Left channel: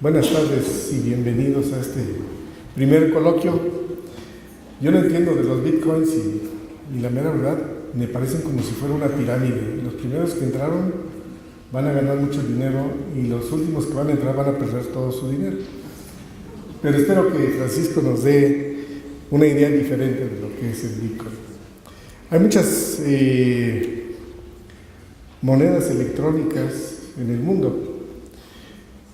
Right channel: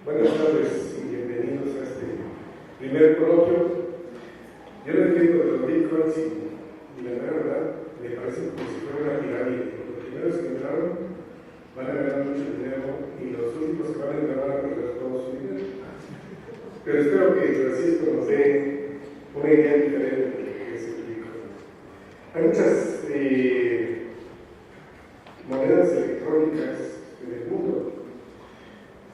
Buenas tardes y bienvenidos a este primer coloquio. Yo no entiendo de los bitcoins y la mera verdad me parecen como si fuera una pirámide. Los primeros que entraron van a ganar mucho dinero y los últimos que van a entrar van a perder todo su dinero. Pero espero que Francisco nos dé una idea diferente de lo que es el bitcoin. Hay muchas monedas electrónicas en el mundo.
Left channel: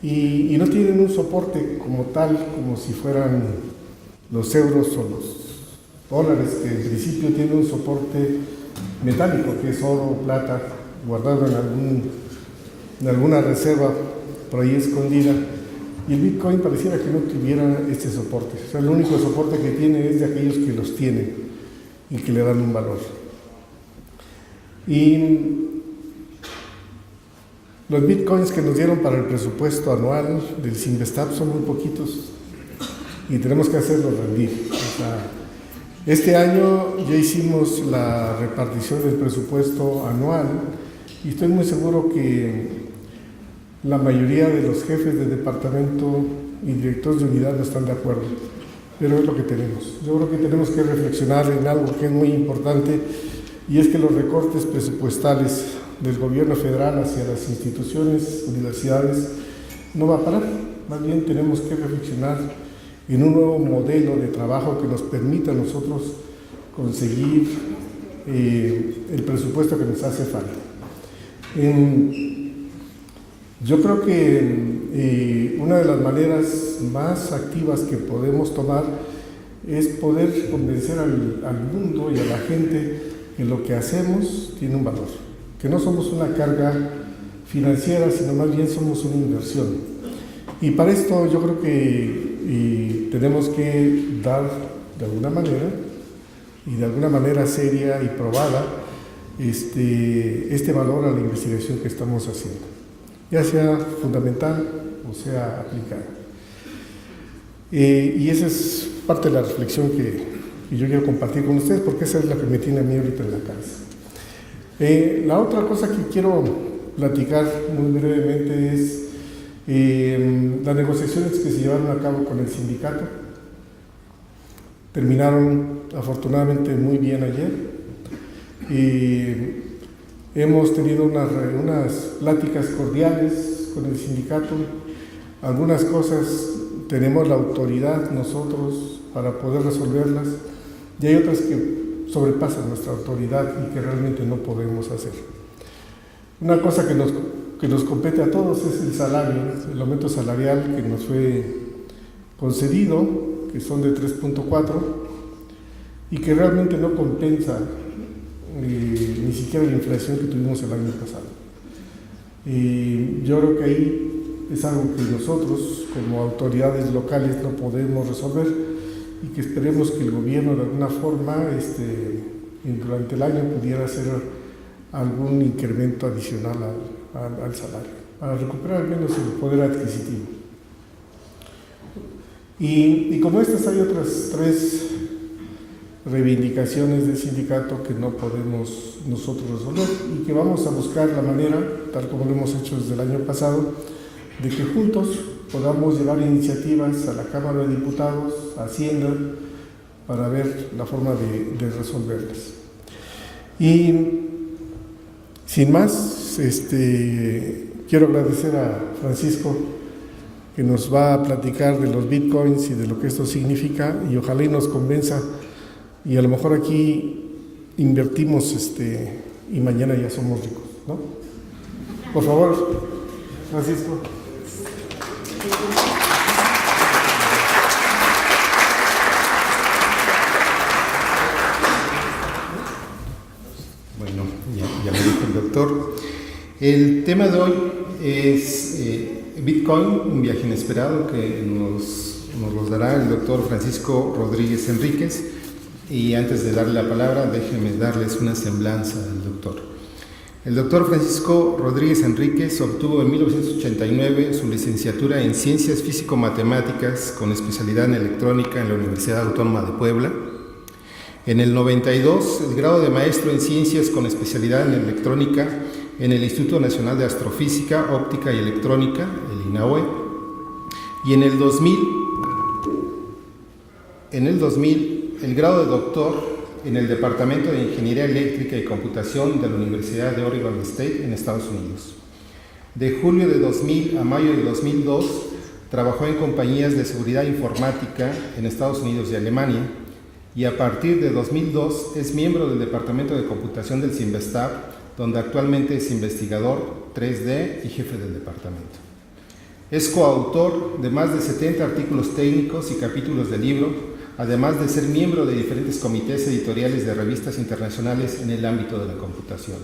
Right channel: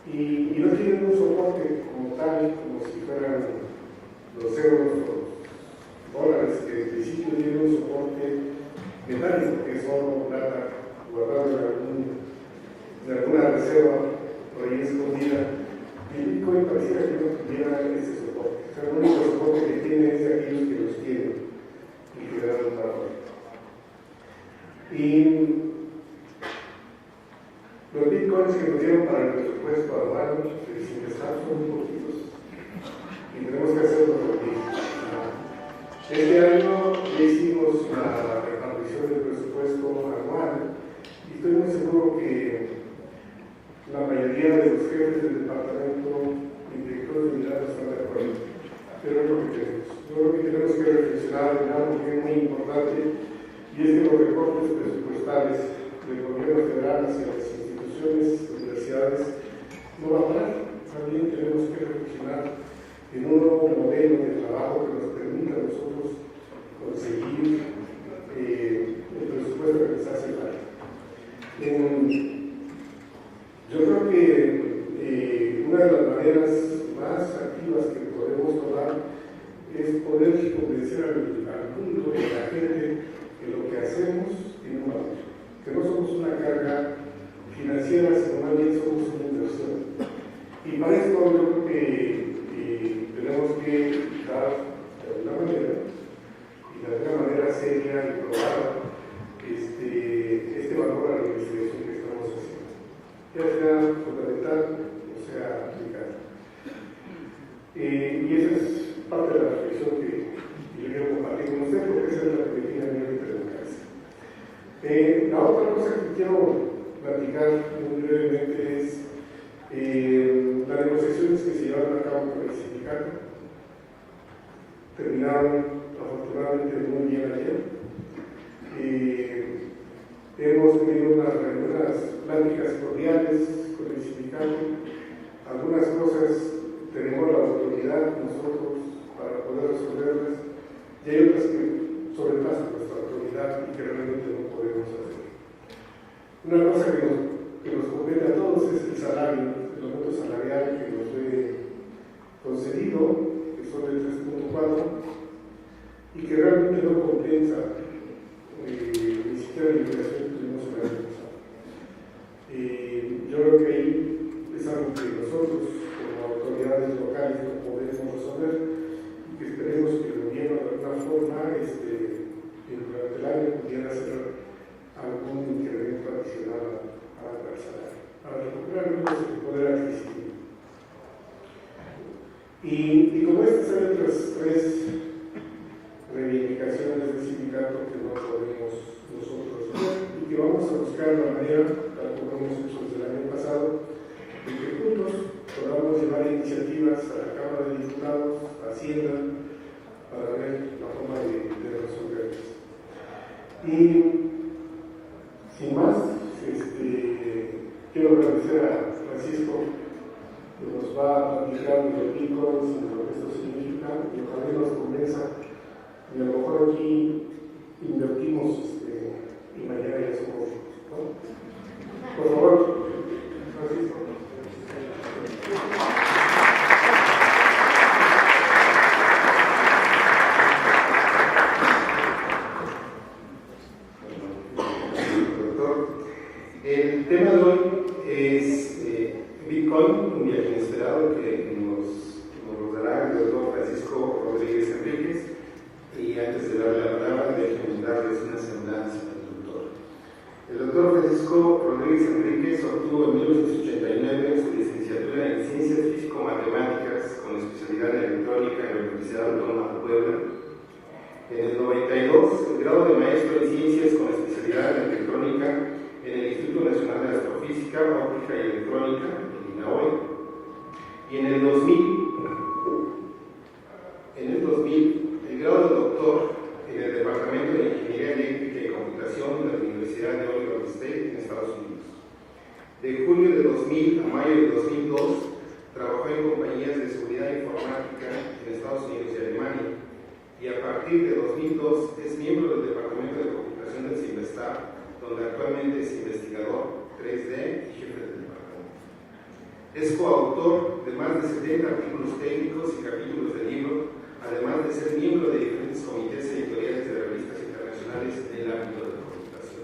Y no tienen un soporte como tal, como si fueran los euros o los dólares, que en principio tienen un soporte metálico, que es oro o plata, guardado en alguna reserva por ahí escondida. Y el Bitcoin pareciera que no tuviera este soporte. O sea, el único soporte que tiene es de aquellos que los tienen y que le dan un valor. Y los bitcoins que nos dieron para el presupuesto anual del Sinvestap son muy poquitos y tenemos que hacerlos rendir. O sea, este año ya hicimos la repartición del presupuesto anual y estoy muy seguro que la mayoría de los jefes de departamento y directores de unidad no están de acuerdo, pero es lo que tenemos. Yo creo que tenemos que reflexionar en algo que es muy importante, y es que los recortes presupuestales del gobierno federal hacia las instituciones, universidades, no va a parar. Más bien tenemos que reflexionar en un nuevo modelo de trabajo que nos permita a nosotros conseguir el presupuesto que nos hace falta. Yo creo que una de las maneras más activas que podemos tomar es poder convencer al mundo y a la gente que lo que hacemos tiene un valor, que no somos una carga financiera, sino más bien somos una inversión. Y para esto yo creo que tenemos que dar de alguna manera, y de alguna manera seria y probada, este valor a la investigación que estamos haciendo, ya sea fundamental o sea aplicada. Y esa es parte de la reflexión que yo quiero compartir con ustedes, porque esa es la que me tiene a mí ahorita en la cabeza. La otra cosa que quiero platicar muy brevemente es las negociaciones que se llevaron a cabo con el sindicato. Terminaron afortunadamente muy bien ayer. Hemos tenido unas pláticas cordiales con el sindicato. Algunas cosas tenemos la autoridad nosotros para poder resolverlas, y hay otras que sobrepasan nuestra autoridad y que realmente no podemos hacer. Una cosa que nos compete a todos es el salario, el aumento salarial que nos fue concedido, que son de 3.4, y que realmente no compensa ni siquiera la inflación que tuvimos el año pasado. Yo creo que ahí es algo que nosotros, como autoridades locales, no podemos resolver, y que esperemos que el gobierno de alguna forma durante el año pudiera hacer algún incremento adicional al salario, para recuperar al menos el poder adquisitivo. Y como estas hay otras 3 reivindicaciones del sindicato que no podemos nosotros resolver, y que vamos a buscar la manera, tal como lo hemos hecho desde el año pasado, de que juntos podamos llevar iniciativas a la Cámara de Diputados, a Hacienda, para ver la forma de resolverlas. Y sin más, quiero agradecer a Francisco, que nos va a platicar de los bitcoins y de lo que esto significa, y ojalá y nos convenza, y a lo mejor aquí invertimos y mañana ya somos ricos, ¿no? Por favor, Francisco. Bueno, ya lo dijo el doctor. El tema de hoy es Bitcoin, un viaje inesperado, que nos lo dará el doctor Francisco Rodríguez Enríquez. Y antes de darle la palabra, déjenme darles una semblanza del doctor. El doctor Francisco Rodríguez Enríquez obtuvo en 1989 su licenciatura en Ciencias Físico-Matemáticas con especialidad en Electrónica en la Universidad Autónoma de Puebla. En el 92, el grado de Maestro en Ciencias con especialidad en Electrónica en el Instituto Nacional de Astrofísica, Óptica y Electrónica, el INAOE. y en el 2000 el grado de doctor en el Departamento de Ingeniería Eléctrica y Computación de la Universidad de Oregon State en Estados Unidos. De julio de 2000 a mayo de 2002 trabajó en compañías de seguridad informática en Estados Unidos y Alemania, y a partir de 2002 es miembro del Departamento de Computación del CIMBESTAB, donde actualmente es investigador 3D y jefe del departamento. Es coautor de más de 70 artículos técnicos y capítulos de libro, además de ser miembro de diferentes comités editoriales de revistas internacionales en el ámbito de la computación.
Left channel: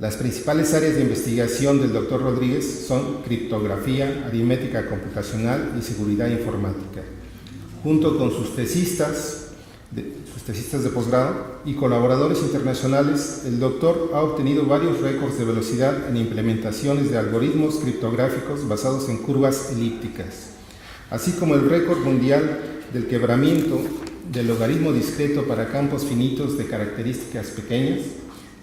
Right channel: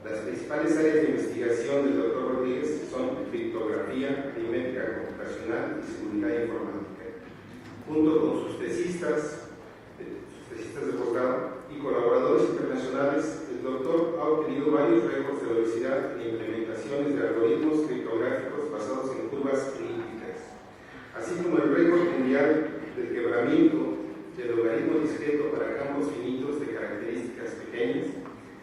Las principales áreas de investigación del Dr. Rodríguez son criptografía, aritmética computacional y seguridad informática. Junto con sus tesistas de posgrado y colaboradores internacionales, el doctor ha obtenido varios récords de velocidad en implementaciones de algoritmos criptográficos basados en curvas elípticas, así como el récord mundial del quebramiento del logaritmo discreto para campos finitos de características pequeñas,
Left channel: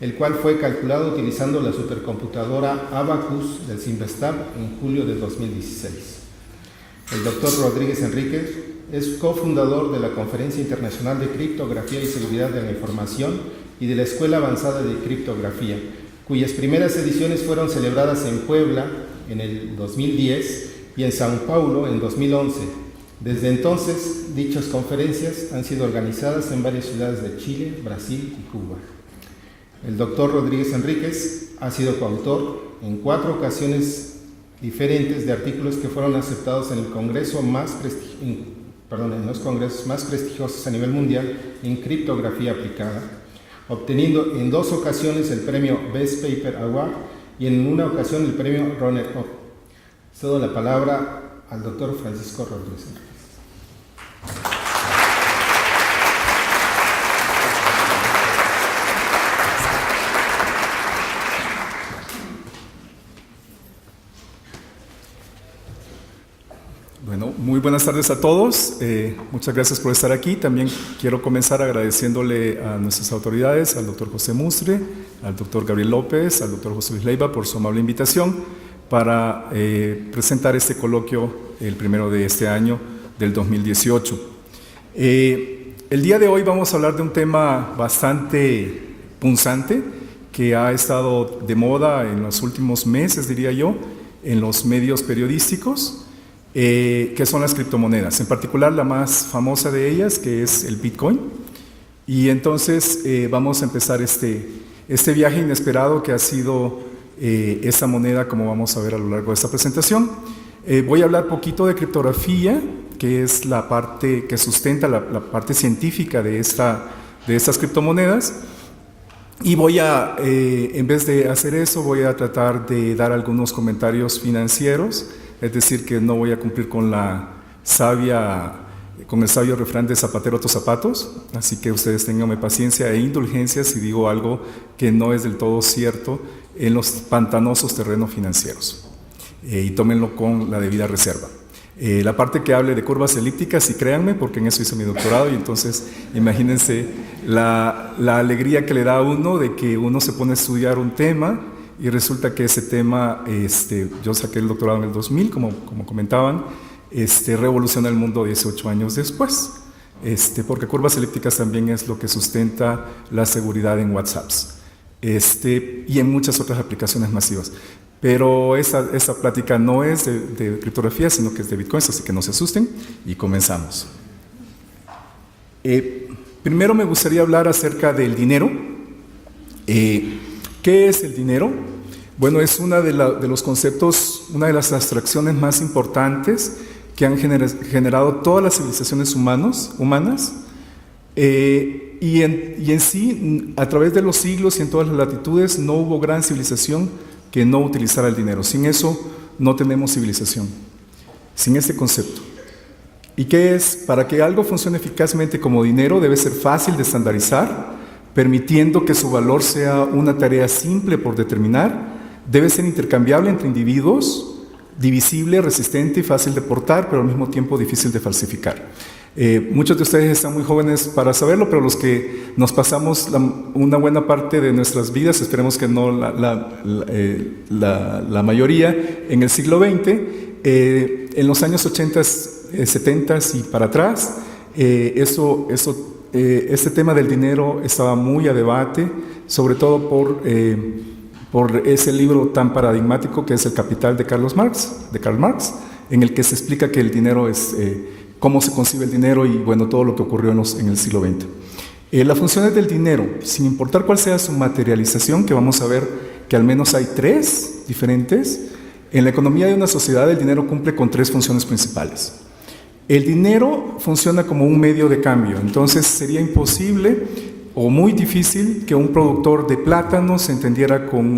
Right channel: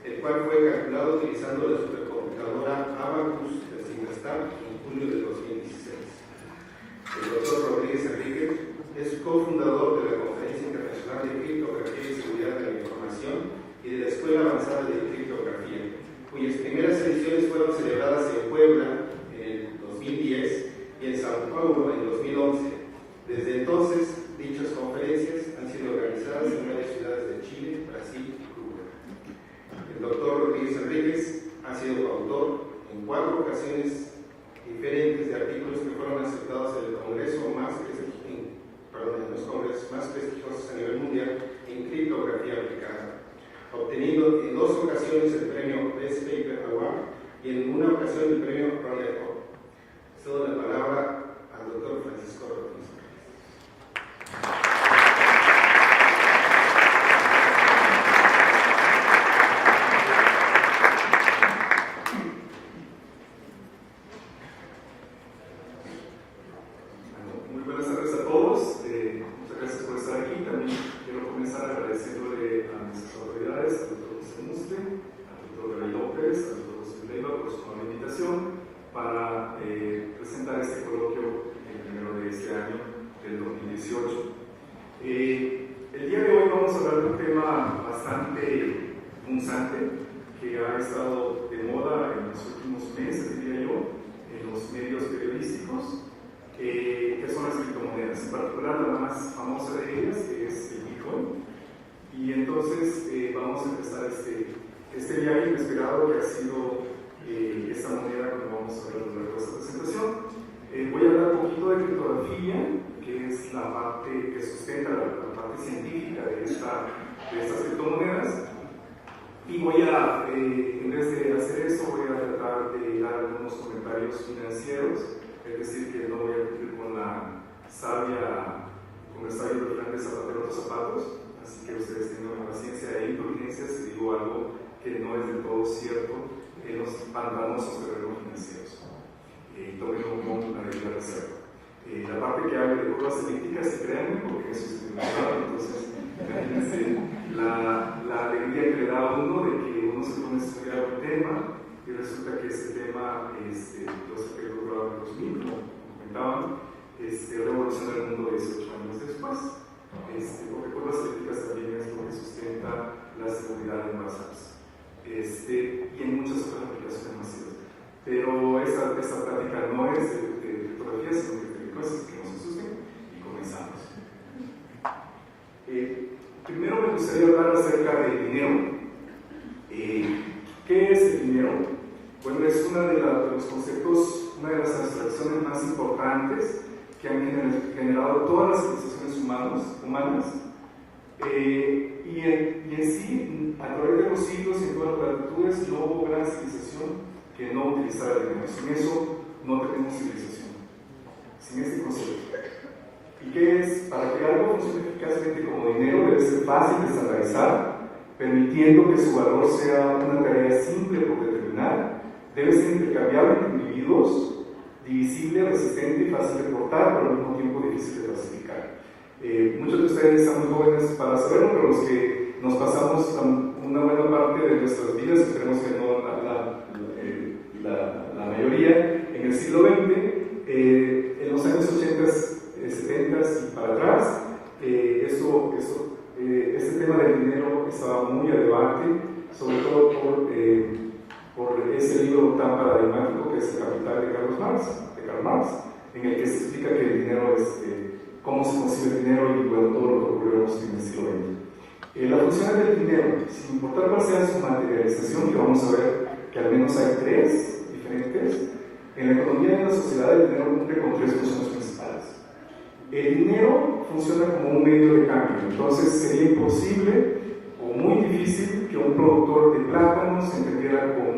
el cual fue calculado utilizando la supercomputadora Abacus del CIMBESTAB en julio de 2016. El doctor Rodríguez Enríquez es cofundador de la Conferencia Internacional de Criptografía y Seguridad de la Información y de la Escuela Avanzada de Criptografía, cuyas primeras ediciones fueron celebradas en Puebla en el 2010 y en Sao Paulo en 2011. Desde entonces, dichas conferencias han sido organizadas en varias ciudades de Chile, Brasil y Cuba. El doctor Rodríguez Enríquez ha sido coautor en 4 ocasiones diferentes de artículos que fueron aceptados en el congreso más prestigiosos a nivel mundial en criptografía aplicada, obteniendo en 2 ocasiones el premio Best Paper Award y en una ocasión el premio Runner-Up. Cedo la palabra al doctor Francisco Rodríguez. Bueno, muy buenas tardes a todos. Muchas gracias por estar aquí. También quiero comenzar agradeciéndole a nuestras autoridades, al doctor José Mustre, al doctor Gabriel López, al doctor José Luis Leiva por su amable invitación para presentar este coloquio, el primero de este año, del 2018. El día de hoy vamos a hablar de un tema bastante punzante que ha estado de moda en los últimos meses, diría yo, en los medios periodísticos, que son las criptomonedas, en particular la más famosa de ellas, que es el Bitcoin. Y entonces vamos a empezar este viaje inesperado que ha sido esta moneda, como vamos a ver a lo largo de esta presentación. Voy a hablar poquito de criptografía, que es la parte que sustenta la parte científica de estas criptomonedas. Y voy a, en vez de hacer eso, voy a tratar de dar algunos comentarios financieros, es decir, que no voy a cumplir con el sabio refrán de zapatero a tus zapatos, así que ustedes tenganme paciencia e indulgencia si digo algo que no es del todo cierto en los pantanosos terrenos financieros, y tómenlo con la debida reserva. La parte que hable de curvas elípticas, y créanme, porque en eso hice mi doctorado, y entonces imagínense la alegría que le da a uno de que uno se pone a estudiar un tema y resulta que ese tema, yo saqué el doctorado en el 2000, como comentaban, revoluciona el mundo 18 años después, porque curvas elípticas también es lo que sustenta la seguridad en WhatsApps, y en muchas otras aplicaciones masivas. Pero esta plática no es de criptografía, sino que es de Bitcoin, así que no se asusten, y comenzamos. Primero me gustaría hablar acerca del dinero. ¿Qué es el dinero? Bueno, es una de los conceptos, una de las abstracciones más importantes que han generado todas las civilizaciones humanas, y en sí, a través de los siglos y en todas las latitudes, no hubo gran civilización que no utilizara el dinero. Sin eso no tenemos civilización, sin ese concepto. ¿Y qué es? Para que algo funcione eficazmente como dinero debe ser fácil de estandarizar, permitiendo que su valor sea una tarea simple por determinar, debe ser intercambiable entre individuos, divisible, resistente y fácil de portar, pero al mismo tiempo difícil de falsificar. Muchos de ustedes están muy jóvenes para saberlo, pero los que nos pasamos una buena parte de nuestras vidas, esperemos que no la mayoría, en el siglo XX, En los años 80, 70 y para atrás, este tema del dinero estaba muy a debate, sobre todo por ese libro tan paradigmático que es El Capital de Karl Marx, en el que se explica que el dinero es cómo se concibe el dinero y bueno, todo lo que ocurrió en el siglo XX. Las funciones del dinero, sin importar cuál sea su materialización, que vamos a ver que al menos hay 3 diferentes, en la economía de una sociedad el dinero cumple con 3 funciones principales. El dinero funciona como un medio de cambio, entonces sería imposible o muy difícil que un productor de plátanos se entendiera con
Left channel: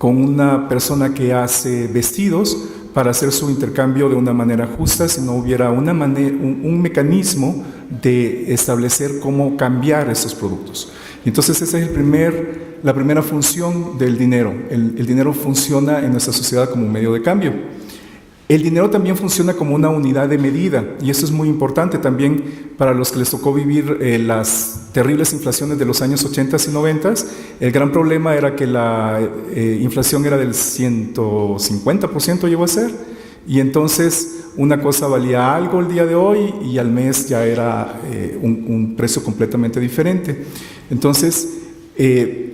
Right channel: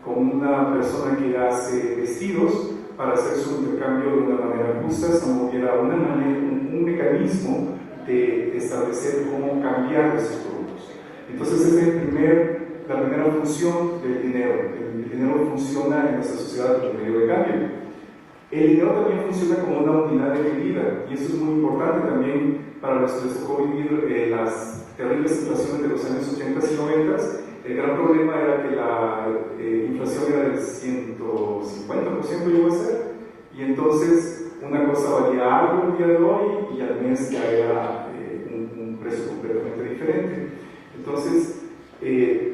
una persona que hace vestidos para hacer su intercambio de una manera justa si no hubiera un mecanismo de establecer cómo cambiar esos productos. Entonces esa es la primera función del dinero. El dinero funciona en nuestra sociedad como un medio de cambio. El dinero también funciona como una unidad de medida y eso es muy importante también para los que les tocó vivir las terribles inflaciones de los años 80 y 90. El gran problema era que la inflación era del 150% llegó a ser, y entonces una cosa valía algo el día de hoy y al mes ya era un precio completamente diferente. Entonces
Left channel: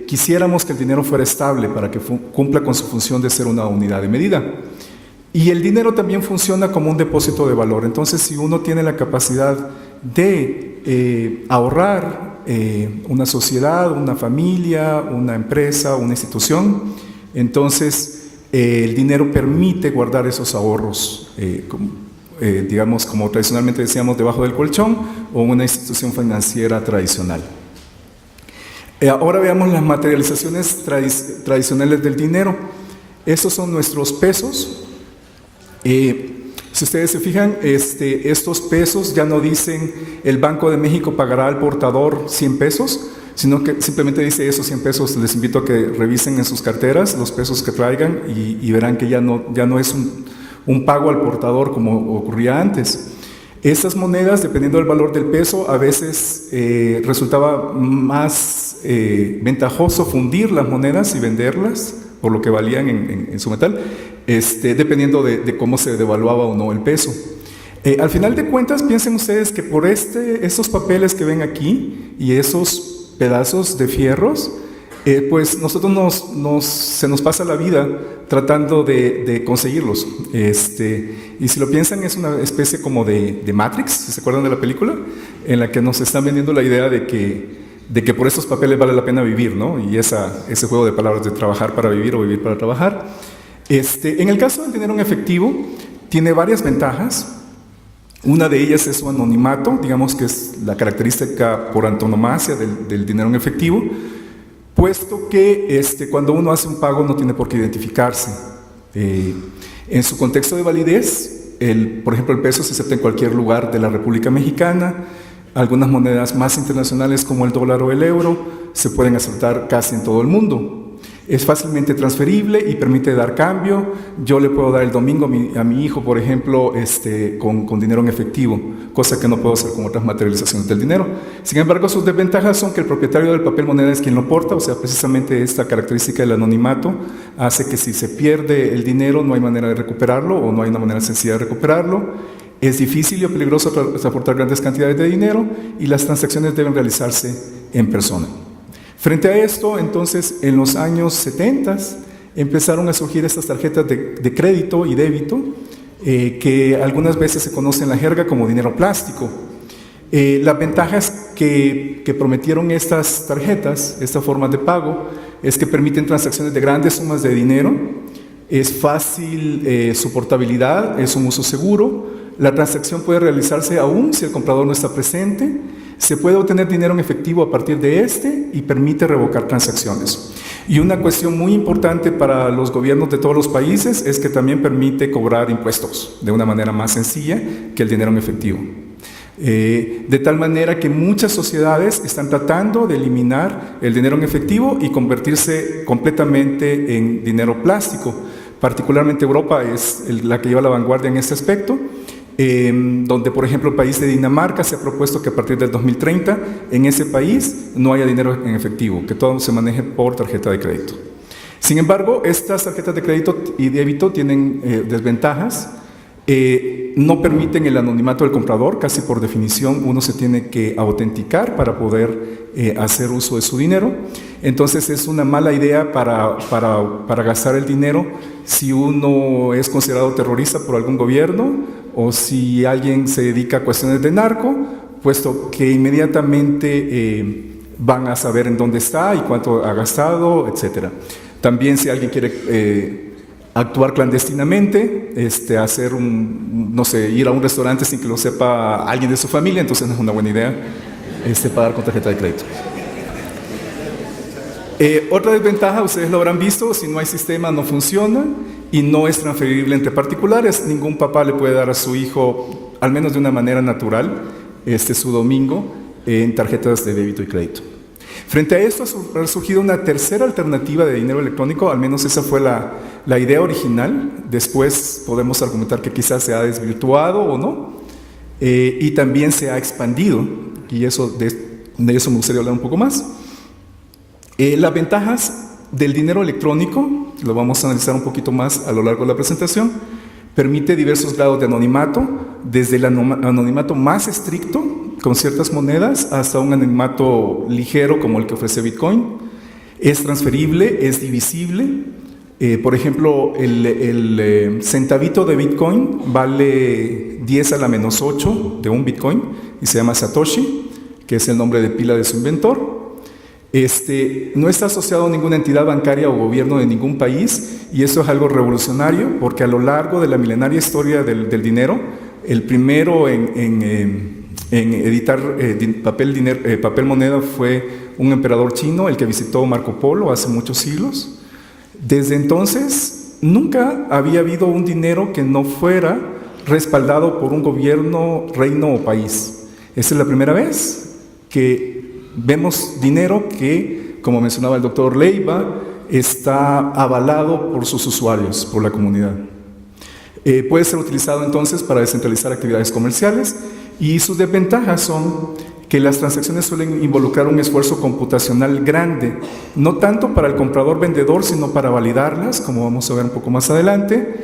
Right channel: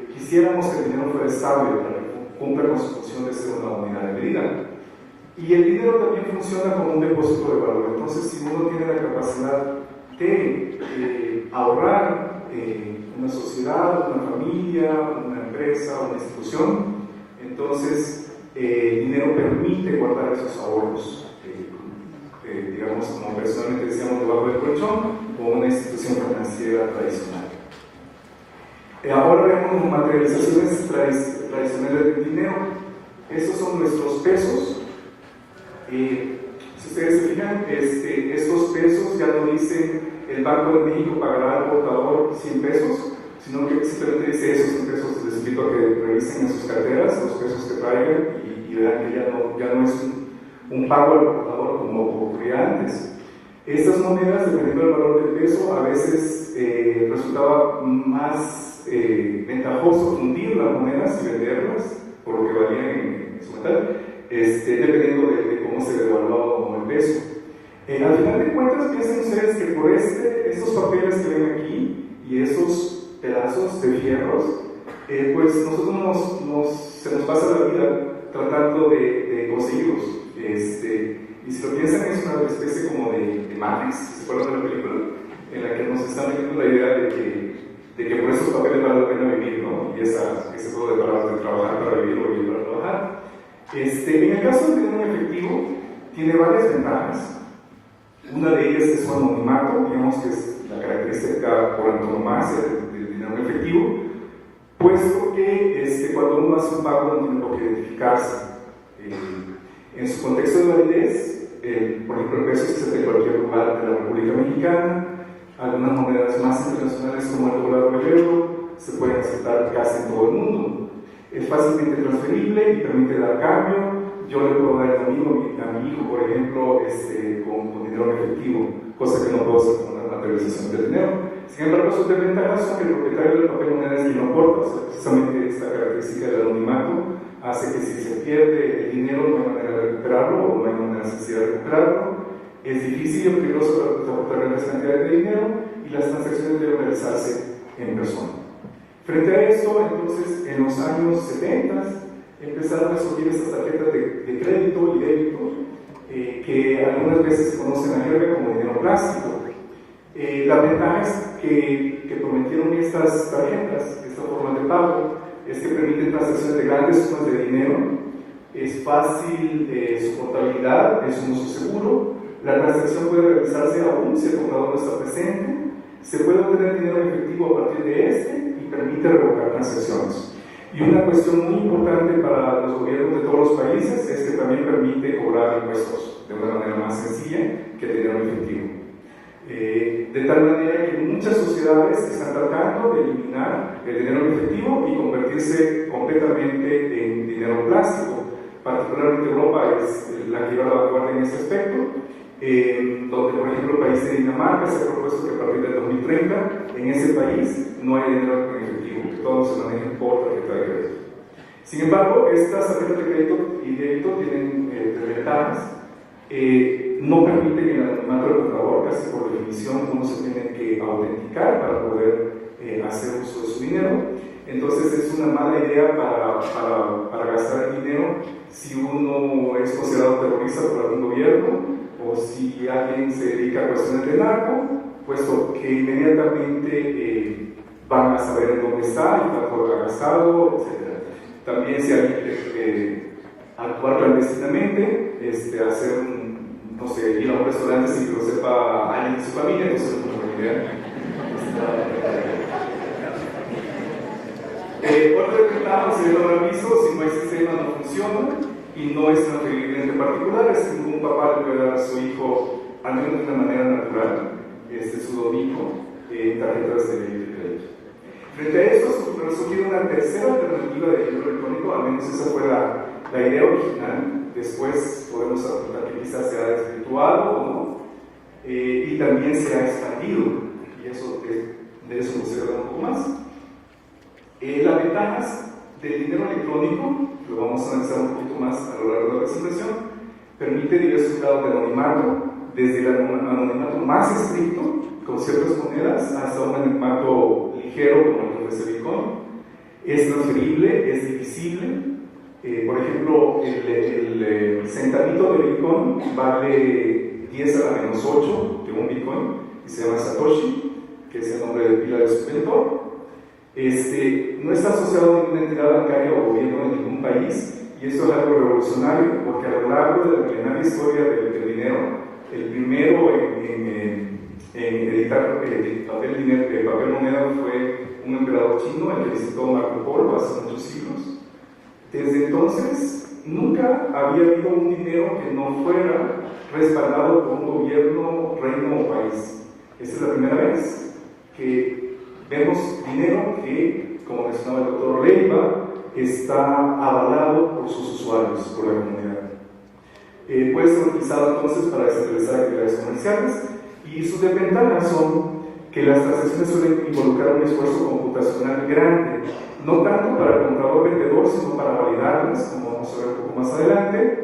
quisiéramos que el dinero fuera estable para que cumpla con su función de ser una unidad de medida. Y el dinero también funciona como un depósito de valor. Entonces, si uno tiene la capacidad de ahorrar, una sociedad, una familia, una empresa, una institución, entonces el dinero permite guardar esos ahorros, digamos, como tradicionalmente decíamos, debajo del colchón o una institución financiera tradicional. Ahora veamos las materializaciones tradicionales del dinero. Estos son nuestros pesos. Si ustedes se fijan, estos pesos ya no dicen el Banco de México pagará al portador 100 pesos, sino que simplemente dice esos 100 pesos. Les invito a que revisen en sus carteras los pesos que traigan y verán que ya no es un pago al portador como ocurría antes. Estas monedas, dependiendo del valor del peso, a veces resultaba más ventajoso fundir las monedas y venderlas por lo que valían en su metal, dependiendo de cómo se devaluaba o no el peso. Al final de cuentas, piensen ustedes que por esos papeles que ven aquí y esos pedazos de fierros, pues nosotros se nos pasa la vida tratando de conseguirlos. Y si lo piensan, es una especie como de Matrix, si se acuerdan de la película, en la que nos están vendiendo la idea de que por esos papeles vale la pena vivir, ¿no? Y ese juego de palabras de trabajar para vivir o vivir para trabajar. En el caso del dinero en efectivo, tiene varias ventajas. Una de ellas es su anonimato, digamos que es la característica por antonomasia del dinero en efectivo, puesto que cuando uno hace un pago no tiene por qué identificarse. En su contexto de validez, por ejemplo, el peso se acepta en cualquier lugar de la República Mexicana. Algunas monedas más internacionales como el dólar o el euro se pueden aceptar casi en todo el mundo. Es fácilmente transferible y permite dar cambio. Yo le puedo dar el domingo a mi hijo, por ejemplo, con dinero en efectivo, cosa que no puedo hacer con otras materializaciones del dinero. Sin embargo, sus desventajas son que el propietario del papel moneda es quien lo porta, o sea, precisamente esta característica del anonimato hace que si se pierde el dinero no hay manera de recuperarlo o no hay una manera sencilla de recuperarlo. Es difícil y peligroso transportar grandes cantidades de dinero y las transacciones deben realizarse en persona. Frente a esto, entonces, en los años 70 empezaron a surgir estas tarjetas de crédito y débito que algunas veces se conocen en la jerga como dinero plástico. Las ventajas que prometieron estas tarjetas, esta forma de pago, es que permiten transacciones de grandes sumas de dinero, es fácil su portabilidad, es un uso seguro. La transacción puede realizarse aún si el comprador no está presente. Se puede obtener dinero en efectivo a partir de y permite revocar transacciones. Y una cuestión muy importante para los gobiernos de todos los países es que también permite cobrar impuestos de una manera más sencilla que el dinero en efectivo. De tal manera que muchas sociedades están tratando de eliminar el dinero en efectivo y convertirse completamente en dinero plástico. Particularmente Europa es la que lleva la vanguardia en este aspecto. Donde, por ejemplo, el país de Dinamarca se ha propuesto que a partir del 2030 en ese país no haya dinero en efectivo, que todo se maneje por tarjeta de crédito. Sin embargo, estas tarjetas de crédito y débito tienen desventajas. No permiten el anonimato del comprador, casi por definición uno se tiene que autenticar para poder hacer uso de su dinero. Entonces es una mala idea para gastar el dinero si uno es considerado terrorista por algún gobierno o si alguien se dedica a cuestiones de narco, puesto que inmediatamente van a saber en dónde está y cuánto ha gastado, etc. También si alguien quiere actuar clandestinamente, hacer no sé, ir a un restaurante sin que lo sepa alguien de su familia, entonces no es una buena idea pagar con tarjeta de crédito. Otra desventaja, ustedes lo habrán visto, si no hay sistema no funciona y no es transferible entre particulares. Ningún papá le puede dar a su hijo, al menos de una manera natural, su domingo en tarjetas de débito y crédito. Frente a esto ha surgido una tercera alternativa de dinero electrónico, al menos esa fue la idea original. Después podemos argumentar que quizás se ha desvirtuado o no, y también se ha expandido, y de eso me gustaría hablar un poco más. Las ventajas del dinero electrónico, lo vamos a analizar un poquito más a lo largo de la presentación. Permite diversos grados de anonimato, desde el anonimato más estricto, con ciertas monedas, hasta un anonimato ligero como el que ofrece Bitcoin. Es transferible, es divisible. Por ejemplo, el centavito de Bitcoin vale 10 a la menos 8 de un Bitcoin y se llama Satoshi, que es el nombre de pila de su inventor. No está asociado a ninguna entidad bancaria o gobierno de ningún país, y eso es algo revolucionario porque a lo largo de la milenaria historia del dinero, el primero en editar papel moneda fue un emperador chino, el que visitó Marco Polo hace muchos siglos. Desde entonces nunca había habido un dinero que no fuera respaldado por un gobierno, reino o país. Esta es la primera vez que vemos dinero que, como mencionaba el doctor Leiva, está avalado por sus usuarios, por la comunidad. Puede ser utilizado entonces para descentralizar actividades comerciales, y sus desventajas son que las transacciones suelen involucrar un esfuerzo computacional grande, no tanto para el comprador-vendedor, sino para validarlas, como vamos a ver un poco más adelante.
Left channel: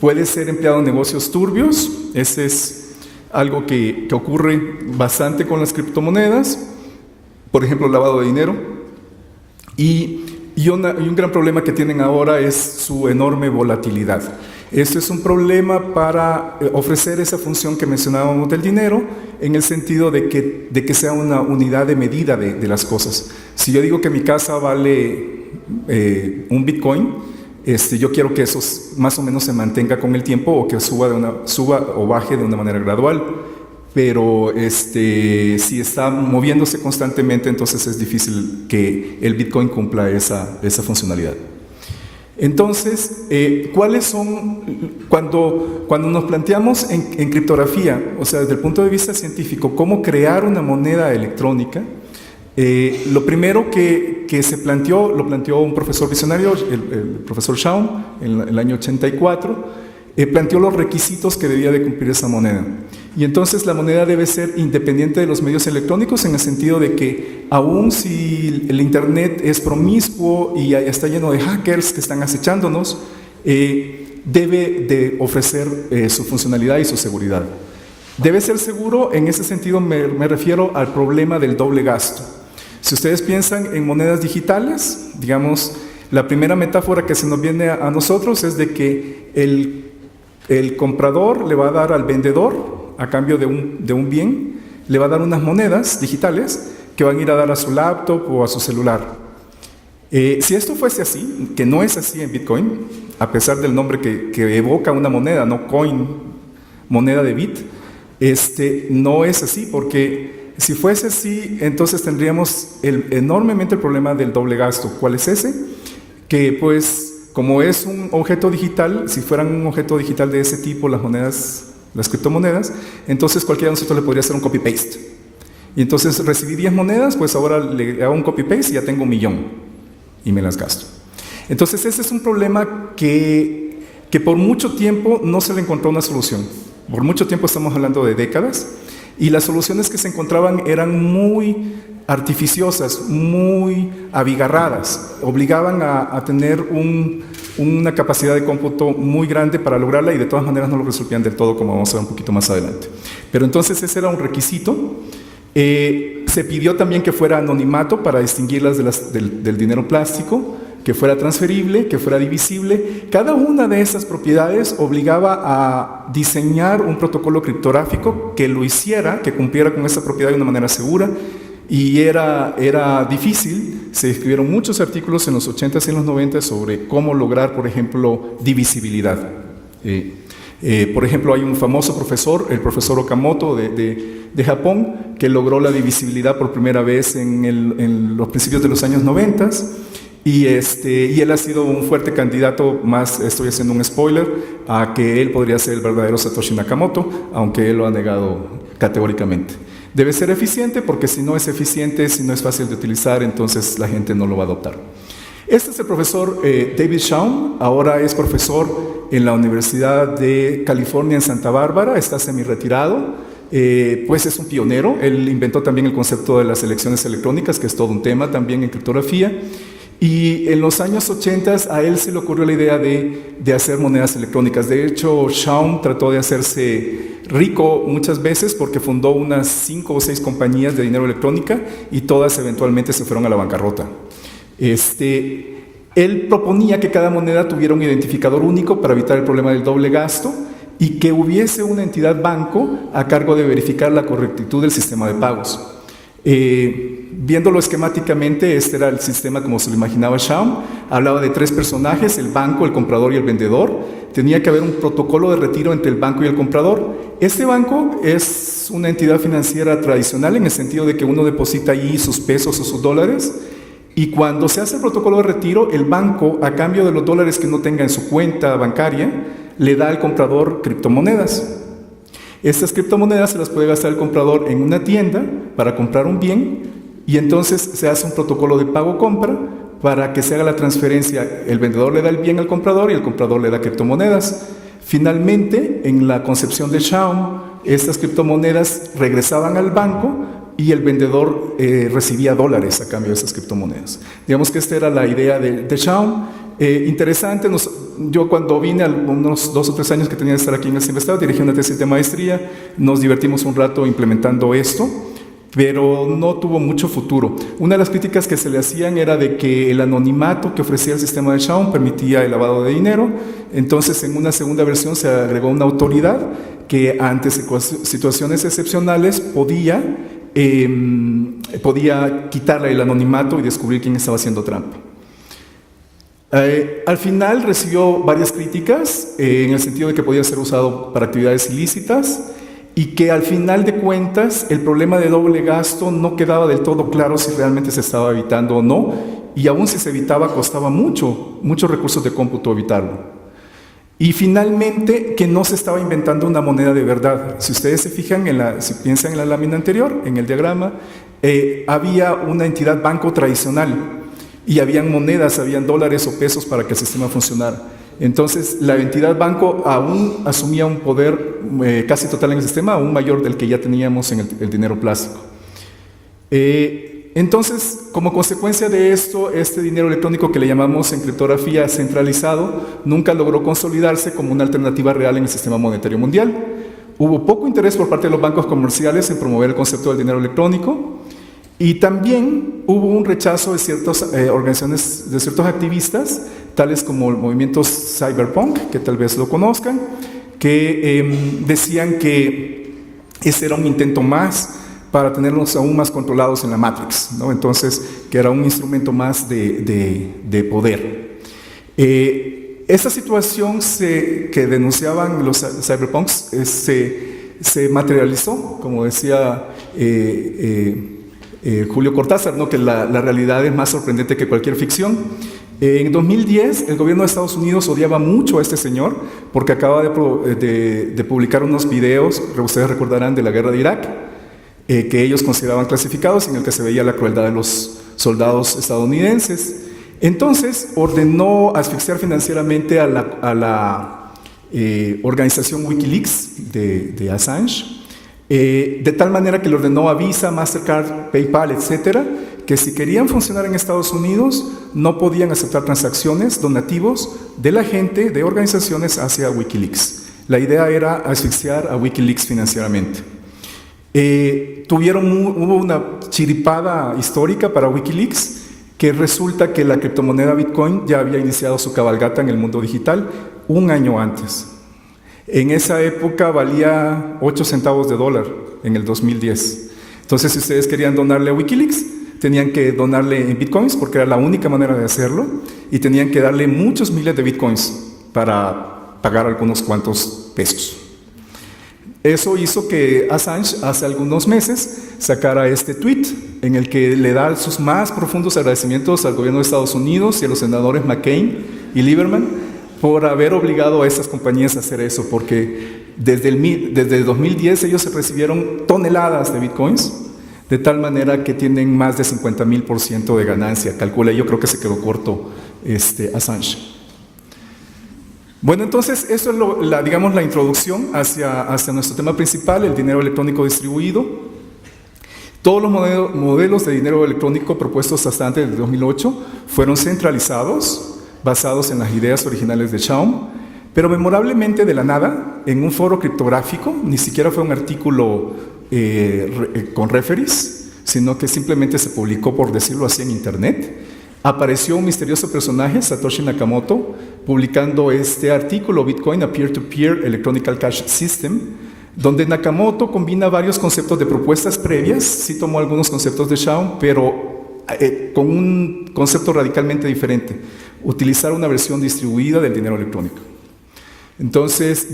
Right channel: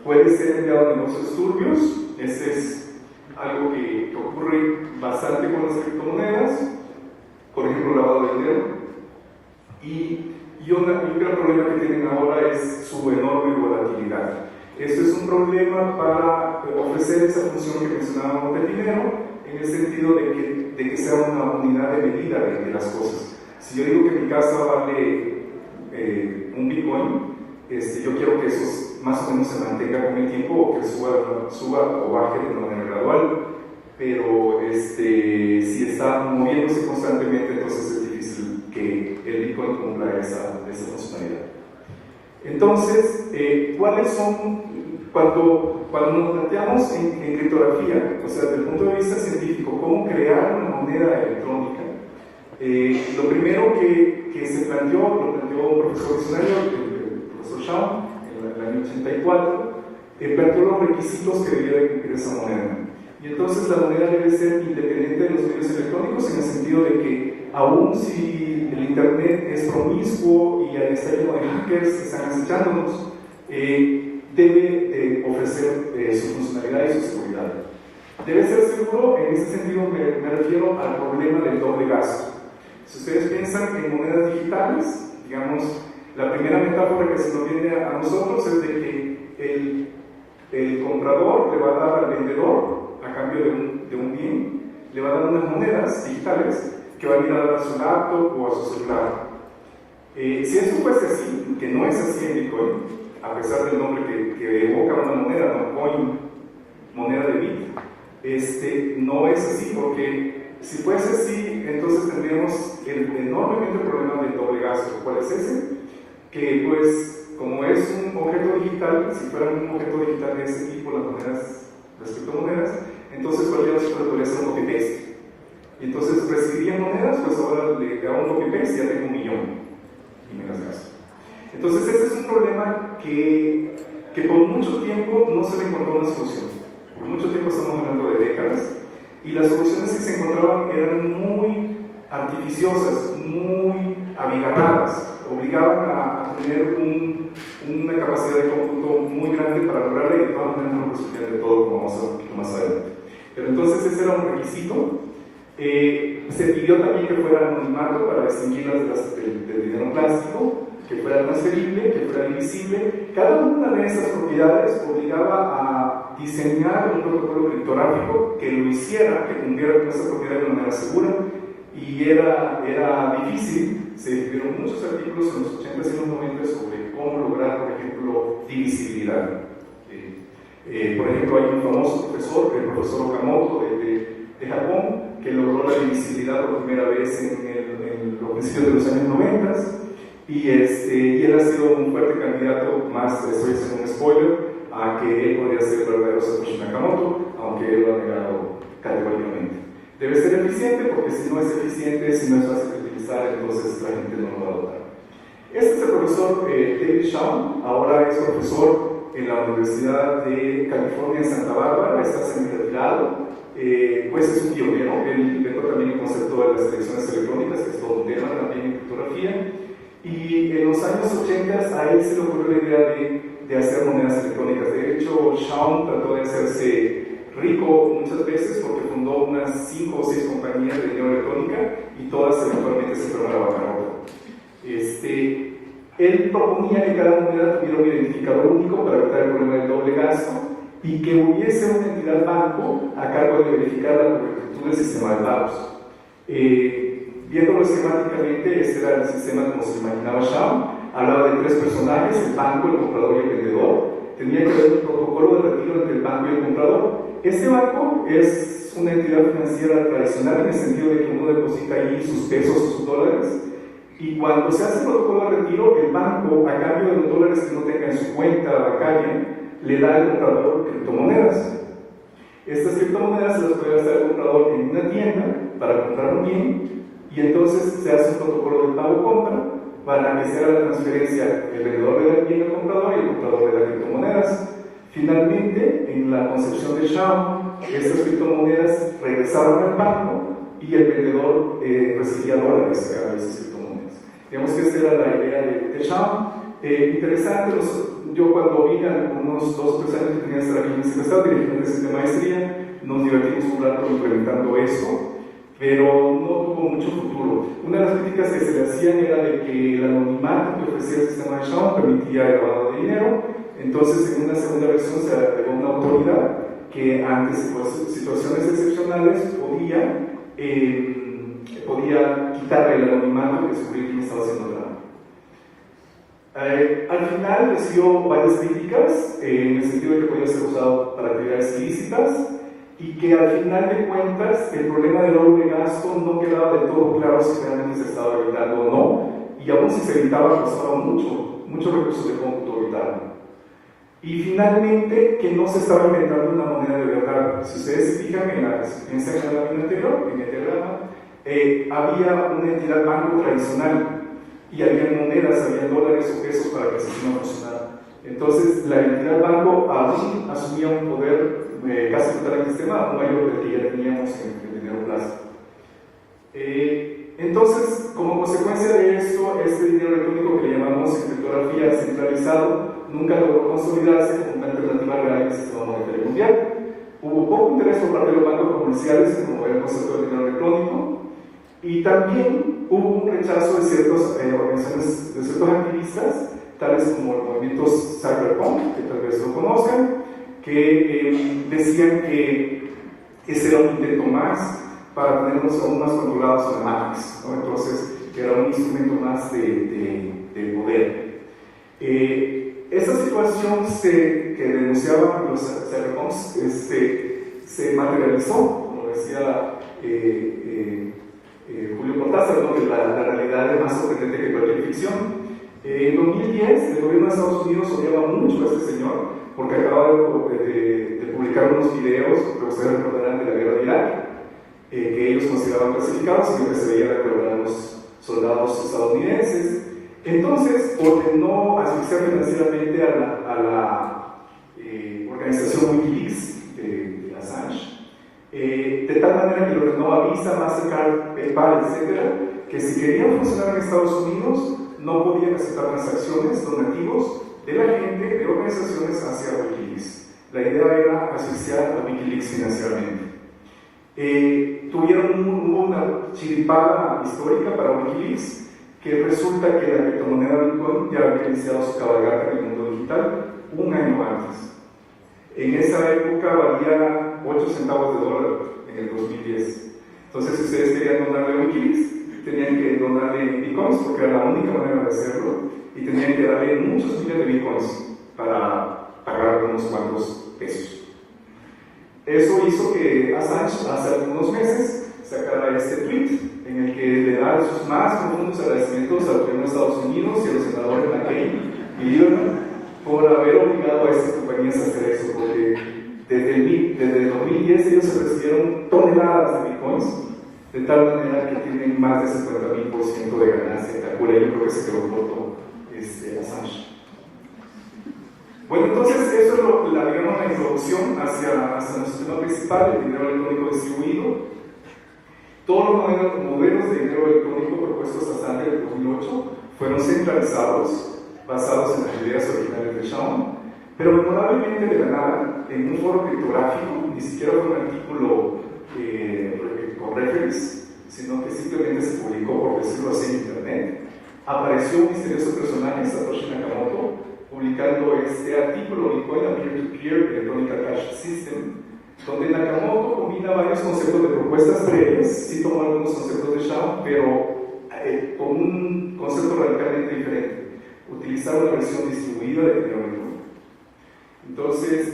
Puede ser empleado en negocios turbios, ese es algo que ocurre bastante con las criptomonedas, por ejemplo, lavado de dinero, y un gran problema que tienen ahora es su enorme volatilidad. Esto es un problema para ofrecer esa función que mencionábamos del dinero, en el sentido de que sea una unidad de medida de las cosas. Si yo digo que mi casa vale un Bitcoin, yo quiero que eso más o menos se mantenga con el tiempo, o que suba o baje de una manera gradual. Pero si está moviéndose constantemente, entonces es difícil que el Bitcoin cumpla esa funcionalidad. Entonces, ¿cuáles son, cuando nos planteamos en criptografía, o sea, desde el punto de vista científico, cómo crear una moneda electrónica? Lo primero que se planteó, lo planteó un profesor visionario, el profesor Shaun, en el año 84, planteó los requisitos que debía de cumplir esa moneda. Y entonces la moneda debe ser independiente de los medios electrónicos, en el sentido de que aun si el internet es promiscuo y está lleno de hackers que están acechándonos, debe de ofrecer su funcionalidad y su seguridad. Debe ser seguro, en ese sentido me refiero al problema del doble gasto. Si ustedes piensan en monedas digitales, digamos, la primera metáfora que se nos viene a nosotros es de que el comprador le va a dar al vendedor, a cambio de un bien, le va a dar unas monedas digitales que van a ir a dar a su laptop o a su celular. Si esto fuese así, que no es así en Bitcoin, a pesar del nombre que evoca una moneda, no coin, moneda de bit, no es así, porque si fuese así, entonces tendríamos enormemente el problema del doble gasto. ¿Cuál es ese? Que pues, como es un objeto digital, si fueran un objeto digital de ese tipo, las criptomonedas, entonces cualquiera de nosotros le podría hacer un copy-paste. Y entonces recibí 10 monedas, pues ahora le hago un copy-paste y ya tengo 1.000.000 y me las gasto. Entonces ese es un problema que por mucho tiempo no se le encontró una solución. Por mucho tiempo, estamos hablando de décadas, y las soluciones que se encontraban eran muy artificiosas, muy abigarradas, obligaban a tener una capacidad de cómputo muy grande para lograrla y de todas maneras no lo resolvían del todo, como vamos a ver un poquito más adelante. Pero entonces ese era un requisito. Se pidió también que fuera anonimato para distinguirlas del dinero plástico, que fuera transferible, que fuera divisible. Cada una de esas propiedades obligaba a diseñar un protocolo criptográfico que lo hiciera, que cumpliera con esa propiedad de una manera segura, y era difícil. Se escribieron muchos artículos en los 80s y en los 90s sobre cómo lograr, por ejemplo, divisibilidad. Por ejemplo, hay un famoso profesor, el profesor Okamoto de Japón, que logró la divisibilidad por primera vez en los principios de los años 90. Y él ha sido un fuerte candidato, más estoy haciendo un spoiler, a que él podría ser el verdadero Satoshi Nakamoto, aunque él lo ha negado categóricamente. Debe ser eficiente, porque si no es eficiente, si no es fácil de utilizar, entonces la gente no lo va a adoptar. Este es el profesor David Chaum, ahora es profesor en la Universidad de California en Santa Bárbara, está semi-retirado. Pues es un pionero. Él inventó también el concepto de las elecciones electrónicas, que es todo un tema también en criptografía. Y en los años 80 a él se le ocurrió la idea de hacer monedas electrónicas. De hecho, Chaum trató de hacerse rico muchas veces porque fundó unas 5 o 6 compañías de dinero electrónica y todas eventualmente se fueron a la bancarrota. Él proponía que cada moneda tuviera un identificador único para evitar el problema del doble gasto y que hubiese una entidad banco a cargo de verificar la correctitud del sistema de pagos. Viéndolo esquemáticamente, este era el sistema como se lo imaginaba Chaum. Hablaba de 3 personajes, el banco, el comprador y el vendedor. Tenía que haber un protocolo de retiro entre el banco y el comprador. Este banco es una entidad financiera tradicional en el sentido de que uno deposita ahí sus pesos o sus dólares, y cuando se hace el protocolo de retiro, el banco, a cambio de los dólares que uno tenga en su cuenta bancaria, le da al comprador criptomonedas. Estas criptomonedas se las puede gastar el comprador en una tienda para comprar un bien, y entonces se hace un protocolo de pago-compra para que se haga la transferencia. El vendedor le da el bien al comprador y el comprador le da criptomonedas. Finalmente, en la concepción de Chaum, estas criptomonedas regresaban al banco y el vendedor recibía dólares a cambio de esas criptomonedas. Digamos que esta era la idea de Chaum. Interesante, yo cuando vine, unos 2 o 3 años que tenía de estar aquí en el Silvestre, dirigí una tesis de maestría, nos divertimos un rato implementando esto, pero no tuvo mucho futuro. Una de las críticas que se le hacían era de que el anonimato que ofrecía el sistema de Chaum permitía el lavado de dinero. Entonces, en una segunda versión se agregó una autoridad que ante situaciones excepcionales podía quitar el anonimato y descubrir quién estaba haciendo trampa. Al final recibió varias críticas en el sentido de que podía ser usado para actividades ilícitas y que al final de cuentas el problema de doble gasto no quedaba del todo claro si realmente se estaba evitando o no, y aún si se evitaba costaba muchos recursos de cómputo evitarlo. Y finalmente que no se estaba inventando una moneda de verdad. Si ustedes se fijan, si piensan en la lámina anterior, en el diagrama, había una entidad banco tradicional y habían monedas, habían dólares o pesos para que el sistema funcionara. Entonces la entidad banco aún asumía un poder casi total en el sistema, aún mayor del que ya teníamos en el dinero plástico. Entonces, como consecuencia de esto, este dinero electrónico que le llamamos en criptografía centralizado nunca logró consolidarse como una alternativa real en el sistema monetario mundial. Hubo poco interés por parte de los bancos comerciales en promover el concepto del dinero electrónico, y también hubo un rechazo de ciertas organizaciones, de ciertos activistas, tales como el movimiento Cyberpunk, que tal vez lo conozcan, que decían que ese era un intento más para tenernos aún más controlados en la Matrix, ¿no? Entonces, que era un instrumento más de poder. Esta situación que denunciaban los cyberpunks se materializó, como decía Julio Cortázar, ¿no? Que la realidad es más sorprendente que cualquier ficción. En 2010, el gobierno de Estados Unidos odiaba mucho a este señor porque acaba de publicar unos videos, ustedes recordarán, de la guerra de Irak, que ellos consideraban clasificados, en el que se veía la crueldad de los soldados estadounidenses. Entonces ordenó asfixiar financieramente a la organización Wikileaks de Assange, de tal manera que le ordenó a Visa, Mastercard, PayPal, etcétera, que si querían funcionar en Estados Unidos no podían aceptar transacciones, donativos de la gente, de organizaciones hacia Wikileaks. La idea era asfixiar a Wikileaks financieramente. Hubo una chiripada histórica para Wikileaks, que resulta que la criptomoneda Bitcoin ya había iniciado su cabalgata en el mundo digital un año antes. En esa época valía 8 centavos de dólar en el 2010. Entonces, si ustedes querían donarle a Wikileaks, tenían que donarle en Bitcoins porque era la única manera de hacerlo, y tenían que darle muchos miles de Bitcoins para pagar algunos cuantos pesos. Eso hizo que Assange hace algunos meses sacara este tweet en el que le da sus más profundos agradecimientos al gobierno de Estados Unidos y a los senadores McCain y Lieberman por haber obligado a esas compañías a hacer eso, porque desde el 2010 ellos se recibieron toneladas de bitcoins, de tal manera que tienen más de 50,000% de ganancia. Calcula, yo creo que se quedó corto Assange. Bueno, entonces eso es la introducción hacia nuestro tema principal, el dinero electrónico distribuido. Todos los modelos de dinero electrónico propuestos hasta antes del 2008 fueron centralizados, basados en las ideas originales de Shaun, pero memorablemente de la nada, en un foro criptográfico, ni siquiera fue un artículo con referees, sino que simplemente se publicó, por decirlo así, en internet, apareció un misterioso personaje, Satoshi Nakamoto, publicando este artículo, Bitcoin, a Peer-to-Peer Electronic Cash System, donde Nakamoto combina varios conceptos de propuestas previas, sí tomó algunos conceptos de Shaun, pero con un concepto radicalmente diferente: utilizar una versión distribuida del dinero electrónico. Entonces,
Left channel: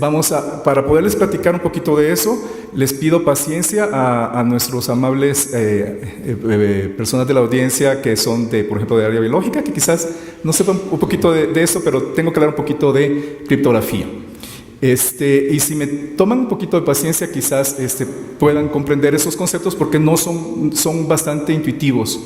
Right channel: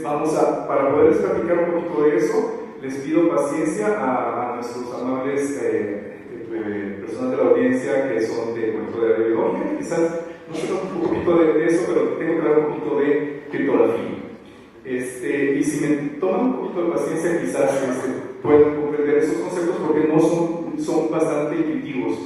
para poderles platicar un poquito de eso, les pido paciencia a nuestros amables personas de la audiencia que son, por ejemplo, de área biológica, que quizás no sepan un poquito de eso, pero tengo que hablar un poquito de criptografía. Y si me toman un poquito de paciencia, quizás puedan comprender esos conceptos, porque no son bastante intuitivos.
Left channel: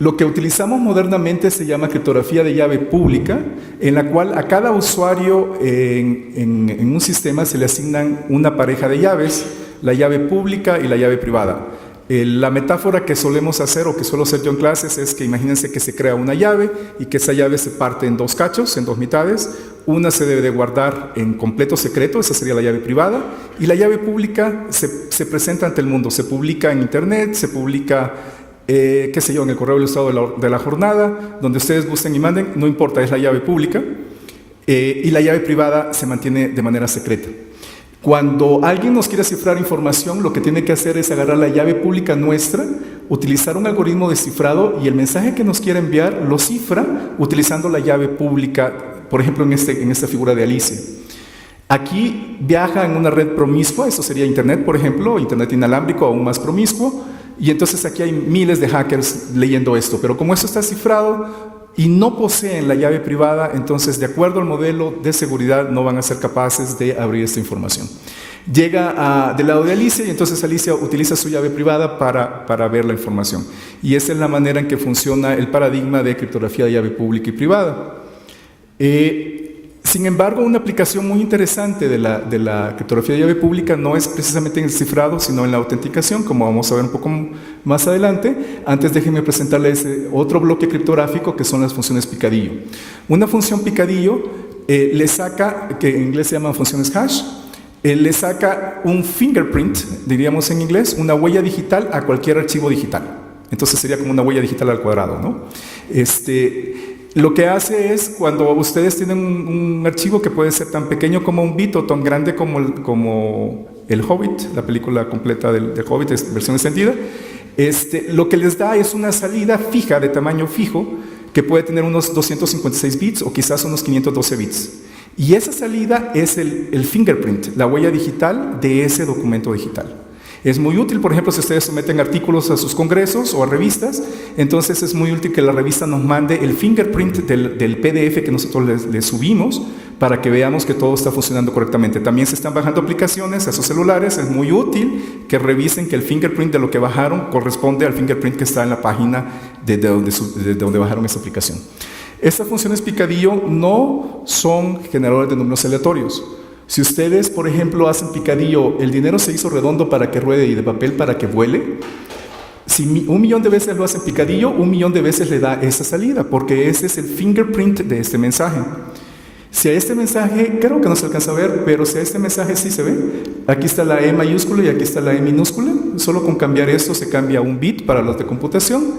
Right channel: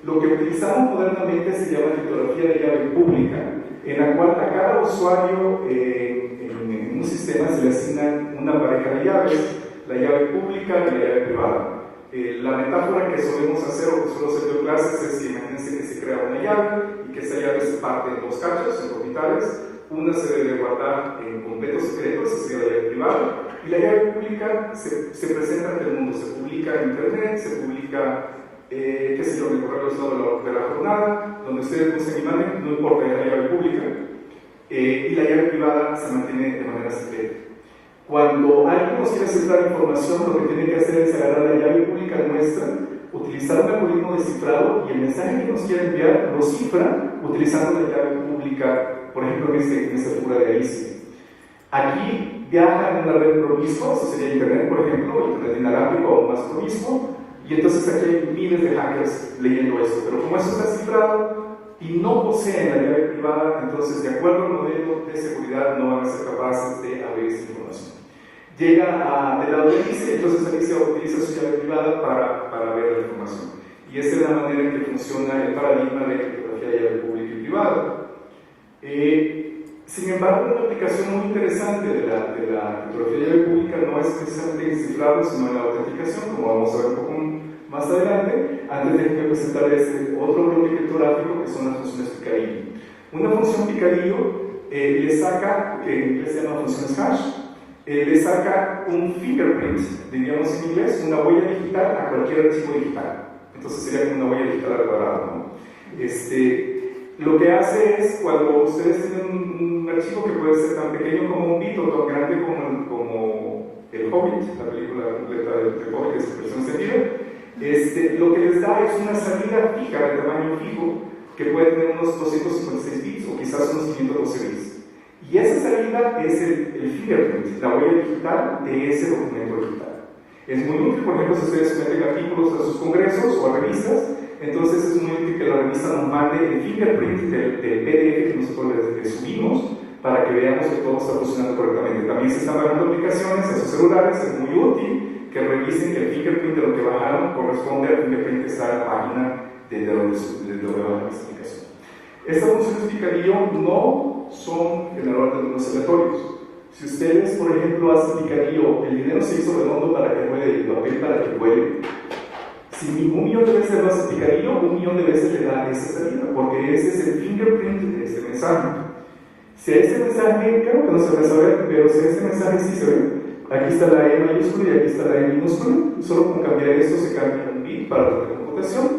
Lo que utilizamos modernamente se llama criptografía de llave pública, en la cual a cada usuario en un sistema se le asignan una pareja de llaves, la llave pública y la llave privada. La metáfora que solemos hacer, o que suelo hacer yo en clases, es que imagínense que se crea una llave y que esa llave se parte en dos cachos, en dos mitades. Una se debe de guardar en completo secreto, esa sería la llave privada, y la llave pública se presenta ante el mundo, se publica en internet, se publica qué sé yo, en el correo ilustrado de la jornada, donde ustedes gusten y manden, no importa, es la llave pública, y la llave privada se mantiene de manera secreta. Cuando alguien nos quiere cifrar información, lo que tiene que hacer es agarrar la llave pública nuestra, utilizar un algoritmo de cifrado, y el mensaje que nos quiere enviar lo cifra utilizando la llave pública, por ejemplo en esta figura de Alicia. Aquí viaja en una red promiscua, eso sería internet, por ejemplo, internet inalámbrico, aún más promiscuo, y entonces aquí hay miles de hackers leyendo esto, pero como esto está cifrado y no poseen la llave privada, entonces de acuerdo al modelo de seguridad no van a ser capaces de abrir esta información. Llega del lado de Alicia, y entonces Alicia utiliza su llave privada para ver la información, y esa es la manera en que funciona el paradigma de criptografía de llave pública y privada. Sin embargo, una aplicación muy interesante de la criptografía de llave pública no es precisamente en el cifrado, sino en la autenticación, como vamos a ver un poco más adelante. Antes déjenme presentarles otro bloque criptográfico, que son las funciones picadillo. Una función picadillo le saca, que en inglés se llaman funciones hash, le saca un fingerprint, diríamos en inglés, una huella digital a cualquier archivo digital. Entonces sería como una huella digital al cuadrado, ¿no? Lo que hace es, cuando ustedes tienen un archivo que puede ser tan pequeño como un bit o tan grande como El Hobbit, la película completa del Hobbit, versión extendida, lo que les da es una salida fija, de tamaño fijo, que puede tener unos 256 bits o quizás unos 512 bits. Y esa salida es el fingerprint, la huella digital de ese documento digital. Es muy útil, por ejemplo, si ustedes se meten artículos a sus congresos o a revistas, entonces es muy útil que la revista nos mande el fingerprint del PDF que nosotros les subimos, para que veamos que todo está funcionando correctamente. También se están bajando aplicaciones a sus celulares, es muy útil que revisen que el fingerprint de lo que bajaron corresponde al fingerprint que está en la página de donde bajaron esa aplicación. Estas funciones picadillo no son generadores de números aleatorios. Si ustedes, por ejemplo, hacen picadillo, el dinero se hizo redondo para que ruede y de papel para que vuele. Si 1.000.000 de veces lo hace picadillo, 1.000.000 de veces le da esa salida, porque ese es el fingerprint de este mensaje. Si a este mensaje, creo que no se alcanza a ver, pero si a este mensaje sí se ve, aquí está la E mayúscula y aquí está la E minúscula, solo con cambiar esto se cambia un bit para las de computación,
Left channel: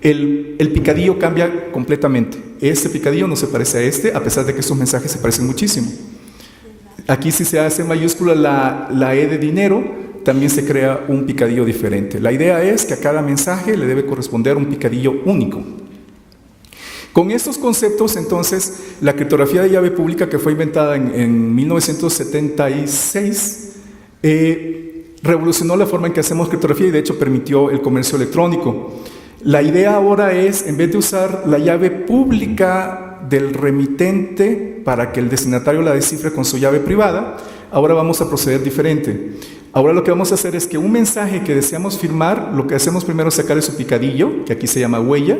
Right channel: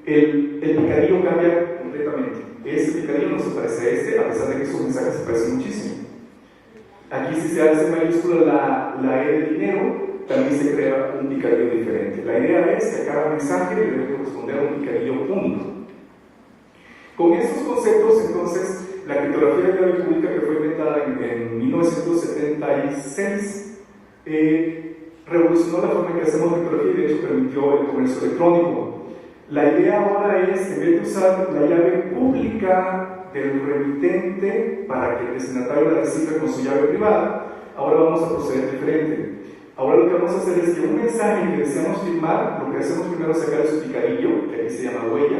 el picadillo cambia completamente. Este picadillo no se parece a este, a pesar de que sus mensajes se parecen muchísimo. Aquí si se hace mayúscula la E de dinero, también se crea un picadillo diferente. La idea es que a cada mensaje le debe corresponder un picadillo único. Con estos conceptos, entonces, la criptografía de llave pública, que fue inventada en 1976, revolucionó la forma en que hacemos criptografía y de hecho permitió el comercio electrónico. La idea ahora es, en vez de usar la llave pública del remitente para que el destinatario la descifre con su llave privada, ahora vamos a proceder diferente. Ahora lo que vamos a hacer es que un mensaje que deseamos firmar, lo que hacemos primero es sacar su picadillo, que aquí se llama huella.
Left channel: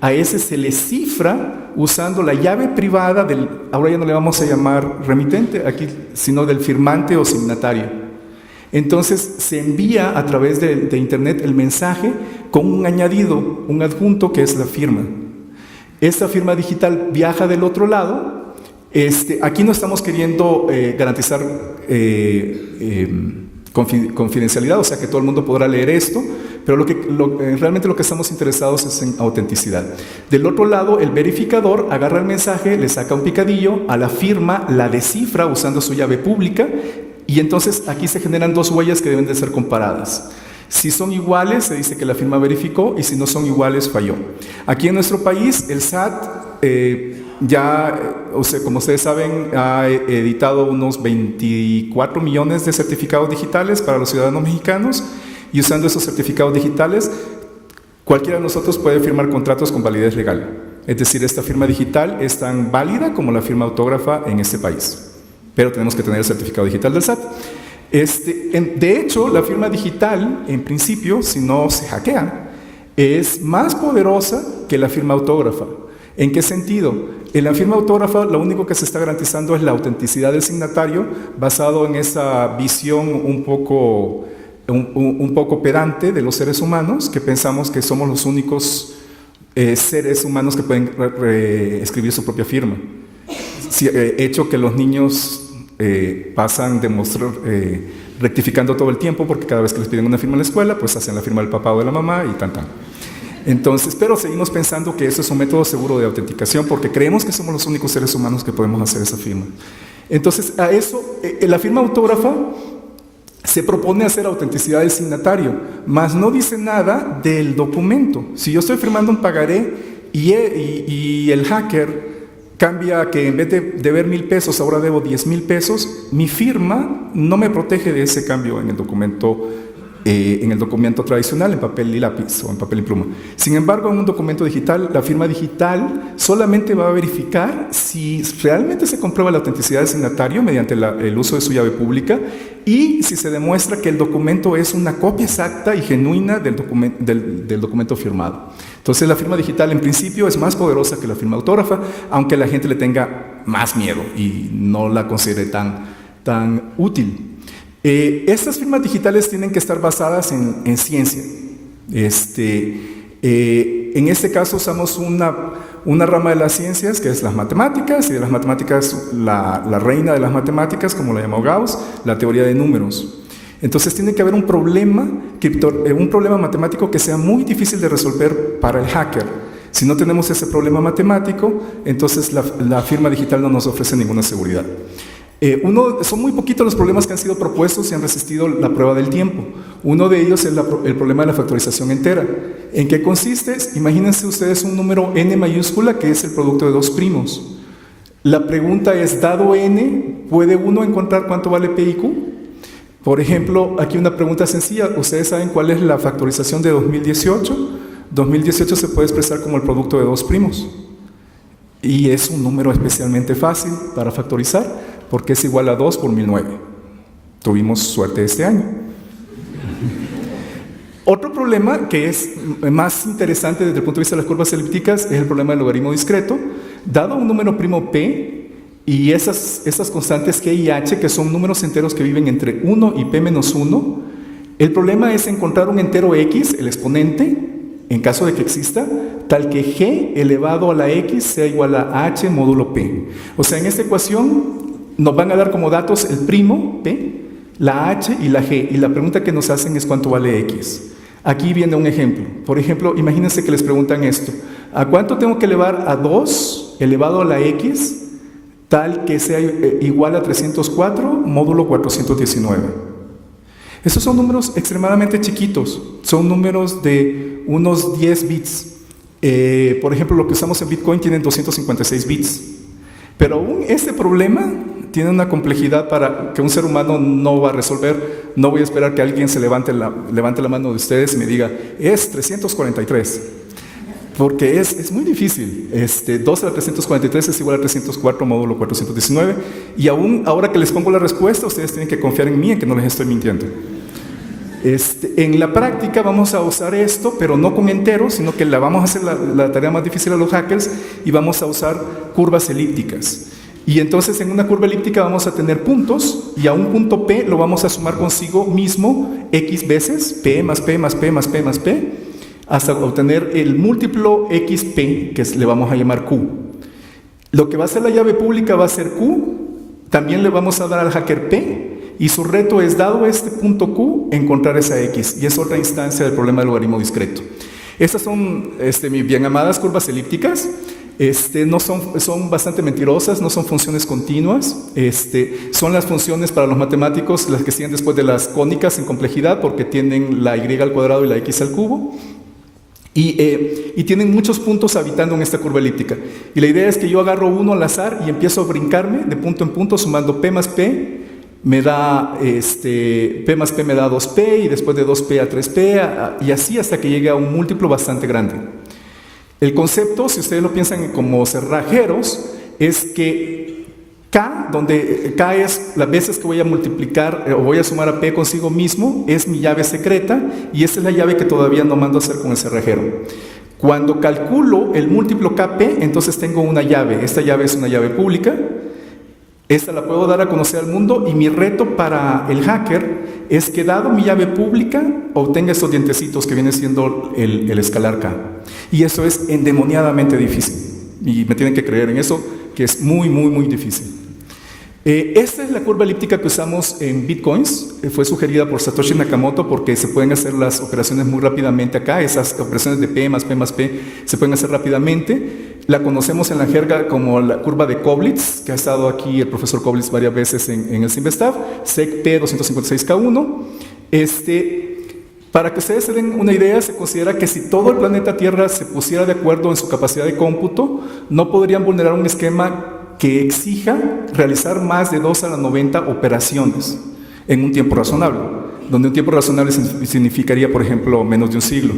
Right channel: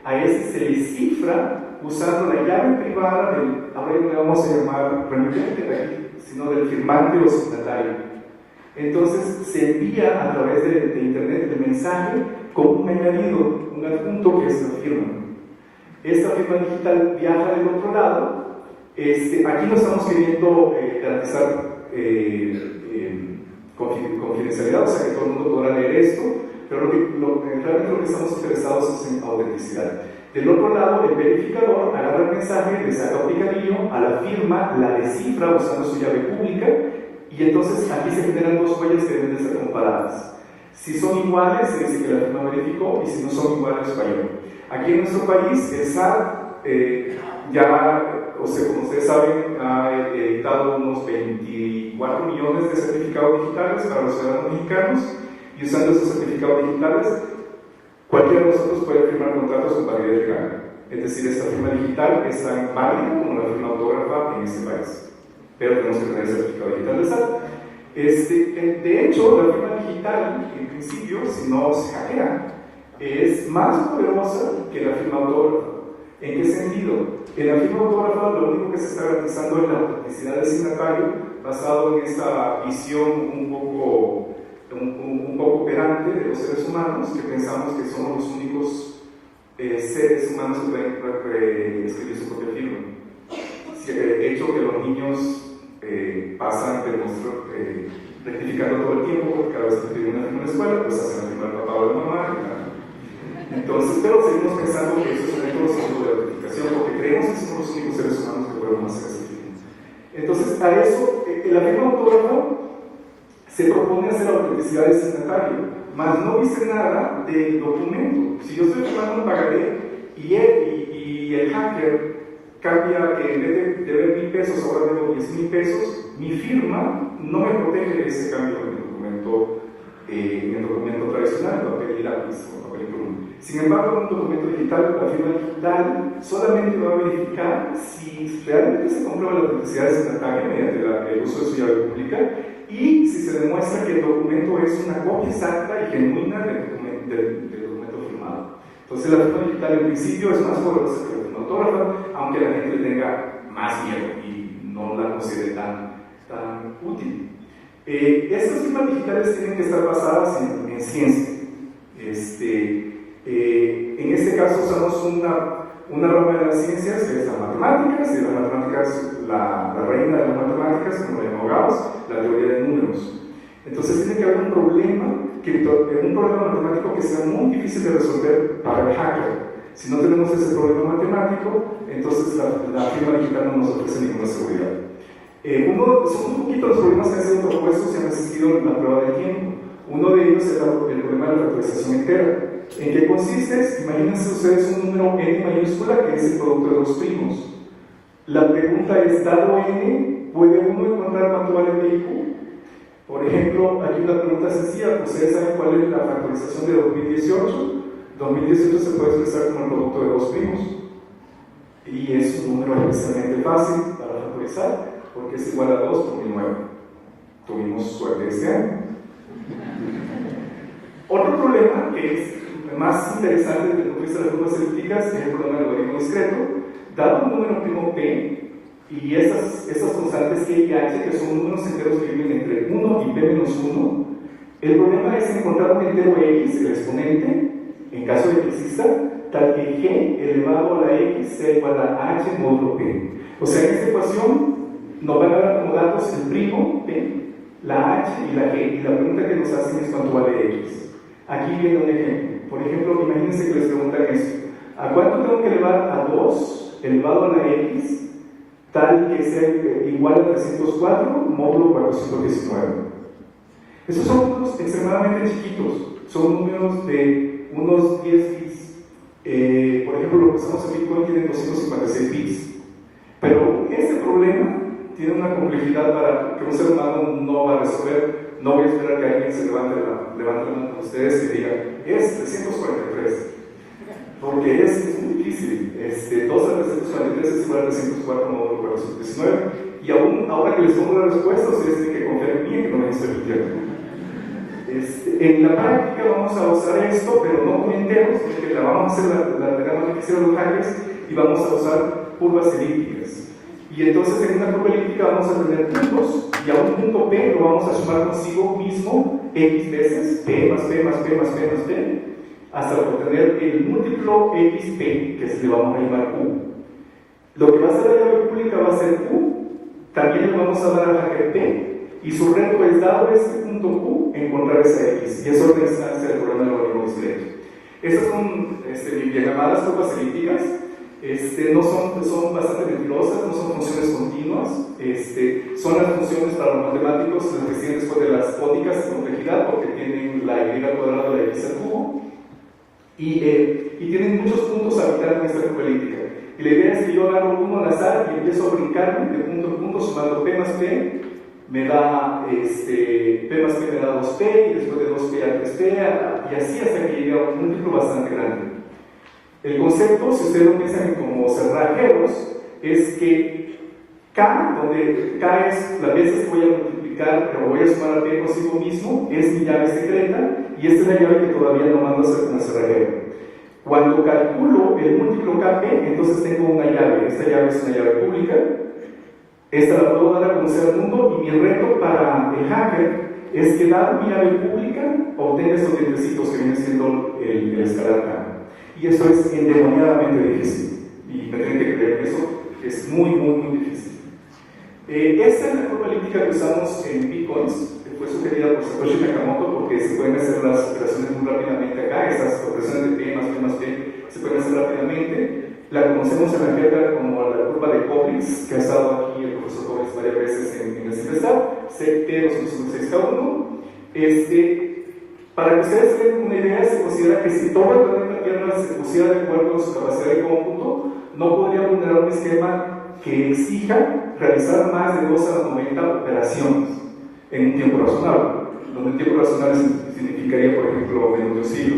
A ese se le cifra usando la llave privada del, ahora ya no le vamos a llamar remitente aquí, sino del firmante o signatario. Entonces se envía a través de internet el mensaje con un añadido, un adjunto que es la firma. Esta firma digital viaja del otro lado. Aquí no estamos queriendo garantizar confidencialidad, o sea que todo el mundo podrá leer esto, pero realmente lo que estamos interesados es en autenticidad. Del otro lado, el verificador agarra el mensaje, le saca un picadillo, a la firma la descifra usando su llave pública, y entonces aquí se generan dos huellas que deben de ser comparadas. Si son iguales, se dice que la firma verificó, y si no son iguales, falló. Aquí en nuestro país, el SAT como ustedes saben, ha editado unos 24 millones de certificados digitales para los ciudadanos mexicanos, y usando esos certificados digitales, cualquiera de nosotros puede firmar contratos con validez legal. Es decir, esta firma digital es tan válida como la firma autógrafa en este país. Pero tenemos que tener el certificado digital del SAT. De hecho, la firma digital, en principio, si no se hackea, es más poderosa que la firma autógrafa. ¿En qué sentido? En la firma autógrafa lo único que se está garantizando es la autenticidad del signatario, basado en esa visión un poco pedante de los seres humanos, que pensamos que somos los únicos seres humanos que pueden escribir su propia firma. Hecho que los niños pasan rectificando todo el tiempo, porque cada vez que les piden una firma en la escuela, pues hacen la firma del papá o de la mamá y tan. Entonces, pero seguimos pensando que eso es un método seguro de autenticación, porque creemos que somos los únicos seres humanos que podemos hacer esa firma. Entonces, a eso, la firma autógrafa se propone hacer autenticidad del signatario, mas no dice nada del documento. Si yo estoy firmando un pagaré y el hacker cambia que en vez de deber 1,000 pesos ahora debo 10,000 pesos, mi firma no me protege de ese cambio en el documento tradicional, en papel y lápiz o en papel y pluma. Sin embargo, en un documento digital, la firma digital solamente va a verificar si realmente se comprueba la autenticidad del signatario mediante el uso de su llave pública, y si se demuestra que el documento es una copia exacta y genuina del documento firmado. Entonces, la firma digital en principio es más poderosa que la firma autógrafa, aunque la gente le tenga más miedo y no la considere tan útil. Estas firmas digitales tienen que estar basadas en ciencia. En este caso usamos una rama de las ciencias que es las matemáticas, y de las matemáticas la reina de las matemáticas, como la llamó Gauss, la teoría de números. Entonces tiene que haber un problema matemático que sea muy difícil de resolver para el hacker. Si no tenemos ese problema matemático, entonces la firma digital no nos ofrece ninguna seguridad. Son muy poquitos los problemas que han sido propuestos y han resistido la prueba del tiempo. Uno de ellos es el problema de la factorización entera. ¿En qué consiste? Imagínense ustedes un número n mayúscula que es el producto de dos primos. La pregunta es, dado n, ¿puede uno encontrar cuánto vale p y q? Por ejemplo, aquí una pregunta sencilla. ¿Ustedes saben cuál es la factorización de 2018? 2018 se puede expresar como el producto de dos primos. Y es un número especialmente fácil para factorizar, porque es igual a 2 por 1009. Tuvimos suerte este año. Otro problema que es más interesante desde el punto de vista de las curvas elípticas es el problema del logaritmo discreto. Dado un número primo p, Y esas constantes K y H, que son números enteros que viven entre 1 y P-1, el problema es encontrar un entero X, el exponente, en caso de que exista, tal que G elevado a la X sea igual a H módulo P. O sea, en esta ecuación nos van a dar como datos el primo, P, la H y la G. Y la pregunta que nos hacen es cuánto vale X. Aquí viene un ejemplo. Por ejemplo, imagínense que les preguntan esto. ¿A cuánto tengo que elevar a 2 elevado a la X tal que sea igual a 304 módulo 419? Estos son números extremadamente chiquitos. Son números de unos 10 bits. Por ejemplo, lo que usamos en Bitcoin tiene 256 bits. Pero este problema tiene una complejidad para que un ser humano no va a resolver. No voy a esperar que alguien se levante la mano de ustedes y me diga, es 343. Porque es muy difícil. 2 a la 343 es igual a 304 módulo 419. Y aún ahora que les pongo la respuesta, ustedes tienen que confiar en mí, en que no les estoy mintiendo. En la práctica vamos a usar esto, pero no con enteros, sino que vamos a hacer la tarea más difícil a los hackers y vamos a usar curvas elípticas. Y entonces en una curva elíptica vamos a tener puntos y a un punto P lo vamos a sumar consigo mismo X veces, P más P más P más P más P, hasta obtener el múltiplo XP, que le vamos a llamar Q. Lo que va a ser la llave pública va a ser Q, también le vamos a dar al hacker P, y su reto es, dado este punto Q, encontrar esa X, y es otra instancia del problema del logaritmo discreto. Estas son bien llamadas curvas elípticas. No son bastante mentirosas, no son funciones continuas, son las funciones para los matemáticos las que siguen después de las cónicas en complejidad, porque tienen la y al cuadrado y la x al cubo, y tienen muchos puntos habitando en esta curva elíptica. Y la idea es que yo agarro uno al azar y empiezo a brincarme de punto en punto sumando p más p, me da p más p me da 2p, y después de 2p a 3p, y así hasta que llegue a un múltiplo bastante grande. El concepto, si ustedes lo piensan como cerrajeros, es que K, donde K es las veces que voy a multiplicar o voy a sumar a P consigo mismo, es mi llave secreta, y esa es la llave que todavía no mando a hacer con el cerrajero. Cuando calculo el múltiplo KP, entonces tengo una llave. Esta llave es una llave pública. Esta la puedo dar a conocer al mundo, y mi reto para el hacker es que, dado mi llave pública, obtenga estos dientecitos que viene siendo el escalar K. Y eso es endemoniadamente difícil. Y me tienen que creer en eso, que es muy, muy, muy difícil. Esta es la curva elíptica que usamos en Bitcoins. Fue sugerida por Satoshi Nakamoto porque se pueden hacer las operaciones muy rápidamente acá. Esas operaciones de P más P más P se pueden hacer rápidamente. La conocemos en la jerga como la curva de Koblitz, que ha estado aquí el profesor Koblitz varias veces en el Simvestab, SEC P256K1. Para que ustedes se den una idea, se considera que si todo el planeta Tierra se pusiera de acuerdo en su capacidad de cómputo, no podrían vulnerar un esquema que exija realizar más de 2 a la 90 operaciones en un tiempo razonable, donde un tiempo razonable significaría, por ejemplo, menos de un siglo.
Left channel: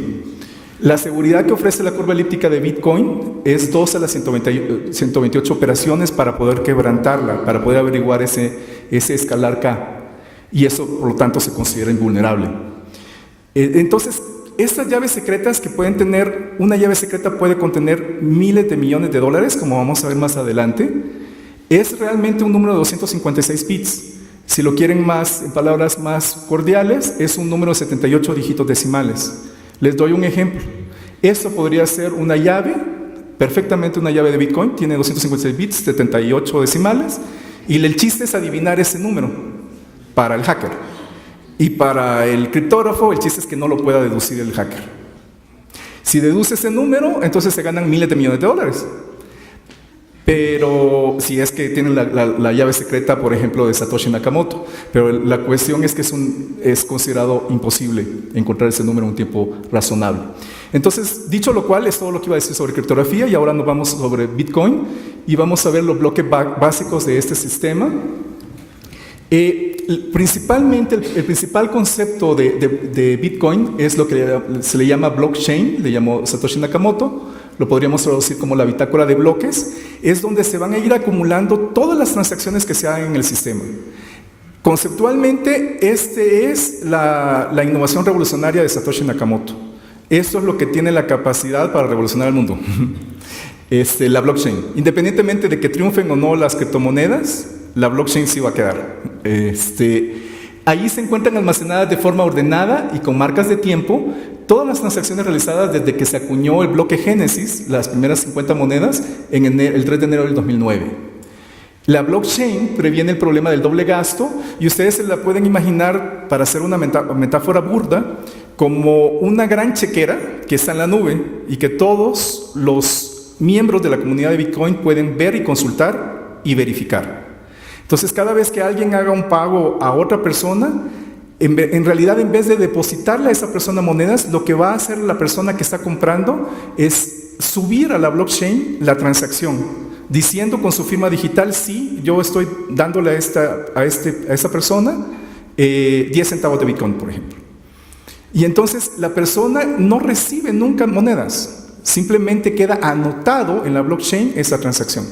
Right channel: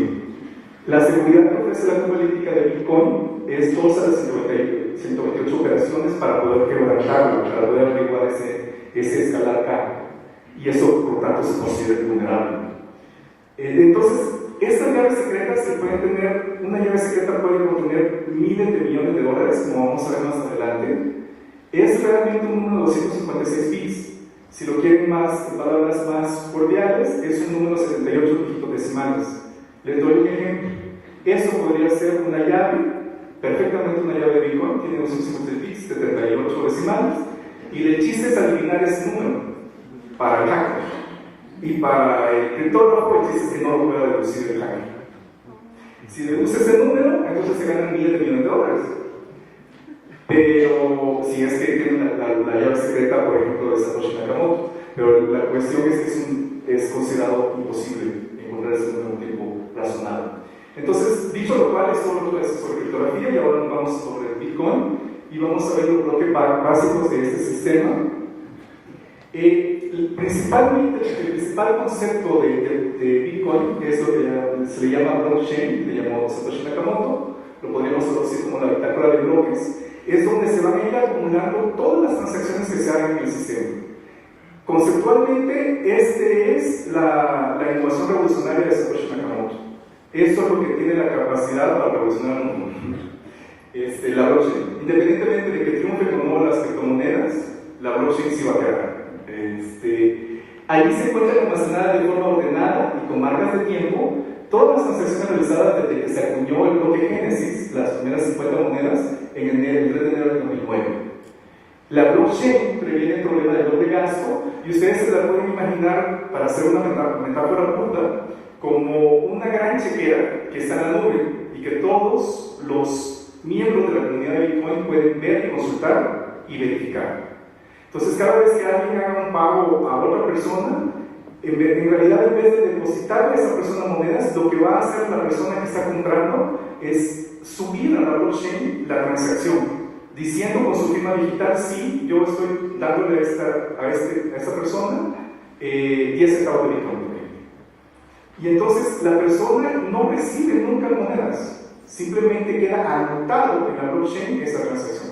La seguridad que ofrece la curva elíptica de Bitcoin es 2 a las 128 operaciones para poder quebrantarla, para poder averiguar ese escalar K, y eso, por lo tanto, se considera invulnerable. Entonces, estas llaves secretas que pueden tener, una llave secreta puede contener miles de millones de dólares, como vamos a ver más adelante, es realmente un número de 256 bits. Si lo quieren más, en palabras más cordiales, es un número de 78 dígitos decimales. Les doy un ejemplo. Esto podría ser una llave, perfectamente una llave de Bitcoin, tiene 256 bits, 78 decimales, y el chiste es adivinar ese número para el hacker. Y para el criptógrafo, el chiste es que no lo pueda deducir el hacker. Si deduce ese número, entonces se ganan miles de millones de dólares. Pero si es que tienen la llave secreta, por ejemplo, de Satoshi Nakamoto. Pero la cuestión es que es considerado imposible encontrar ese número en un tiempo razonable. Entonces, dicho lo cual, es todo lo que iba a decir sobre criptografía, y ahora nos vamos sobre Bitcoin y vamos a ver los bloques básicos de este sistema. Principalmente, el principal concepto de Bitcoin es lo que se le llama blockchain, le llamó Satoshi Nakamoto, lo podríamos traducir como la bitácora de bloques. Es donde se van a ir acumulando todas las transacciones que se hagan en el sistema. Conceptualmente, es la innovación revolucionaria de Satoshi Nakamoto. Esto es lo que tiene la capacidad para revolucionar el mundo. la blockchain. Independientemente de que triunfen o no las criptomonedas, la blockchain sí va a quedar. Ahí se encuentran almacenadas de forma ordenada y con marcas de tiempo todas las transacciones realizadas desde que se acuñó el bloque Génesis, las primeras 50 monedas, en el 3 de enero del 2009. La blockchain previene el problema del doble gasto y ustedes se la pueden imaginar, para hacer una metáfora burda, como una gran chequera que está en la nube y que todos los miembros de la comunidad de Bitcoin pueden ver y consultar y verificar. Entonces, cada vez que alguien haga un pago a otra persona, en realidad, en vez de depositarle a esa persona monedas, lo que va a hacer la persona que está comprando es subir a la blockchain la transacción, diciendo con su firma digital: sí, yo estoy dándole a esa persona 10 centavos de Bitcoin, por ejemplo. Y entonces la persona no recibe nunca monedas, simplemente queda anotado en la blockchain esa transacción.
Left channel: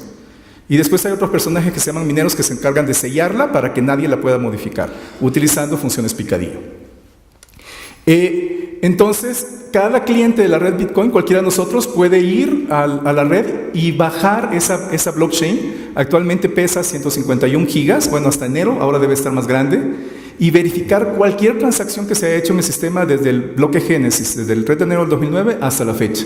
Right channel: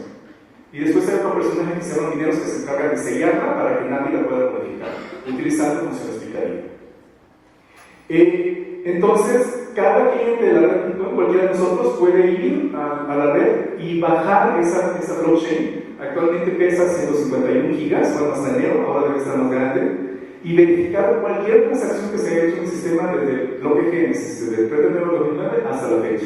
Y después hay otros personajes que se llaman mineros que se encargan de sellarla para que nadie la pueda modificar, utilizando funciones picadillo. Entonces, cada cliente de la red Bitcoin, cualquiera de nosotros, puede ir a la red y bajar esa blockchain. Actualmente pesa 151 gigas, bueno, hasta enero, ahora debe estar más grande, y verificar cualquier transacción que se haya hecho en el sistema desde el bloque Génesis, desde el 3 de enero del 2009 hasta la fecha.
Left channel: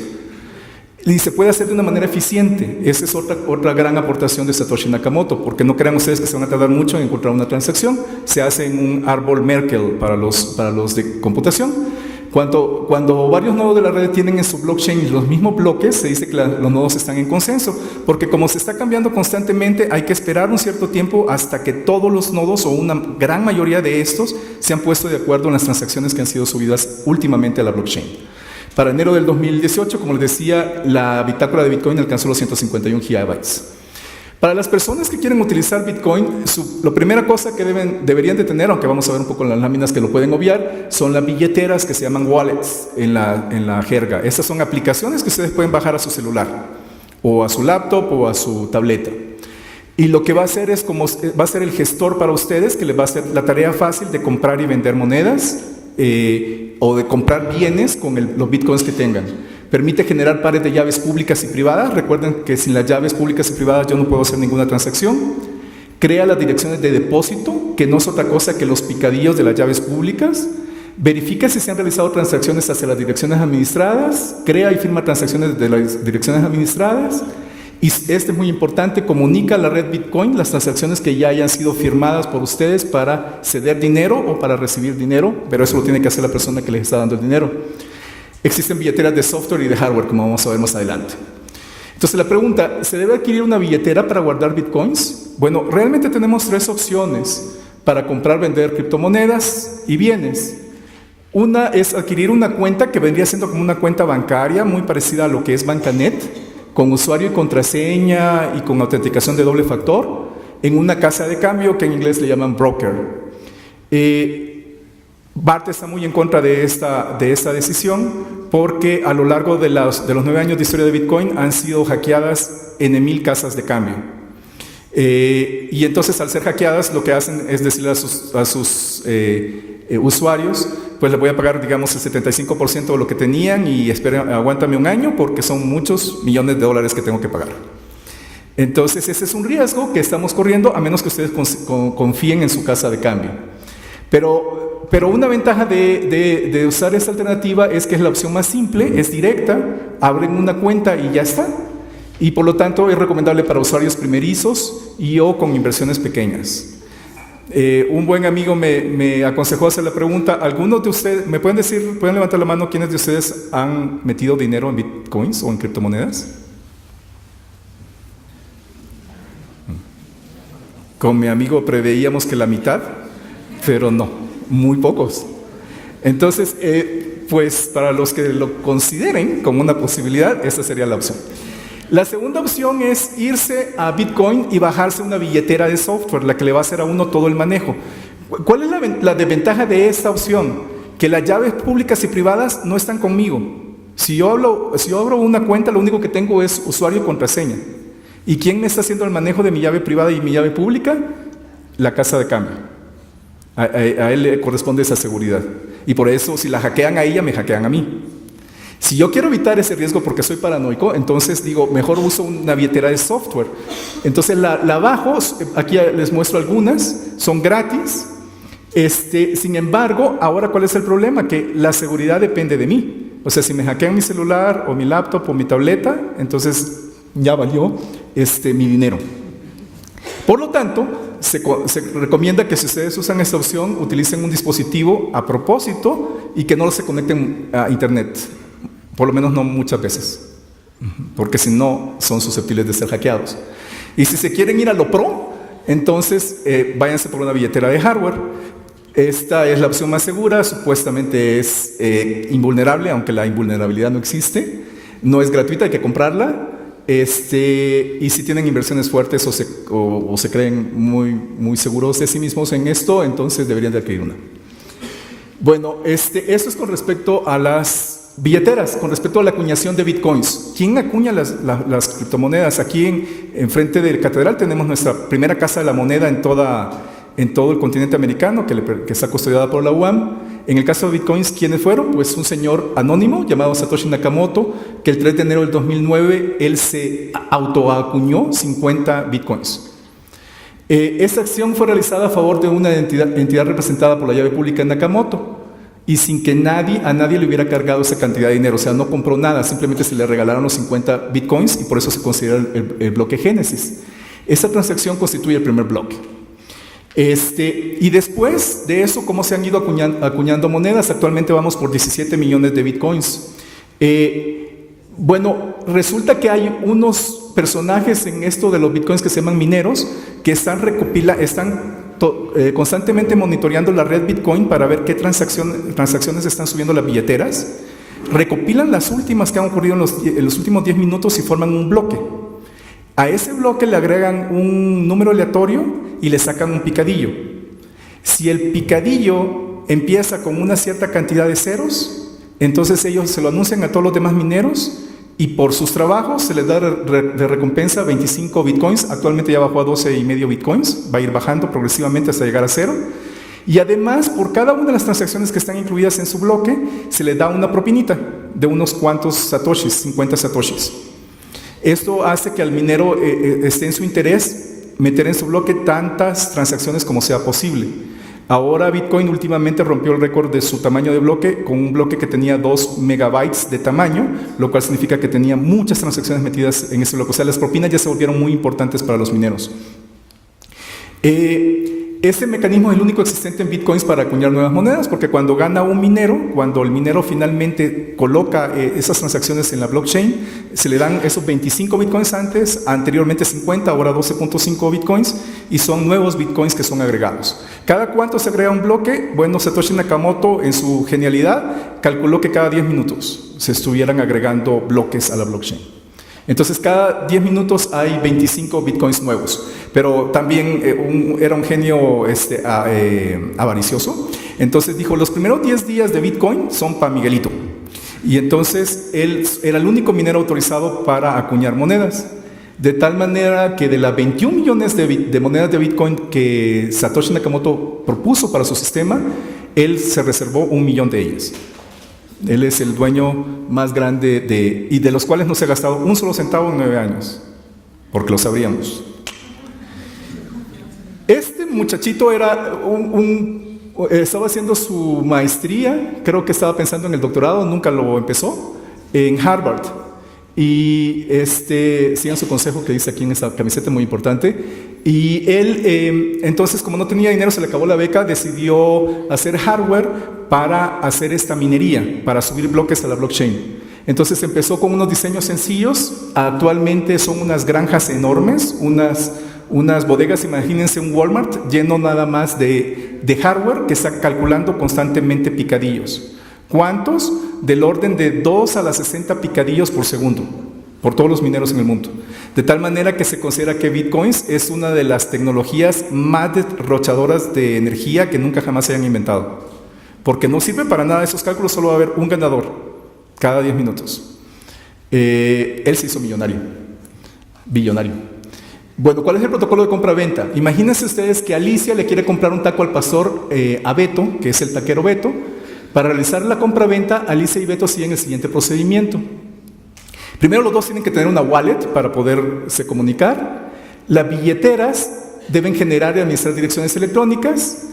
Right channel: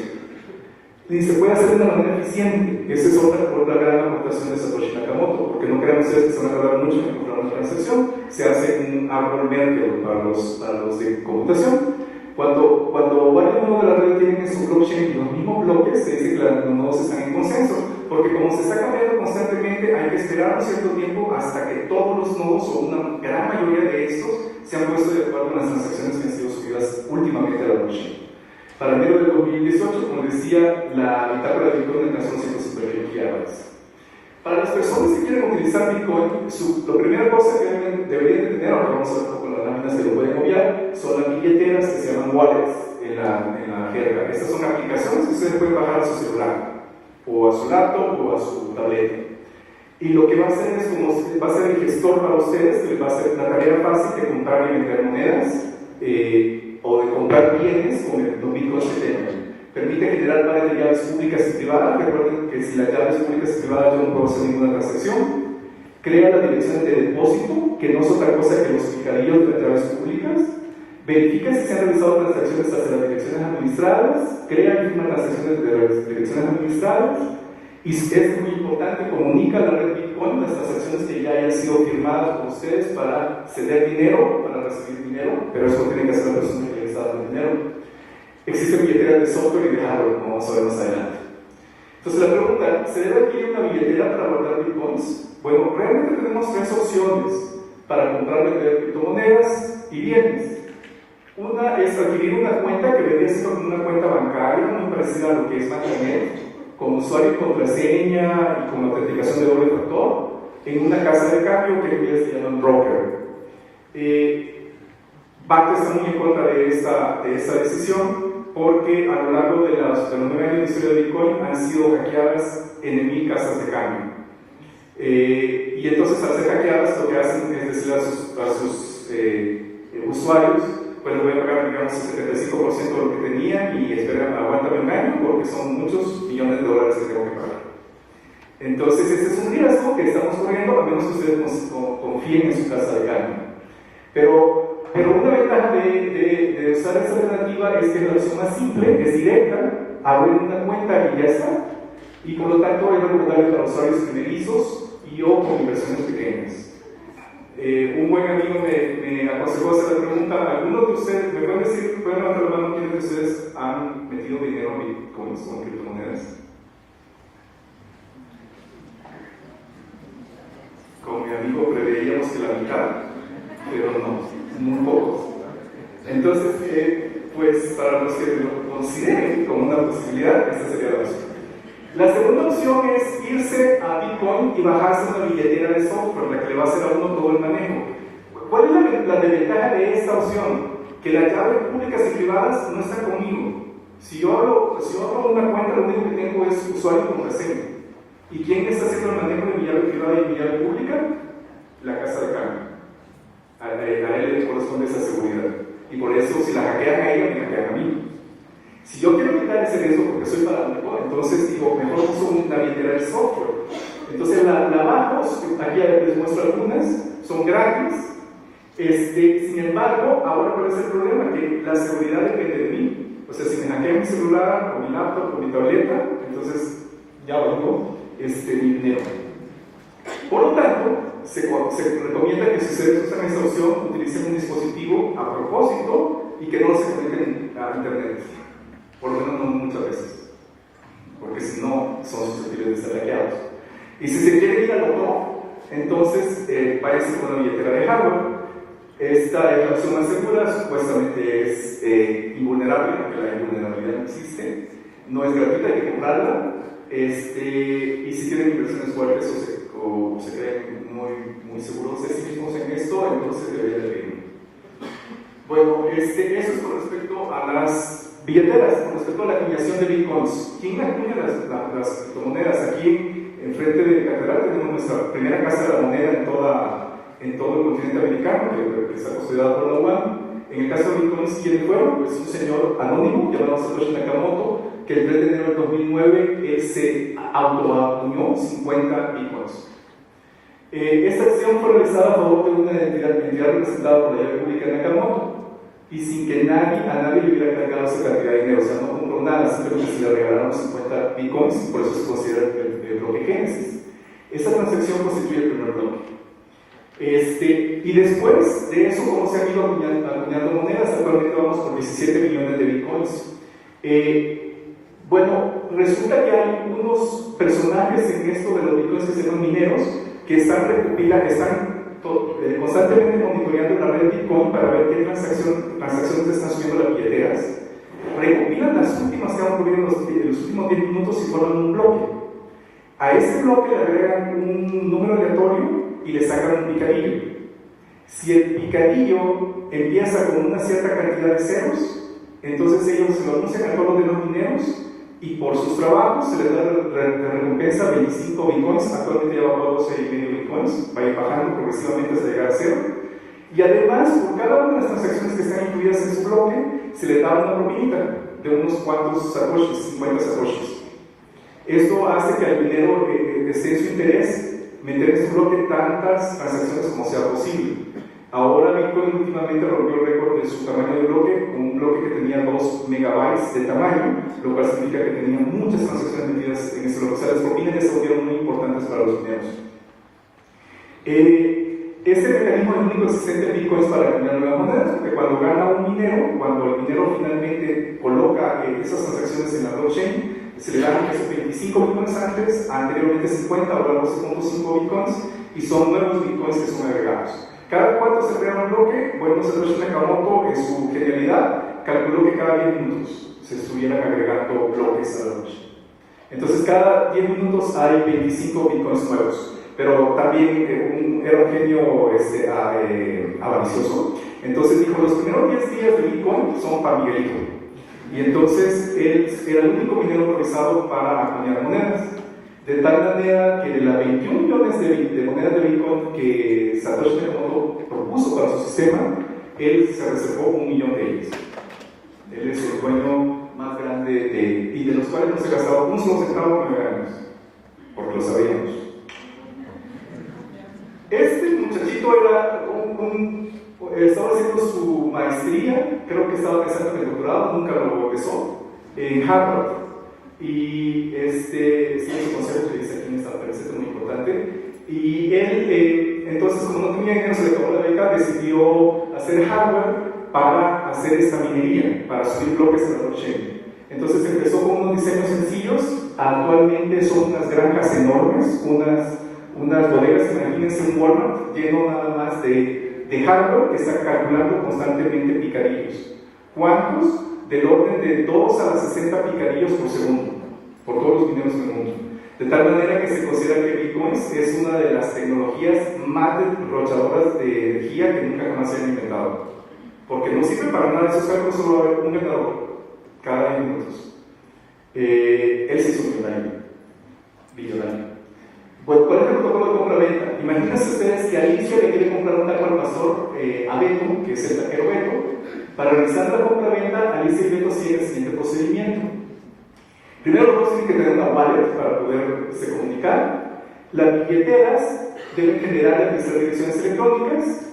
Y se puede hacer de una manera eficiente. Esa es otra gran aportación de Satoshi Nakamoto, porque no crean ustedes que se van a tardar mucho en encontrar una transacción. Se hace en un árbol Merkle para los de computación. Cuando varios nodos de la red tienen en su blockchain los mismos bloques, se dice que los nodos están en consenso, porque como se está cambiando constantemente, hay que esperar un cierto tiempo hasta que todos los nodos, o una gran mayoría de estos, se han puesto de acuerdo en las transacciones que han sido subidas últimamente a la blockchain. Para enero del 2018, como les decía, la bitácora de Bitcoin alcanzó los 151 gigabytes. Para las personas que quieren utilizar Bitcoin, la primera cosa que deberían de tener, aunque vamos a ver un poco en las láminas que lo pueden obviar, son las billeteras que se llaman wallets en la jerga. Estas son aplicaciones que ustedes pueden bajar a su celular, o a su laptop, o a su tableta. Y lo que va a hacer es va a ser el gestor para ustedes, que les va a hacer la tarea fácil de comprar y vender monedas, o de comprar bienes con los bitcoins que tengan. Permite generar pares de llaves públicas y privadas. Recuerden que sin las llaves públicas y privadas yo no puedo hacer ninguna transacción. Crea las direcciones de depósito, que no es otra cosa que los picadillos de las llaves públicas. Verifica si se han realizado transacciones hacia las direcciones administradas. Crea y firma transacciones de las direcciones administradas. Y este es muy importante: comunica a la red Bitcoin las transacciones que ya hayan sido firmadas por ustedes para ceder dinero o para recibir dinero, pero eso lo tiene que hacer la persona que les está dando el dinero. Existen billeteras de software y de hardware, como vamos a ver más adelante. Entonces la pregunta: ¿se debe adquirir una billetera para guardar bitcoins? Bueno, realmente tenemos tres opciones para comprar, vender criptomonedas y bienes. Una es adquirir una cuenta que vendría siendo como una cuenta bancaria, muy parecida a lo que es Bancanet, con usuario y contraseña y con autenticación de doble factor, en una casa de cambio que en inglés le llaman broker. BAT está muy en contra de esta decisión, porque a lo largo de los 9 años de historia de Bitcoin han sido hackeadas en 1000 casas de cambio. Y entonces, al ser hackeadas, lo que hacen es decirle a sus usuarios: pues les voy a pagar, digamos, el 75% de lo que tenían y esperen, aguántame un año porque son muchos millones de dólares que tengo que pagar. Entonces, ese es un riesgo que estamos corriendo, a menos que ustedes confíen en su casa de cambio. Pero una ventaja de usar esta alternativa es que es la opción más simple, es directa, abren una cuenta y ya está. Y por lo tanto es recomendable para usuarios primerizos o con inversiones pequeñas. Un buen amigo me aconsejó hacer la pregunta: ¿algunos de ustedes, me pueden levantar la mano quiénes de ustedes han metido dinero en bitcoins o en criptomonedas? Con mi amigo preveíamos que la mitad, pero no, muy pocos. Entonces, pues para los que lo consideren como una posibilidad, esa sería la opción. La segunda opción es irse a Bitcoin y bajarse una billetera de software, la que le va a hacer a uno todo el manejo. ¿Cuál es la desventaja de esta opción? Que las llaves públicas y privadas no están conmigo. Si yo abro una cuenta, lo único que tengo es usuario y contraseña. ¿Y quién me está haciendo el manejo de mi llave privada y mi llave pública? La casa de cambio. A él le corresponde esa seguridad. Y por eso, si la hackean a ella, me hackean a mí. Si yo quiero evitar ese riesgo porque soy paranoico, entonces digo, mejor uso una billetera de software. Entonces la bajo, aquí les muestro algunas, son gratis. Sin embargo, ahora ¿cuál es el problema? Que la seguridad depende de mí. O sea, si me hackean mi celular o mi laptop o mi tableta, entonces ya valió mi dinero. Por lo tanto, se recomienda que si ustedes usan esta opción, utilicen un dispositivo a propósito y que no se conecten a internet. Por lo menos no muchas veces, porque si no son susceptibles de ser hackeados. Y si se quieren ir a lo pro, entonces váyanse por una billetera de hardware. Esta es la opción más segura, supuestamente es invulnerable, aunque la invulnerabilidad no existe. No es gratuita, hay que comprarla. Y si tienen inversiones fuertes o se creen muy seguros de sí mismos en esto, entonces deberían de adquirir una. Bueno, esto es con respecto a las billeteras, con respecto a la acuñación de bitcoins. ¿Quién acuña las criptomonedas? Aquí en frente del Catedral tenemos nuestra primera casa de la moneda en todo el continente americano, que está custodiada por la UAM. En el caso de bitcoins, ¿quiénes fueron? Pues un señor anónimo llamado Satoshi Nakamoto, que el 3 de enero del 2009 él se autoacuñó 50 bitcoins. Esta acción fue realizada a favor de una entidad representada por la llave pública de Nakamoto y sin que a nadie le hubiera cargado esa cantidad de dinero. O sea, no compró nada, simplemente se le regalaron los 50 bitcoins y por eso se considera el bloque Génesis. Esa transacción constituye el primer bloque. Y después de eso, ¿cómo se han ido acuñando monedas? Actualmente vamos por 17 millones de bitcoins. Bueno, resulta que hay unos personajes en esto de los bitcoins que se llaman mineros, que están constantemente monitoreando la red Bitcoin para ver qué transacciones están subiendo las billeteras. Recopilan las últimas que han ocurrido en los últimos 10 minutos y forman un bloque. A ese bloque le agregan un número aleatorio y le sacan un picadillo. Si el picadillo empieza con una cierta cantidad de ceros, entonces ellos se lo anuncian a todos los demás mineros y por sus trabajos se les da de recompensa 25 bitcoins. Actualmente ya bajó a 12,5 bitcoins, va a ir bajando progresivamente hasta llegar a cero. Y además, por cada una de las transacciones que están incluidas en su bloque, se le da una propinita de unos cuantos satoshis, 50 satoshis. Esto hace que al minero esté en su interés meter en su bloque tantas transacciones como sea posible. Ahora Bitcoin últimamente rompió el récord de su tamaño de bloque con un bloque que tenía 2 megabytes de tamaño, lo cual significa que tenía muchas transacciones metidas en ese bloque. O sea, las propinas ya se volvieron muy importantes para los mineros. Este mecanismo es el único existente en bitcoins para acuñar nuevas monedas, porque cuando gana un minero, cuando el minero finalmente coloca esas transacciones en la blockchain, se le dan esos 25 bitcoins anteriormente 50, ahora 12.5 bitcoins, y son nuevos bitcoins que son agregados. ¿Cada cuánto se agrega un bloque? Bueno, Satoshi Nakamoto, en su genialidad, calculó que cada 10 minutos se estuvieran agregando bloques a la blockchain. Entonces, cada 10 minutos hay 25 bitcoins nuevos. Pero también era un genio avaricioso. Entonces dijo, los primeros 10 días de Bitcoin son para Miguelito. Y entonces él era el único minero autorizado para acuñar monedas. De tal manera que de las 21 millones de monedas de Bitcoin que Satoshi Nakamoto propuso para su sistema, él se reservó 1 millón de ellas. Él es el dueño más grande y de los cuales no se ha gastado un solo centavo en 9 años. Porque lo sabíamos. Este muchachito era estaba haciendo su maestría, creo que estaba pensando en el doctorado, nunca lo empezó, en Harvard. Y sigan su consejo que dice aquí en esa camiseta, muy importante. Y él, entonces, como no tenía dinero, se le acabó la beca, decidió hacer hardware para hacer esta minería, para subir bloques a la blockchain. Entonces empezó con unos diseños sencillos. Actualmente son unas granjas enormes, unas bodegas, imagínense un Walmart lleno nada más de hardware que está calculando constantemente picadillos. ¿Cuántos? Del orden de 2 a las 60 picadillos por segundo, por todos los mineros en el mundo. De tal manera que se considera que Bitcoins es una de las tecnologías más derrochadoras de energía que nunca jamás se hayan inventado. Porque no sirve para nada esos cálculos, solo va a haber un ganador cada 10 minutos. Él se hizo billonario. Bueno, ¿cuál es el protocolo de compra-venta? Imagínense ustedes que Alicia le quiere comprar un taco al pastor a Beto, que es el taquero Beto, Para realizar la compraventa, Alicia y Beto siguen el siguiente procedimiento. Primero, los dos tienen que tener una wallet para poderse comunicar. Las billeteras deben generar y administrar direcciones electrónicas.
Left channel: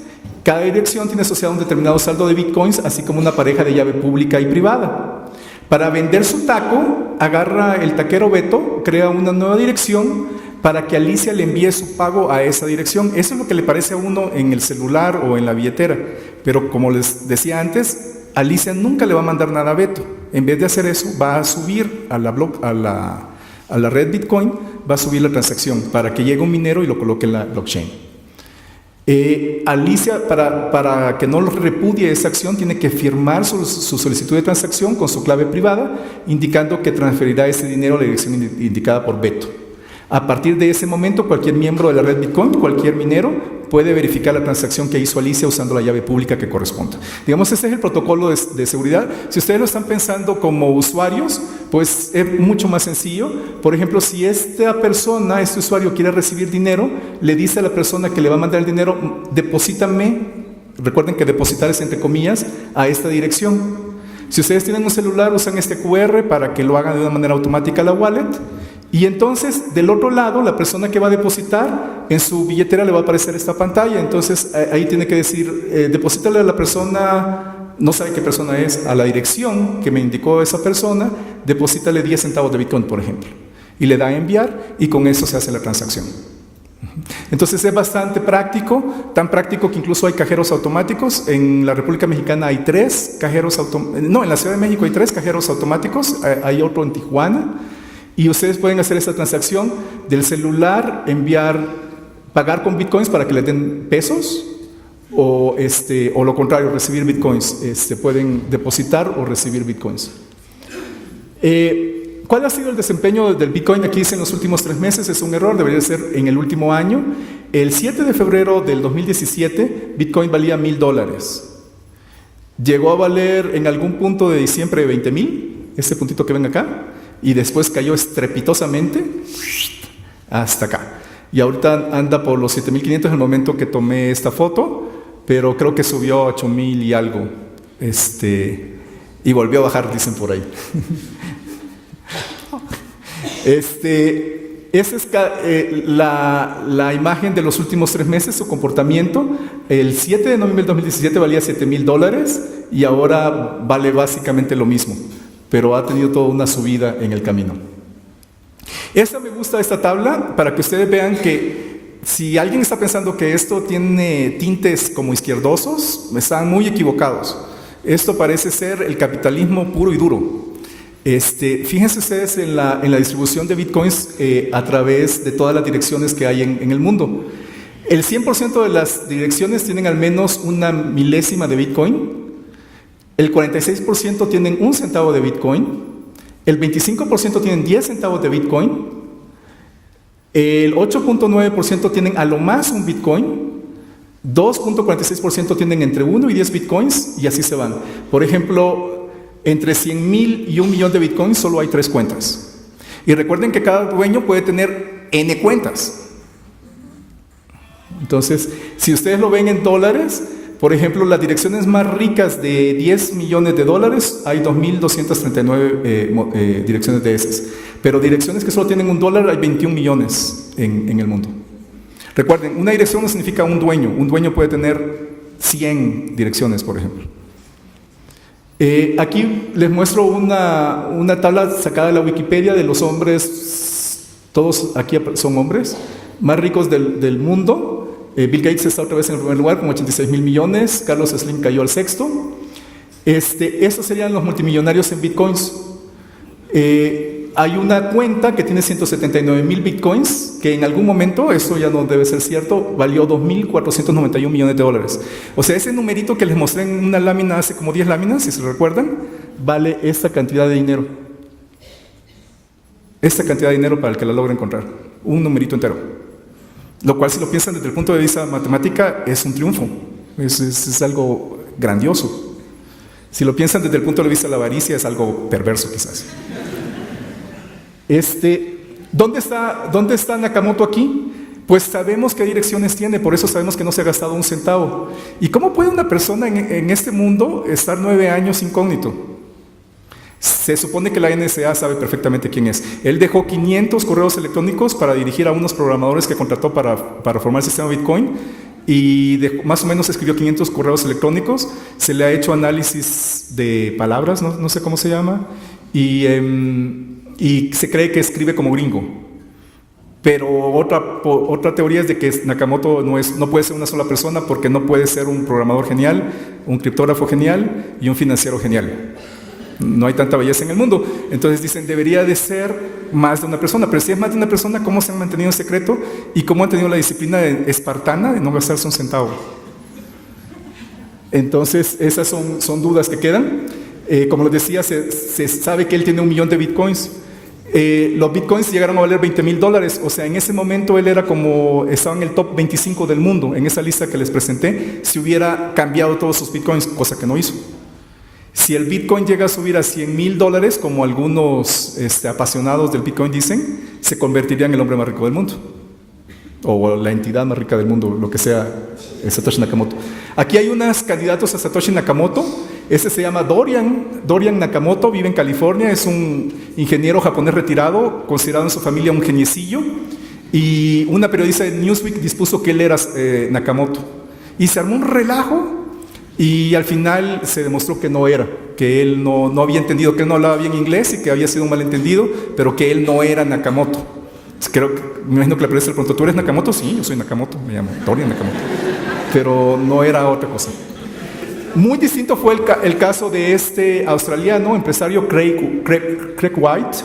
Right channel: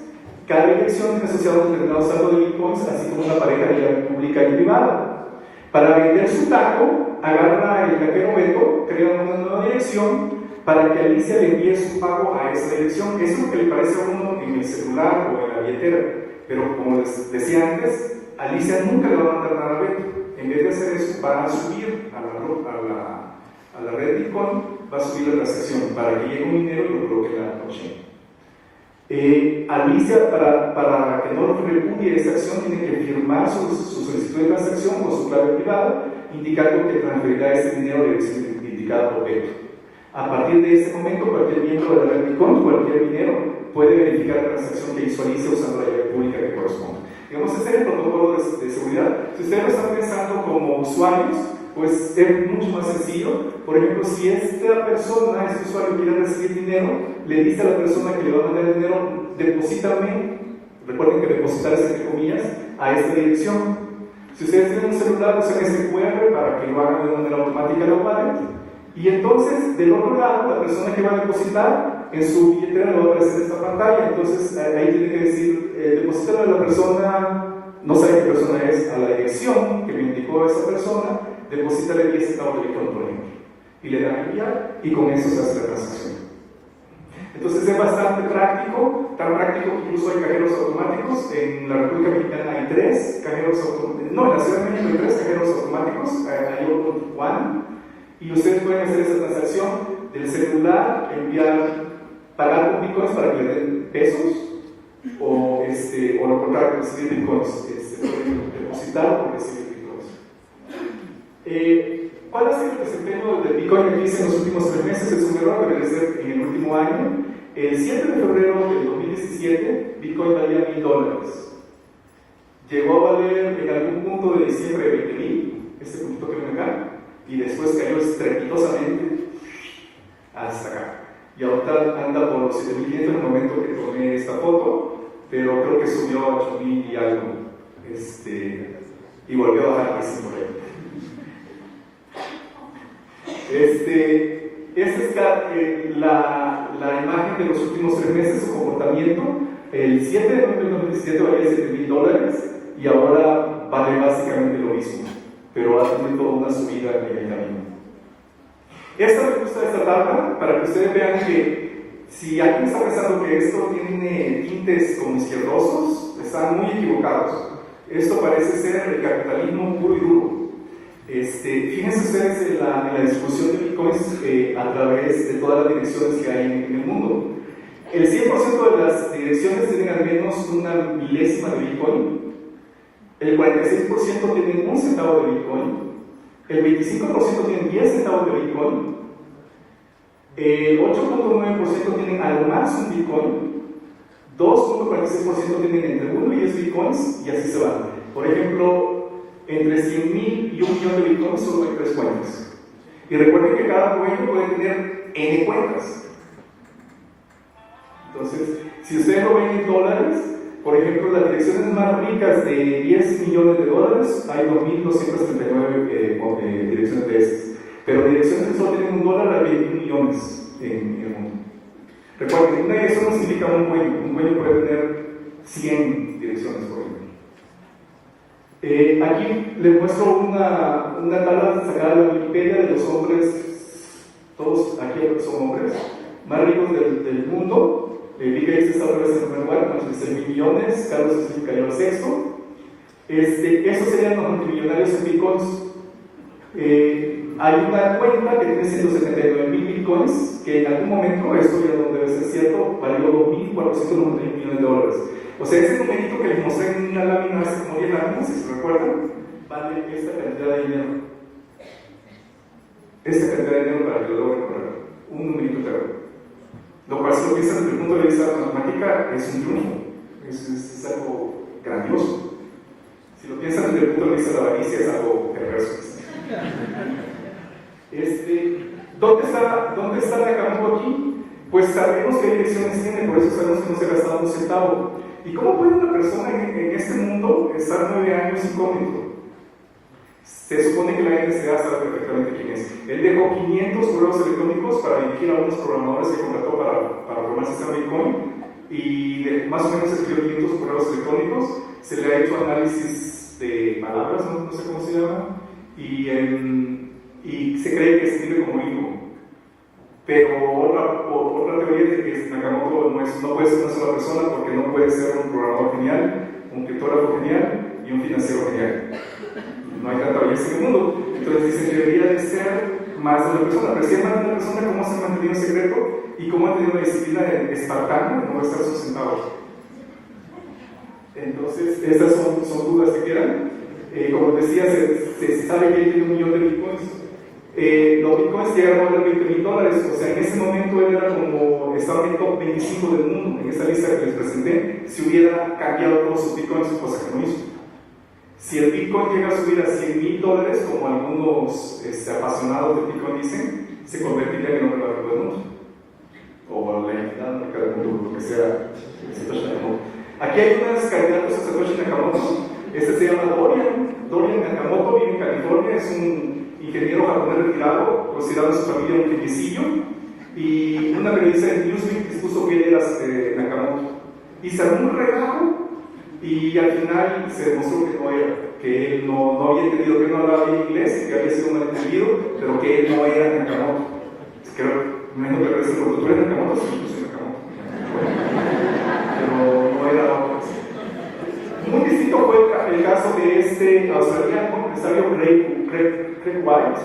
Cada dirección tiene asociado un determinado saldo de bitcoins, así como una pareja de llave pública y privada. Para vender su taco, agarra el taquero Beto, crea una nueva dirección para que Alicia le envíe su pago a esa dirección. Eso es lo que le parece a uno en el celular o en la billetera. Pero como les decía antes, Alicia nunca le va a mandar nada a Beto. En vez de hacer eso, va a subir a la red Bitcoin, va a subir la transacción para que llegue un minero y lo coloque en la blockchain. Alicia, para que no repudie esa acción, tiene que firmar su solicitud de transacción con su clave privada, indicando que transferirá ese dinero a la dirección indicada por Beto. A partir de ese momento, cualquier miembro de la red Bitcoin, cualquier minero, puede verificar la transacción que hizo Alicia usando la llave pública que corresponda. Digamos, este es el protocolo de seguridad. Si ustedes lo están pensando como usuarios, pues es mucho más sencillo. Por ejemplo, si esta persona, este usuario, quiere recibir dinero, le dice a la persona que le va a mandar el dinero, deposítame, recuerden que depositar es entre comillas, a esta dirección. Si ustedes tienen un celular, usan este QR para que lo hagan de una manera automática a la wallet. Y entonces, del otro lado, la persona que va a depositar, en su billetera le va a aparecer esta pantalla. Entonces, ahí tiene que decir, deposítale a la persona, no sabe qué persona es, a la dirección que me indicó esa persona, deposítale 10 centavos de Bitcoin, por ejemplo. Y le da a enviar, y con eso se hace la transacción. Entonces, es bastante práctico, tan práctico que incluso hay cajeros automáticos. En la República Mexicana hay 3 cajeros automáticos, no, en la Ciudad de México hay 3 cajeros automáticos, hay otro en Tijuana. Y ustedes pueden hacer esta transacción del celular, pagar con bitcoins para que les den pesos, o lo contrario, recibir bitcoins. Pueden depositar o recibir bitcoins. ¿Cuál ha sido el desempeño del bitcoin? Aquí dice en los últimos 3 meses, es un error, debería ser en el último año. El 7 de febrero del 2017, bitcoin valía $1,000. Llegó a valer en algún punto de diciembre de 20,000, este puntito que ven acá. Y después cayó estrepitosamente hasta acá. Y ahorita anda por los 7,500 en el momento que tomé esta foto, pero creo que subió a 8,000 y algo. Y volvió a bajar, dicen por ahí. Esa es la imagen de los últimos 3 meses, su comportamiento. El 7 de noviembre del 2017 valía $7,000 y ahora vale básicamente lo mismo, pero ha tenido toda una subida en el camino. Me gusta esta tabla para que ustedes vean que si alguien está pensando que esto tiene tintes como izquierdosos, están muy equivocados. Esto parece ser el capitalismo puro y duro. Fíjense ustedes en la distribución de bitcoins a través de todas las direcciones que hay en el mundo. El 100% de las direcciones tienen al menos una milésima de bitcoin. El 46% tienen 1 centavo de Bitcoin, el 25% tienen 10 centavos de Bitcoin, el 8.9% tienen a lo más un Bitcoin, 2.46% tienen entre 1 y 10 Bitcoins y así se van. Por ejemplo, entre 100,000 y 1 millón de Bitcoins solo hay 3 cuentas. Y recuerden que cada dueño puede tener N cuentas. Entonces, si ustedes lo ven en dólares, por ejemplo, las direcciones más ricas de $10 millones, hay 2,239 direcciones de esas. Pero direcciones que solo tienen $1, hay 21 millones en el mundo. Recuerden, una dirección no significa un dueño. Un dueño puede tener 100 direcciones, por ejemplo. Aquí les muestro una tabla sacada de la Wikipedia de los hombres, todos aquí son hombres, más ricos del mundo. Bill Gates está otra vez en el primer lugar con 86,000 millones, Carlos Slim cayó al 6º. Estos serían los multimillonarios en bitcoins. Hay una cuenta que tiene 179,000 bitcoins, que en algún momento, eso ya no debe ser cierto, valió $2,491 millones. O sea, ese numerito que les mostré en una lámina hace como 10 láminas, si se recuerdan, vale esta cantidad de dinero. Esta cantidad de dinero para el que la logre encontrar. Un numerito entero. Lo cual, si lo piensan desde el punto de vista matemática, es un triunfo. Es algo grandioso. Si lo piensan desde el punto de vista de la avaricia, es algo perverso quizás. ¿Dónde está Nakamoto aquí? Pues sabemos qué direcciones tiene, por eso sabemos que no se ha gastado un centavo. ¿Y cómo puede una persona en este mundo estar 9 años incógnito? Se supone que la NSA sabe perfectamente quién es. Él dejó 500 correos electrónicos para dirigir a unos programadores que contrató para formar el sistema Bitcoin, y más o menos escribió 500 correos electrónicos. Se le ha hecho análisis de palabras, no sé cómo se llama, y se cree que escribe como gringo. Pero otra teoría es de que Nakamoto no puede ser una sola persona, porque no puede ser un programador genial, un criptógrafo genial y un financiero genial. No hay tanta belleza en el mundo. Entonces dicen, debería de ser más de una persona. Pero si es más de una persona, ¿cómo se han mantenido en secreto? ¿Y cómo han tenido la disciplina espartana de no gastarse un centavo? Entonces esas son dudas que quedan. Como les decía, se sabe que él tiene 1 millón de bitcoins. Los bitcoins llegaron a valer $20,000. O sea, en ese momento él estaba en el top 25 del mundo, en esa lista que les presenté, si hubiera cambiado todos sus bitcoins, cosa que no hizo. Si el Bitcoin llega a subir a $100,000, como algunos apasionados del Bitcoin dicen, se convertiría en el hombre más rico del mundo, o la entidad más rica del mundo, lo que sea Satoshi Nakamoto. Aquí hay unos candidatos a Satoshi Nakamoto. Ese se llama Dorian Nakamoto, vive en California, es un ingeniero japonés retirado, considerado en su familia un geniecillo, y una periodista de Newsweek dispuso que él era Nakamoto, y se armó un relajo. Y al final se demostró que no era, que él no había entendido, que él no hablaba bien inglés y que había sido un malentendido, pero que él no era Nakamoto. Me imagino que le parece, preguntó, ¿tú eres Nakamoto? Sí, yo soy Nakamoto, me llamo Dorian Nakamoto. Pero no era otra cosa. Muy distinto fue el caso de este australiano, empresario Craig Wright.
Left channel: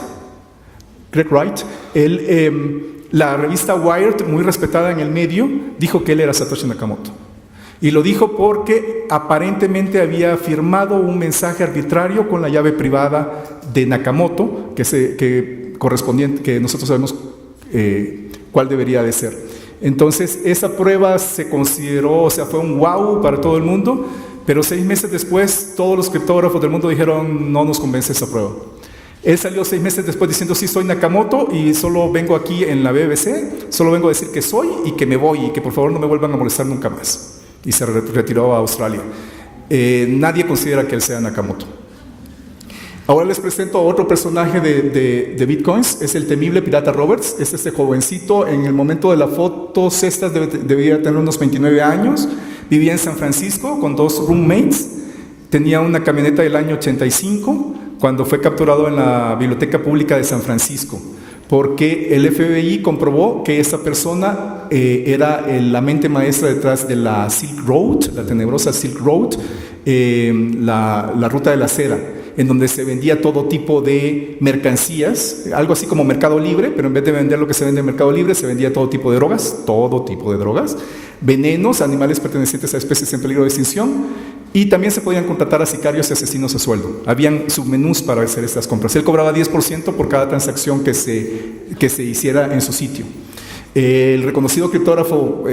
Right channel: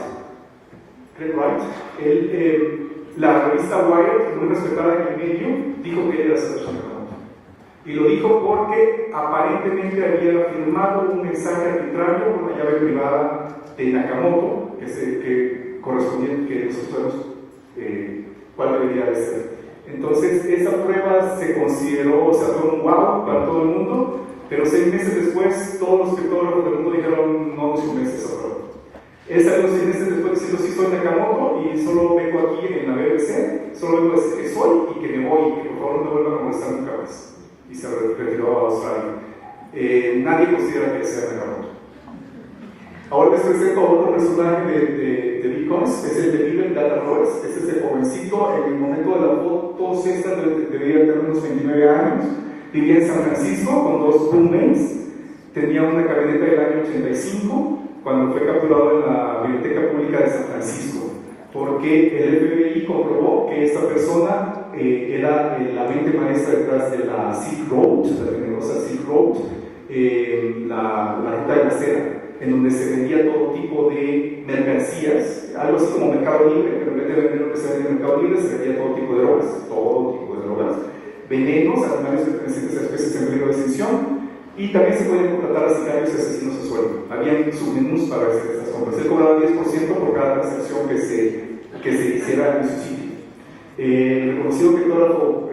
La revista Wired, muy respetada en el medio, dijo que él era Satoshi Nakamoto. Y lo dijo porque aparentemente había firmado un mensaje arbitrario con la llave privada de Nakamoto, que nosotros sabemos cuál debería de ser. Entonces, esa prueba se consideró, fue un wow para todo el mundo, pero 6 meses después, todos los criptógrafos del mundo dijeron, no nos convence esa prueba. Él salió 6 meses después diciendo, sí, soy Nakamoto y solo vengo aquí en la BBC, solo vengo a decir que soy y que me voy y que por favor no me vuelvan a molestar nunca más. Y se retiró a Australia. Nadie considera que él sea Nakamoto. Ahora les presento a otro personaje de Bitcoins, es el temible Pirata Roberts. Es este jovencito, en el momento de las fotos estas debía tener unos 29 años, vivía en San Francisco con 2 roommates, tenía una camioneta del año 85, cuando fue capturado en la Biblioteca Pública de San Francisco, porque el FBI comprobó que esa persona era la mente maestra detrás de la Silk Road, la tenebrosa Silk Road, la ruta de la seda, en donde se vendía todo tipo de mercancías, algo así como Mercado Libre, pero en vez de vender lo que se vende en Mercado Libre, se vendía todo tipo de drogas, venenos, animales pertenecientes a especies en peligro de extinción, y también se podían contratar a sicarios y asesinos a sueldo. Habían submenús para hacer estas compras. Él cobraba 10% por cada transacción que se hiciera en su sitio. El reconocido criptógrafo,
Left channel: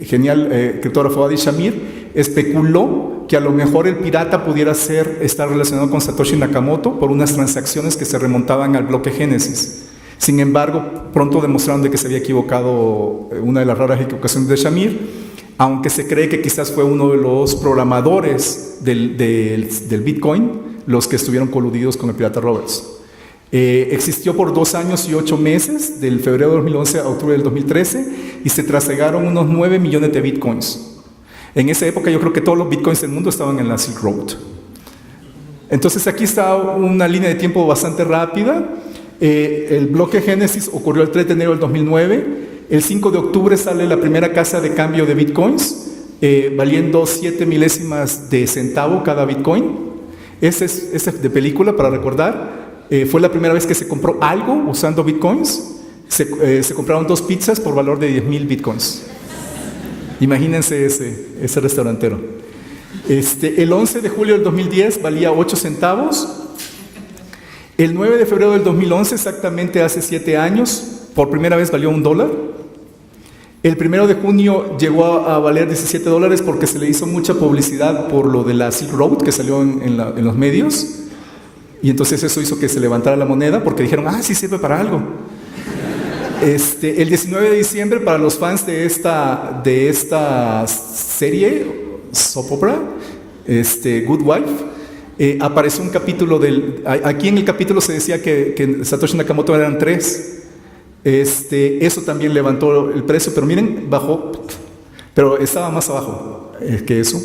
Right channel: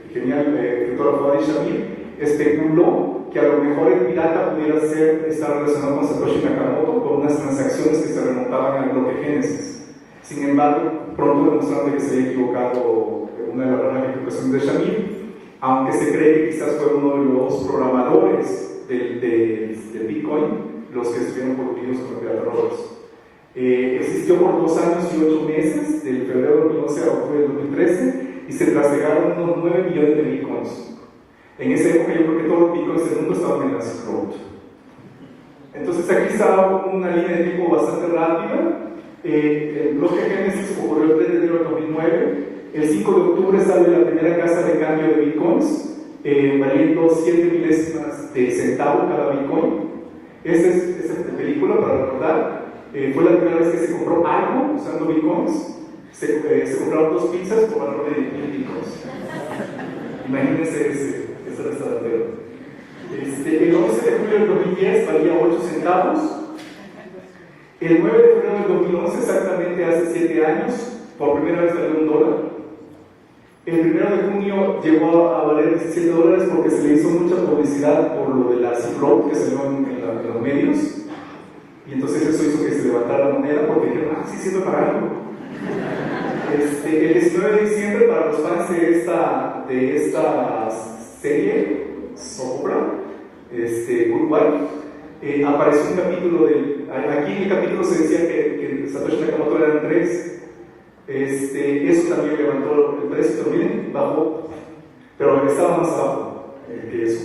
criptógrafo Adi Shamir, especuló que a lo mejor el pirata pudiera estar relacionado con Satoshi Nakamoto por unas transacciones que se remontaban al bloque Génesis. Sin embargo, pronto demostraron de que se había equivocado, una de las raras equivocaciones de Shamir, aunque se cree que quizás fue uno de los programadores del Bitcoin los que estuvieron coludidos con el Pirata Roberts. Existió por 2 años y 8 meses, del febrero de 2011 a octubre del 2013, y se trasegaron unos 9 millones de Bitcoins. En esa época yo creo que todos los Bitcoins del mundo estaban en la Silk Road. Entonces aquí está una línea de tiempo bastante rápida. El bloque Génesis ocurrió el 3 de enero del 2009. El 5 de octubre sale la primera casa de cambio de bitcoins, valiendo 7 milésimas de centavo cada bitcoin. Ese es de película, para recordar. Fue la primera vez que se compró algo usando bitcoins. Se compraron 2 pizzas por valor de 10,000 bitcoins. Imagínense ese restaurantero. El 11 de julio del 2010 valía 8 centavos. El 9 de febrero del 2011, exactamente hace 7 años, por primera vez valió $1. El 1 de junio llegó a valer $17 porque se le hizo mucha publicidad por lo de la Silk Road que salió en los medios, y entonces eso hizo que se levantara la moneda porque dijeron, sí sirve para algo. El 19 de diciembre, para los fans de esta serie, soap opera, Good Wife, apareció un capítulo aquí en el capítulo se decía que Satoshi Nakamoto eran 3. Eso también levantó el precio, pero miren, bajó, pero estaba más abajo que eso.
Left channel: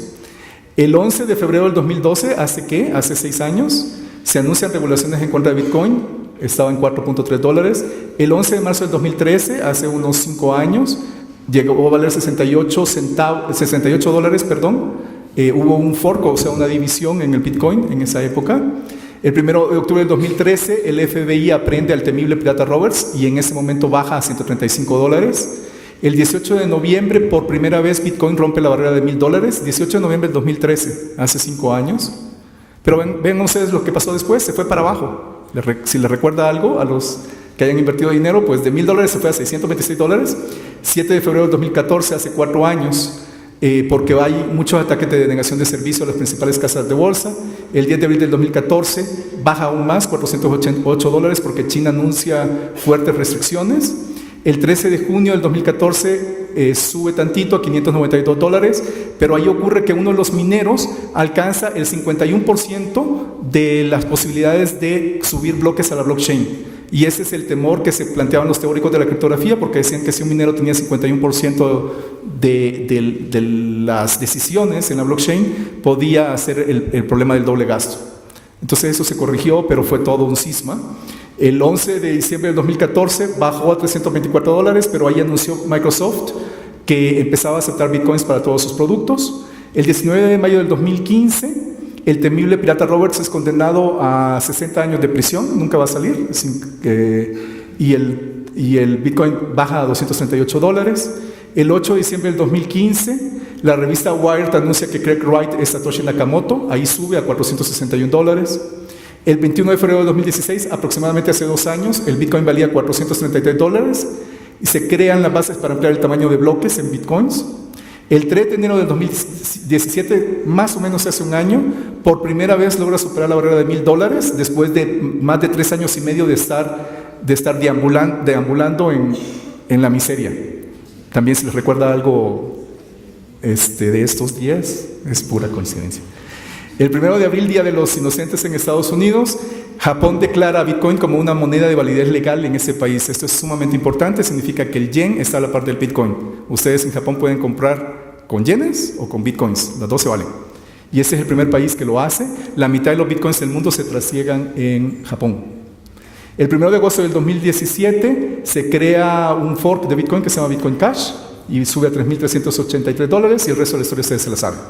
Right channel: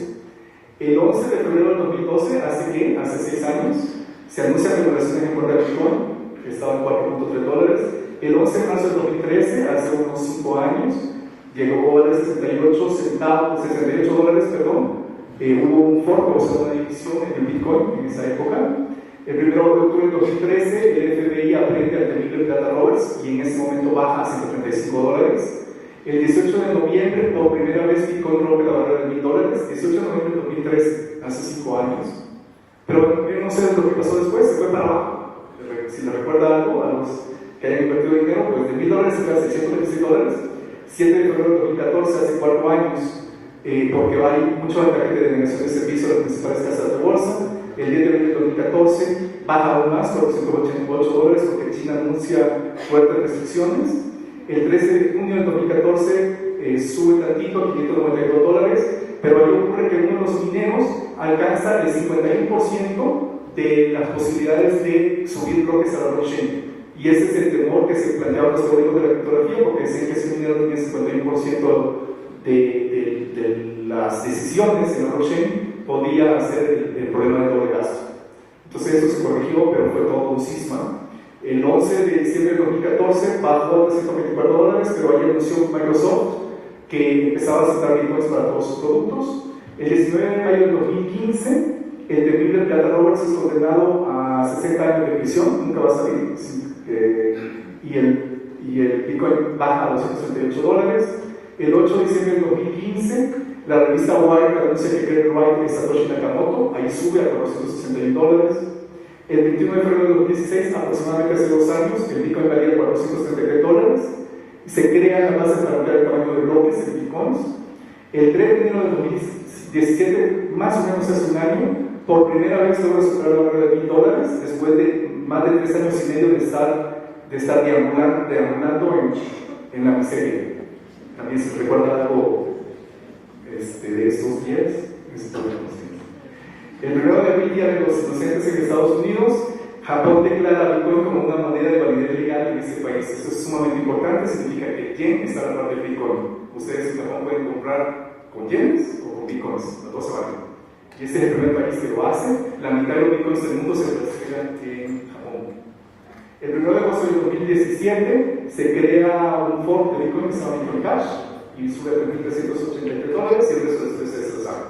El 11 de febrero del 2012, hace 6 años, se anuncian regulaciones en contra de Bitcoin, estaba en $4.3. El 11 de marzo del 2013, hace unos 5 años, llegó a valer $68, perdón. Hubo un fork, o sea, una división en el Bitcoin en esa época. El 1 de octubre del 2013, el FBI aprende al temible pirata Roberts y en ese momento baja a $135. El 18 de noviembre, por primera vez, Bitcoin rompe la barrera de $1,000. 18 de noviembre del 2013, hace 5 años. Pero ven ustedes lo que pasó después, se fue para abajo. Si les recuerda algo a los que hayan invertido dinero, pues de $1,000 se fue a $626. 7 de febrero del 2014, hace 4 años, porque hay muchos ataques de denegación de servicio a las principales casas de bolsa. El 10 de abril del 2014 baja aún más, $488, porque China anuncia fuertes restricciones. El 13 de junio del 2014 sube tantito a $592, pero ahí ocurre que uno de los mineros alcanza el 51% de las posibilidades de subir bloques a la blockchain. Y ese es el temor que se planteaban los teóricos de la criptografía, porque decían que si un minero tenía 51% de las decisiones en la blockchain, podía hacer el problema del doble gasto. Entonces eso se corrigió, pero fue todo un cisma. El 11 de diciembre del 2014 bajó a $324, pero ahí anunció Microsoft que empezaba a aceptar bitcoins para todos sus productos. El 19 de mayo del 2015, el temible pirata Roberts es condenado a 60 años de prisión, nunca va a salir, y el bitcoin baja a $238. El 8 de diciembre del 2015, la revista Wired anuncia que Craig Wright es Satoshi Nakamoto, ahí sube a $461. El 21 de febrero de 2016, aproximadamente hace 2 años, el Bitcoin valía $433 y se crean las bases para ampliar el tamaño de bloques en Bitcoins. El 3 de enero de 2017, más o menos hace un año, por primera vez logra superar la barrera de $1,000 después de más de 3 años y medio de estar deambulando en la miseria. También se les recuerda algo de estos días, es pura coincidencia. El 1 de abril, Día de los Inocentes en Estados Unidos, Japón declara a Bitcoin como una moneda de validez legal en ese país. Esto es sumamente importante, significa que el yen está a la par del Bitcoin. Ustedes en Japón pueden comprar con yenes o con Bitcoins, las dos se valen. Y ese es el primer país que lo hace. La mitad de los Bitcoins del mundo se trasiegan en Japón. El 1 de agosto del 2017 se crea un fork de Bitcoin que se llama Bitcoin Cash y sube a $3,383 y el resto de la historia ustedes se la saben.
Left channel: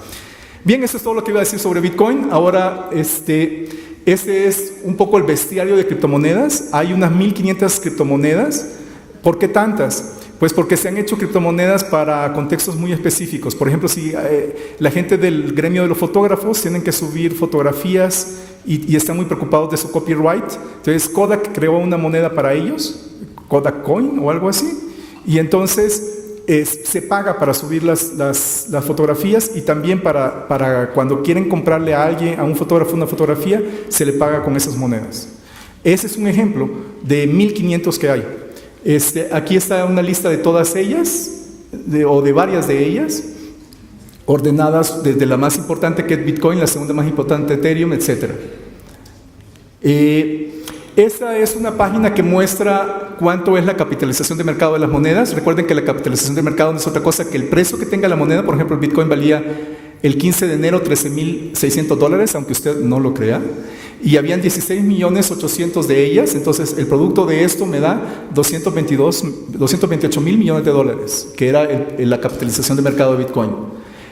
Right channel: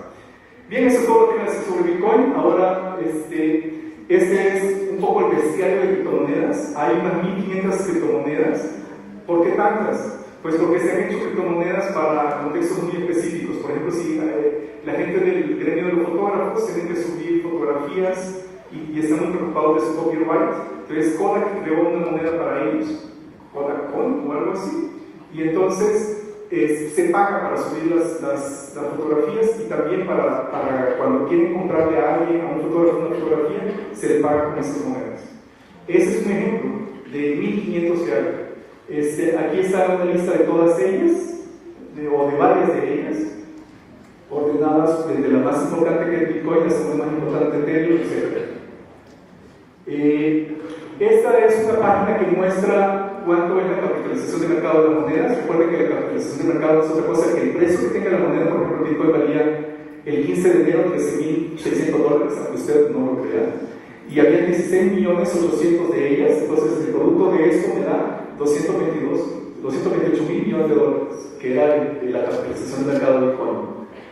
Bien, eso es todo lo que iba a decir sobre Bitcoin. Ahora, este es un poco el bestiario de criptomonedas. Hay unas 1.500 criptomonedas. ¿Por qué tantas? Pues porque se han hecho criptomonedas para contextos muy específicos. Por ejemplo, si la gente del gremio de los fotógrafos tienen que subir fotografías y están muy preocupados de su copyright. Entonces Kodak creó una moneda para ellos, Kodak Coin o algo así. Y entonces se paga para subir las fotografías y también para cuando quieren comprarle a alguien, a un fotógrafo, una fotografía, se le paga con esas monedas. Ese es un ejemplo de 1.500 que hay. Aquí está una lista de todas ellas, o de varias de ellas, ordenadas desde la más importante que es Bitcoin, la segunda más importante Ethereum, etc. Esta es una página que muestra cuánto es la capitalización de mercado de las monedas. Recuerden que la capitalización de mercado no es otra cosa que el precio que tenga la moneda. Por ejemplo, el Bitcoin valía el 15 de enero $13,600, aunque usted no lo crea. Y habían 16.800.000 de ellas. Entonces, el producto de esto me da $228 mil millones, que era la capitalización de mercado de Bitcoin.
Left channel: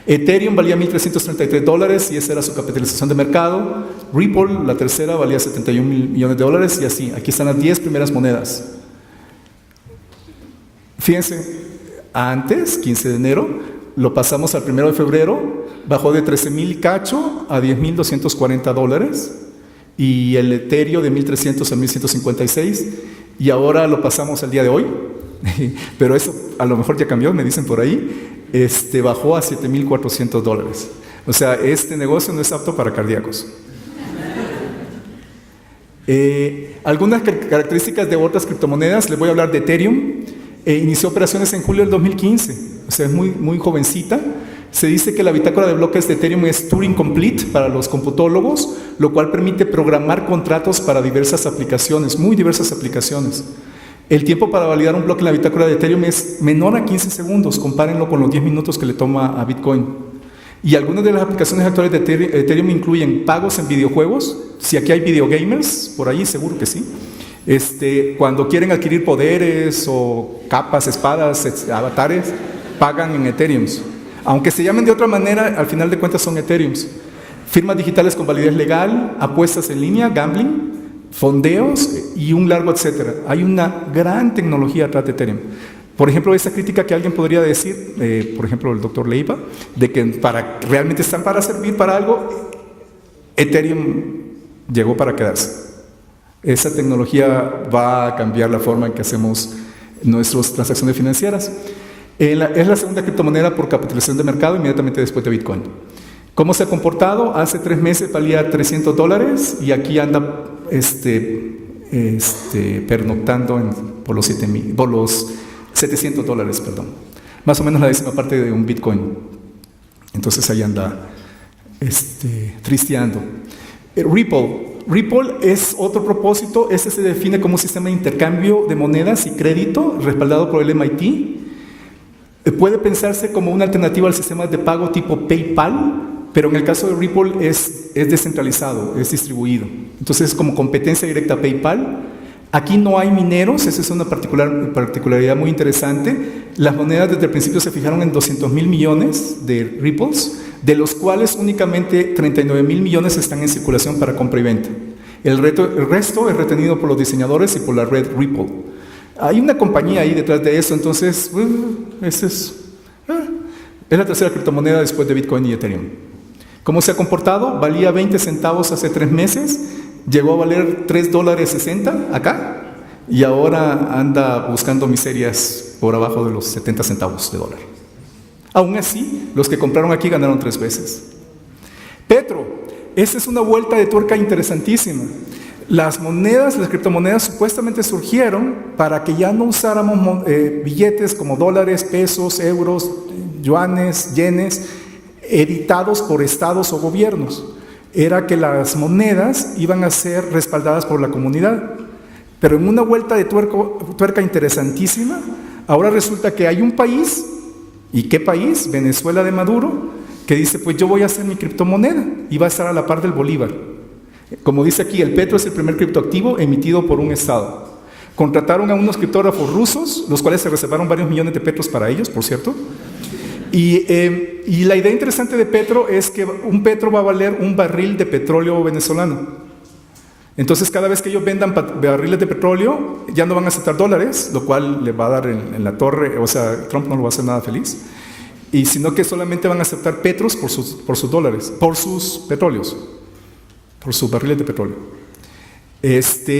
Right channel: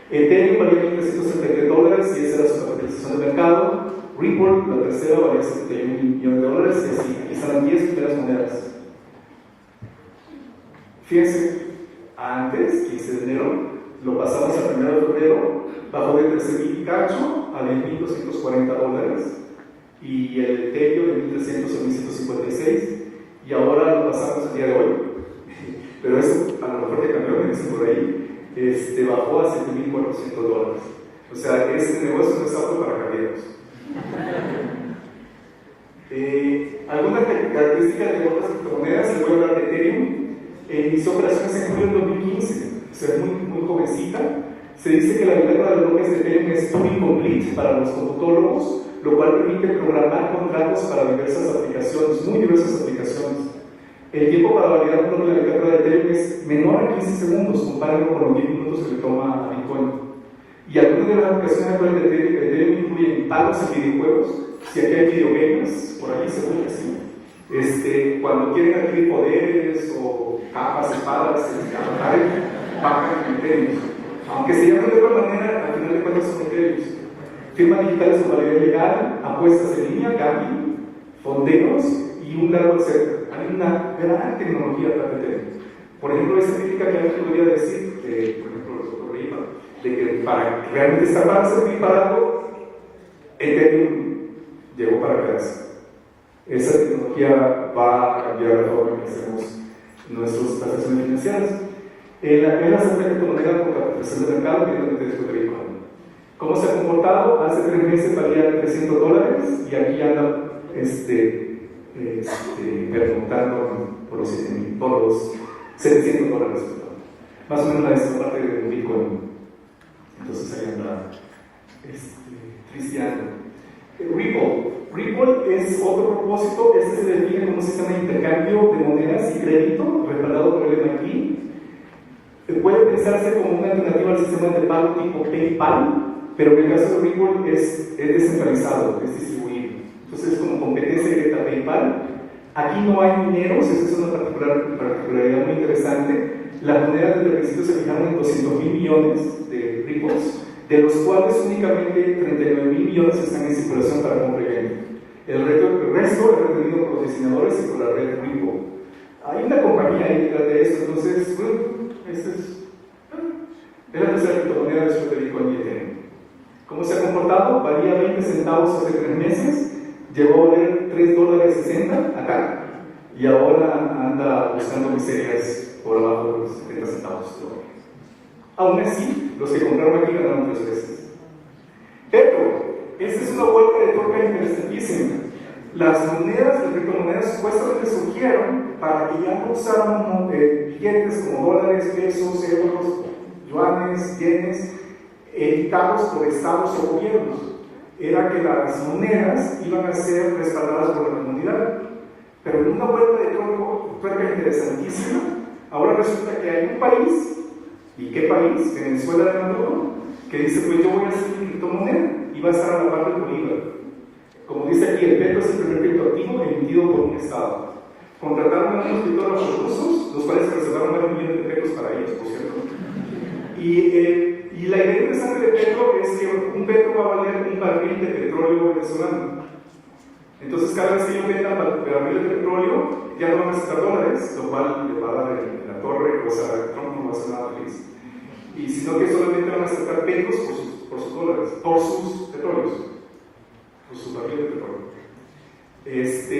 Ethereum valía $1.333 y esa era su capitalización de mercado. Ripple, la tercera, valía $71 mil millones y así. Aquí están las 10 primeras monedas. Fíjense, antes, 15 de enero, lo pasamos al 1 de febrero, bajó de 13,000 cacho a $10,240 y el Ethereum de 1.300 a 1.156 y ahora lo pasamos al día de hoy, pero eso a lo mejor ya cambió, me dicen por ahí. Bajó a $7,400. O sea, este negocio no es apto para cardíacos. Algunas características de otras criptomonedas, les voy a hablar de Ethereum. Inició operaciones en julio del 2015, o sea, es muy jovencita. Se dice que la bitácora de bloques de Ethereum es Turing Complete para los computólogos, lo cual permite programar contratos para diversas aplicaciones, muy diversas aplicaciones. El tiempo para validar un bloque en la bitácora de Ethereum es menor a 15 segundos, compárenlo con los 10 minutos que le toma a Bitcoin. Y algunas de las aplicaciones actuales de Ethereum incluyen pagos en videojuegos. Si aquí hay videogamers, por ahí seguro que sí. Cuando quieren adquirir poderes o capas, espadas, avatares, pagan en Ethereum. Aunque se llamen de otra manera, al final de cuentas son Ethereum. Firmas digitales con validez legal, apuestas en línea, gambling, fondeos y un largo etcétera. Hay una gran tecnología atrás de Ethereum. Por ejemplo, esa crítica que alguien podría decir, por ejemplo, el doctor Leiva, de que para realmente estar para servir para algo, Ethereum llegó para quedarse. Esa tecnología va a cambiar la forma en que hacemos nuestras transacciones financieras. Es la segunda criptomoneda por capitalización de mercado inmediatamente después de Bitcoin. ¿Cómo se ha comportado? Hace 3 meses valía $300 y aquí anda pernoctando por los $700, perdón. Más o menos la décima parte de un Bitcoin. Entonces ahí anda tristeando. Ripple es otro propósito. Este se define como un sistema de intercambio de monedas y crédito respaldado por el MIT. Puede pensarse como una alternativa al sistema de pago tipo PayPal, pero en el caso de Ripple es descentralizado, es distribuido. Entonces es como competencia directa a PayPal. Aquí no hay mineros, esa es una particularidad muy interesante. Las monedas desde el principio se fijaron en 200,000 millones de Ripples, de los cuales únicamente 39,000 millones están en circulación para compra y venta. El resto es retenido por los diseñadores y por la red Ripple. Hay una compañía ahí detrás de eso, entonces es la tercera criptomoneda después de Bitcoin y Ethereum. ¿Cómo se ha comportado? Valía 20 centavos hace 3 meses, llegó a valer $3.60 acá y ahora anda buscando miserias por abajo de los 70 centavos de dólar. Aún así, los que compraron aquí ganaron 3 veces. Petro, esta es una vuelta de tuerca interesantísima. Las criptomonedas supuestamente surgieron para que ya no usáramos billetes como dólares, pesos, euros, yuanes, yenes, editados por estados o gobiernos. Era que las monedas iban a ser respaldadas por la comunidad. Pero en una vuelta de tuerca interesantísima, ahora resulta que hay un país, ¿y qué país? Venezuela de Maduro, que dice, pues yo voy a hacer mi criptomoneda y va a estar a la par del bolívar. Como dice aquí, el petro es el primer criptoactivo emitido por un estado. Contrataron a unos criptógrafos rusos, los cuales se reservaron varios millones de petros para ellos, por cierto. Y la idea interesante de petro es que un petro va a valer un barril de petróleo venezolano. Entonces, cada vez que ellos vendan barriles de petróleo, ya no van a aceptar dólares, lo cual le va a dar en la torre, o sea, Trump no lo va a hacer nada feliz, y sino que solamente van a aceptar petros por sus dólares, por sus petróleos, por sus barriles de petróleo.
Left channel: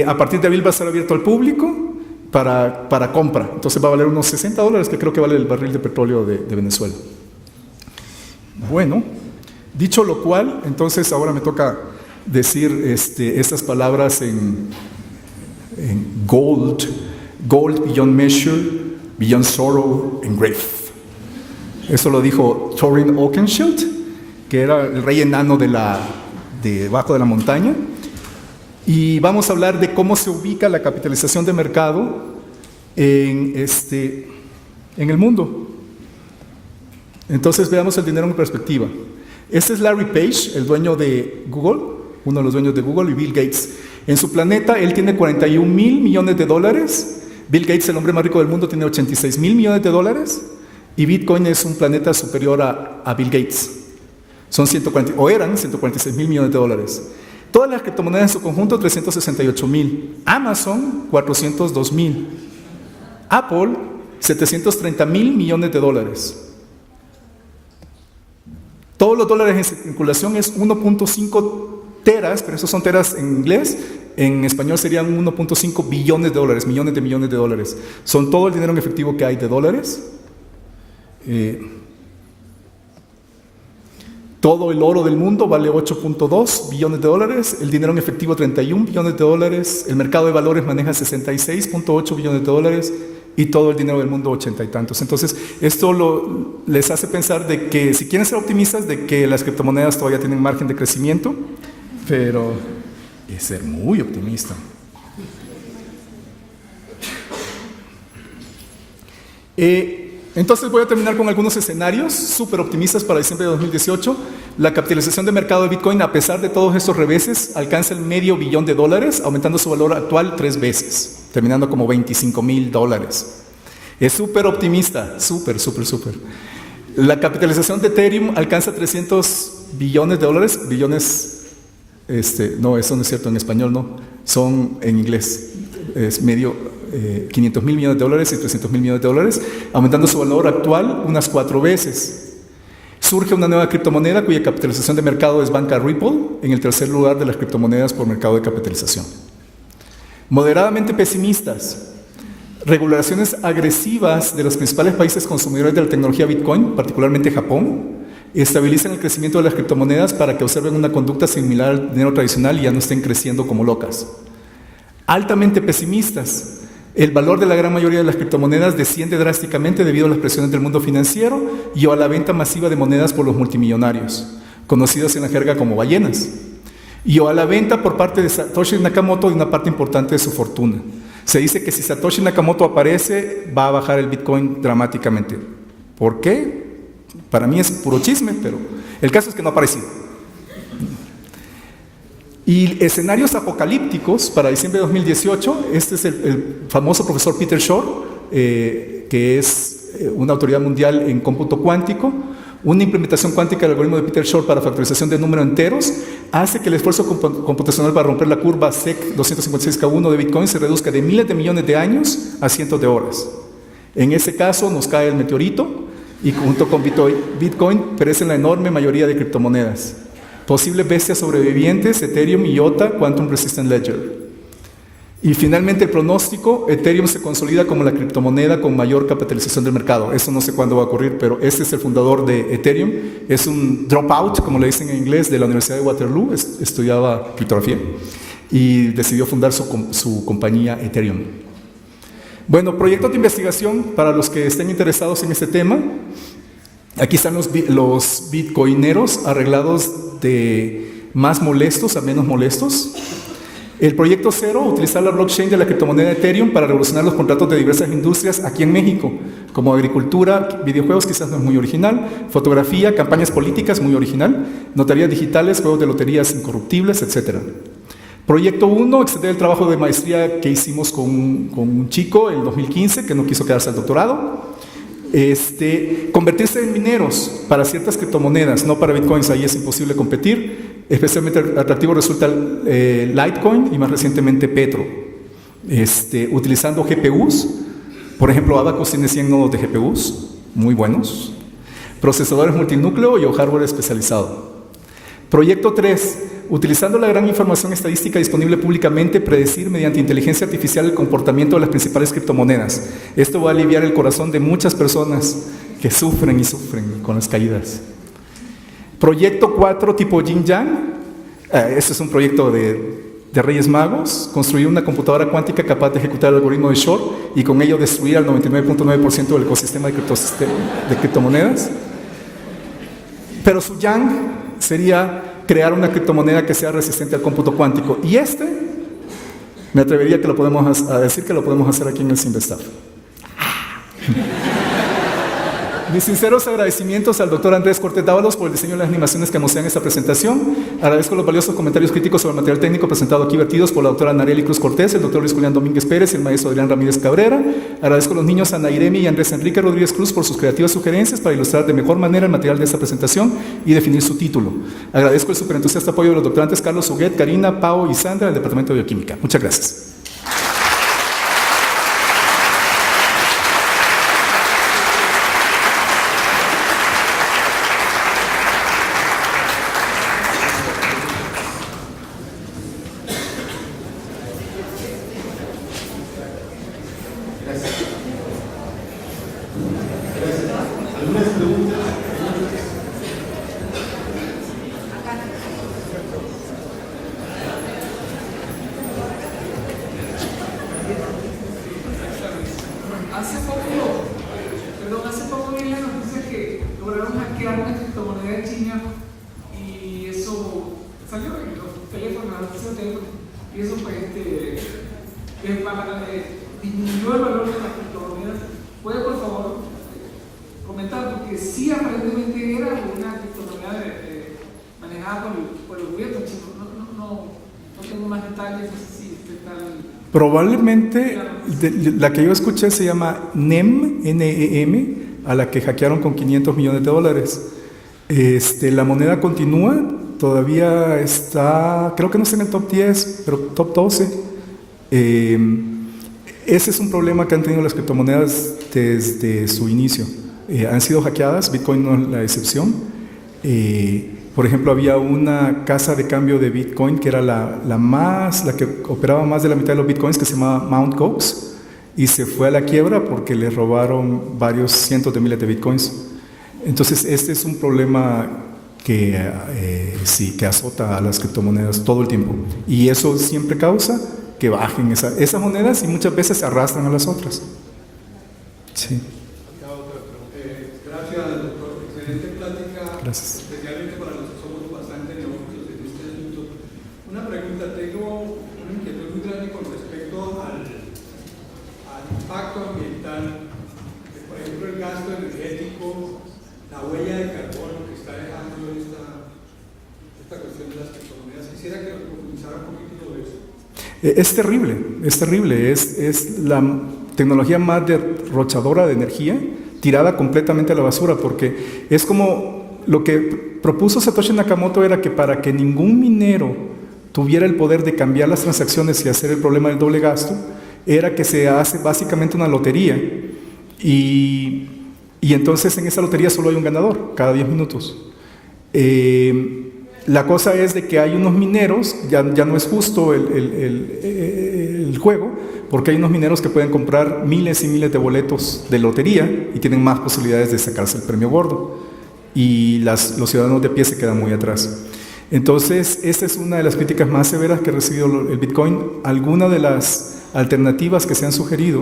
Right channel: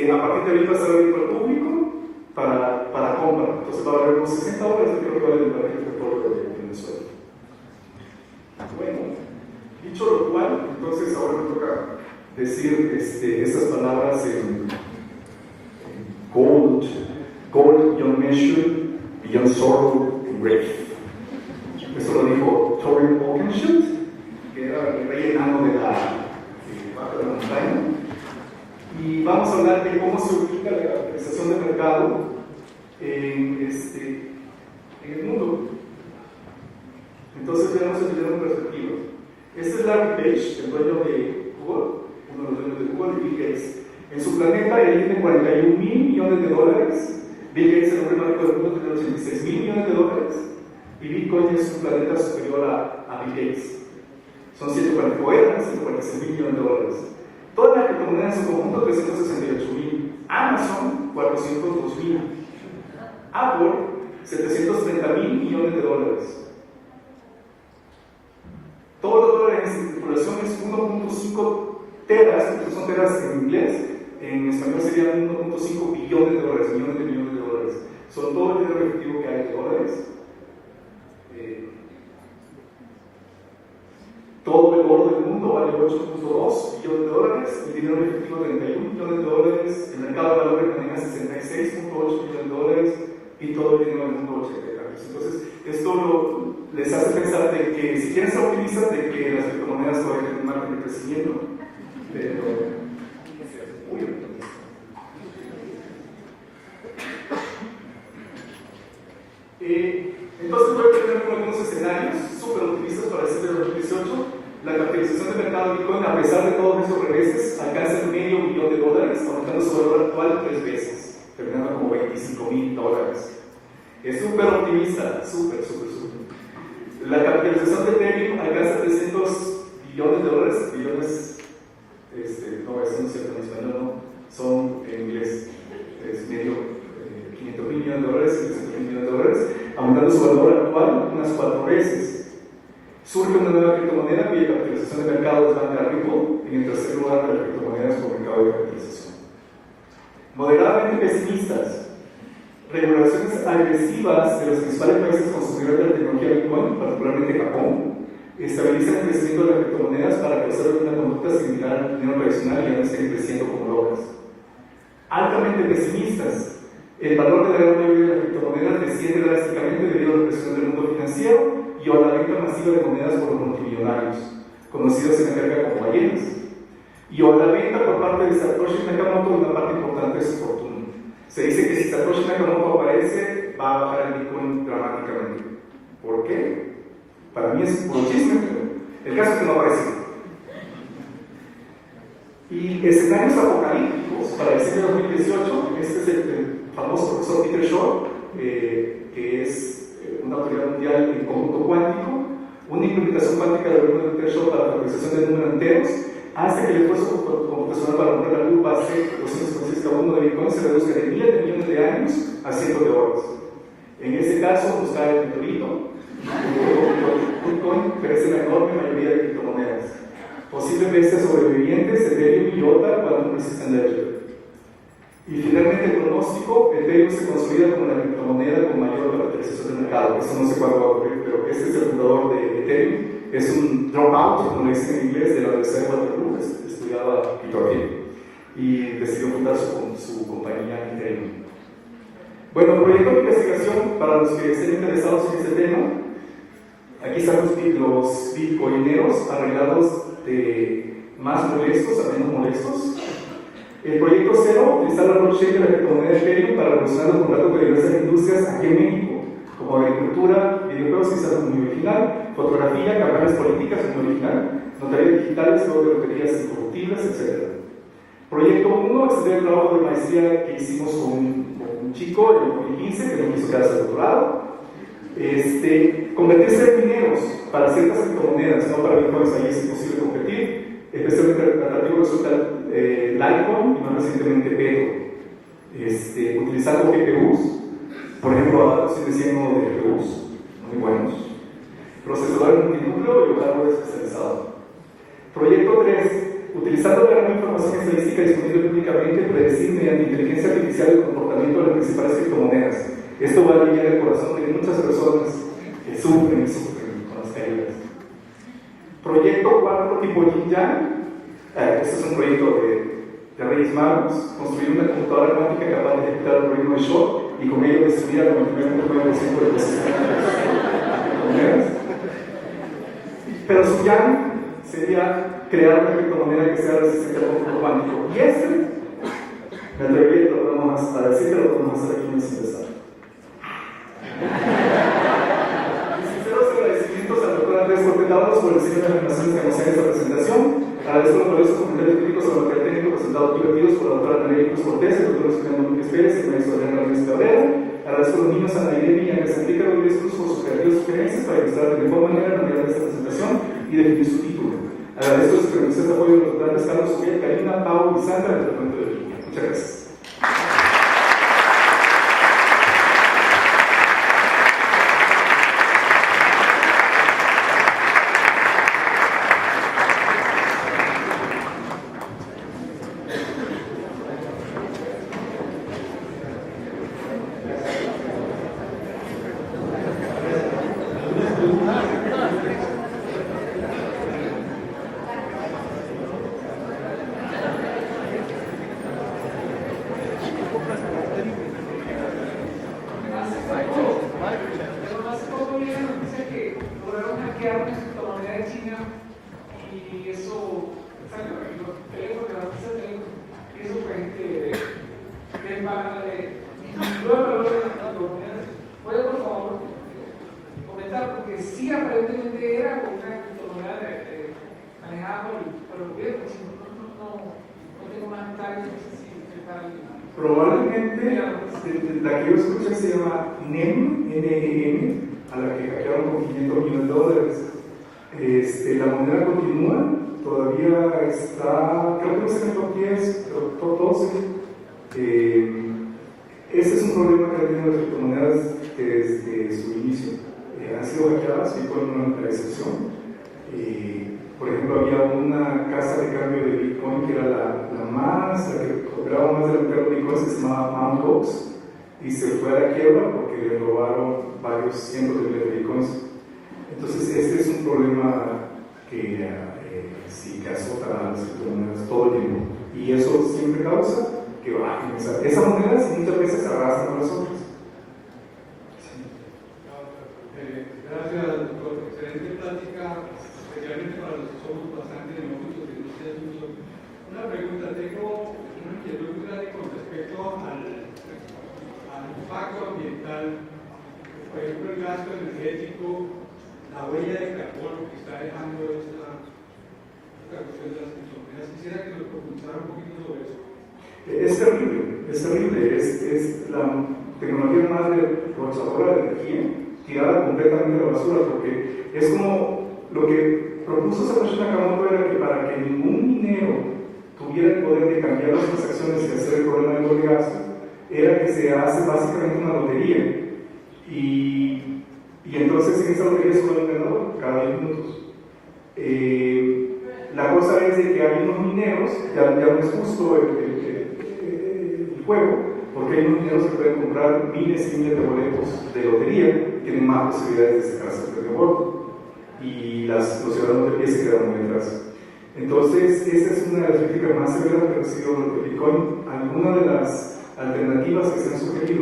A partir de abril va a estar abierto al público para compra. Entonces va a valer unos $60, que creo que vale el barril de petróleo de Venezuela. Bueno, dicho lo cual, entonces ahora me toca decir estas palabras en gold beyond measure, beyond sorrow and grief. Eso lo dijo Thorin Oakenshield, que era el rey enano debajo de la montaña. Y vamos a hablar de cómo se ubica la capitalización de mercado en el mundo. Entonces veamos el dinero en perspectiva. Este es Larry Page, el dueño de Google, uno de los dueños de Google, y Bill Gates. En su planeta él tiene 41,000 millones de dólares. Bill Gates, el hombre más rico del mundo, tiene 86,000 millones de dólares. Y Bitcoin es un planeta superior a Bill Gates. Eran 146,000 millones de dólares. Todas las criptomonedas en su conjunto, 368,000. Amazon, 402,000. Apple, 730,000 millones de dólares. Todos los dólares en circulación es 1.5 teras, pero esos son teras en inglés. En español serían 1.5 billones de dólares, millones de dólares. Son todo el dinero en efectivo que hay de dólares. Todo el oro del mundo vale 8.2 billones de dólares, el dinero en efectivo 31 billones de dólares, el mercado de valores maneja 66.8 billones de dólares y todo el dinero del mundo 80 y tantos. Entonces, esto les hace pensar de que si quieren ser optimistas, de que las criptomonedas todavía tienen margen de crecimiento, pero es ser muy optimista. Entonces voy a terminar con algunos escenarios súper optimistas para diciembre de 2018. La capitalización de mercado de Bitcoin, a pesar de todos estos reveses, alcanza el $500 millón, aumentando su valor actual 3 veces, terminando como $25,000. Es súper optimista, súper. La capitalización de Ethereum alcanza 300 billones de dólares, no, eso no es cierto en español, no, son en inglés, es medio 500 mil millones de dólares y 300 mil millones de dólares, aumentando su valor actual unas 4 veces. Surge una nueva criptomoneda cuya capitalización de mercado es banca Ripple, en el tercer lugar de las criptomonedas por mercado de capitalización. Moderadamente pesimistas. Regulaciones agresivas de los principales países consumidores de la tecnología Bitcoin, particularmente Japón, estabilizan el crecimiento de las criptomonedas para que observen una conducta similar al dinero tradicional y ya no estén creciendo como locas. Altamente pesimistas. El valor de la gran mayoría de las criptomonedas desciende drásticamente debido a las presiones del mundo financiero y a la venta masiva de monedas por los multimillonarios, conocidos en la jerga como ballenas, y a la venta por parte de Satoshi Nakamoto de una parte importante de su fortuna. Se dice que si Satoshi Nakamoto aparece, va a bajar el Bitcoin dramáticamente. ¿Por qué? Para mí es puro chisme, pero el caso es que no apareció. Y escenarios apocalípticos para diciembre de 2018, este es el famoso profesor Peter Shor, que es una autoridad mundial en cómputo cuántico. Una implementación cuántica del algoritmo de Peter Shor para factorización de números enteros hace que el esfuerzo computacional para romper la curva SEC 256K1 de Bitcoin se reduzca de miles de millones de años a cientos de horas. En ese caso nos cae el meteorito y junto con Bitcoin perecen la enorme mayoría de criptomonedas. Posibles bestias sobrevivientes, Ethereum, IOTA, Quantum Resistant Ledger. Y finalmente el pronóstico, Ethereum se consolida como la criptomoneda con mayor capitalización del mercado. Eso no sé cuándo va a ocurrir, pero este es el fundador de Ethereum. Es un dropout, como le dicen en inglés, de la Universidad de Waterloo, estudiaba criptografía y decidió fundar su compañía Ethereum. Bueno, proyectos de investigación para los que estén interesados en este tema. Aquí están los bitcoineros arreglados de más molestos a menos molestos. El proyecto 0, utilizar la blockchain de la criptomoneda Ethereum para revolucionar los contratos de diversas industrias aquí en México, como agricultura, videojuegos, quizás es muy original, fotografía, campañas políticas, muy original, notarías digitales, juegos de loterías incorruptibles, etc. Proyecto 1, extender el trabajo de maestría que hicimos con un chico en 2015 que no quiso quedarse al doctorado. Convertirse en mineros para ciertas criptomonedas, no para bitcoins, ahí es imposible competir. Especialmente atractivo resulta Litecoin y más recientemente Petro. Utilizando GPUs, por ejemplo, Abacus tiene 100 nodos de GPUs, muy buenos. Procesadores multinúcleo y hardware especializado. Proyecto 3. Utilizando la gran información estadística disponible públicamente, predecir mediante inteligencia artificial el comportamiento de las principales criptomonedas. Esto va a aliviar el corazón de muchas personas que sufren y sufren con las caídas. Proyecto 4, tipo Yin Yang. Este es un proyecto de Reyes Magos. Construir una computadora cuántica capaz de ejecutar el algoritmo de Shor y con ello destruir al 99.9% del ecosistema de criptomonedas. Pero su Yang sería crear una criptomoneda que sea resistente al cómputo cuántico. Y me atrevería a decir que lo podemos hacer aquí en el Simvestab. Mis sinceros agradecimientos al doctor Andrés Cortés Dávalos por el diseño de las animaciones que anuncian esta presentación. Agradezco los valiosos comentarios críticos sobre el material técnico presentado aquí vertidos por la doctora Nareli Cruz Cortés, el doctor Luis Julián Domínguez Pérez y el maestro Adrián Ramírez Cabrera. Agradezco a los niños Ana Iremi y Andrés Enrique Rodríguez Cruz por sus creativas sugerencias para ilustrar de mejor manera el material de esta presentación y definir su título. Agradezco el superentusiasta apoyo de los doctorantes Carlos Huguet, Karina, Pau y Sandra del Departamento de Bioquímica. Muchas gracias. disminuyó el valor de las criptomonedas. ¿Puede, por favor, comentar? Porque sí, aparentemente era una criptomoneda manejada por el gobierno. No tengo más detalles, no sé si tal. Probablemente la que yo escuché se llama NEM, N-E-M, a la que hackearon con $500 millones. La moneda continúa, todavía está, creo que no está en el top 10, pero top 12. Ese es un problema que han tenido las criptomonedas desde su inicio. Han sido hackeadas, Bitcoin no es la excepción. Por ejemplo, había una casa de cambio de Bitcoin que era la que operaba más de la mitad de los Bitcoins, que se llamaba Mt. Gox, y se fue a la quiebra porque le robaron varios cientos de miles de Bitcoins. Entonces, este es un problema que sí, que azota a las criptomonedas todo el tiempo. Y eso siempre causa que bajen esas monedas y muchas veces se arrastran a las otras. Sí. Gracias, doctor. Excelente plática. Gracias. Especialmente para los que somos bastante neófitos en este asunto. Una pregunta, tengo una inquietud muy grande con respecto al impacto ambiental, por ejemplo, el gasto energético, la huella de carbono que está dejando esta cuestión de las criptomonedas. Quisiera que nos profundizara un poquito sobre eso. Es terrible. Es la tecnología más derrochadora de energía, tirada completamente a la basura, porque es como lo que propuso Satoshi Nakamoto era que para que ningún minero tuviera el poder de cambiar las transacciones y hacer el problema del doble gasto, era que se hace básicamente una lotería y entonces en esa lotería solo hay un ganador cada 10 minutos. La cosa es de que hay unos mineros, ya no es justo el juego, porque hay unos mineros que pueden comprar miles y miles de boletos de lotería y tienen más posibilidades de sacarse el premio gordo, y los ciudadanos de pie se quedan muy atrás. Entonces, esta es una de las críticas más severas que ha recibido el Bitcoin. Algunas de las alternativas que se han sugerido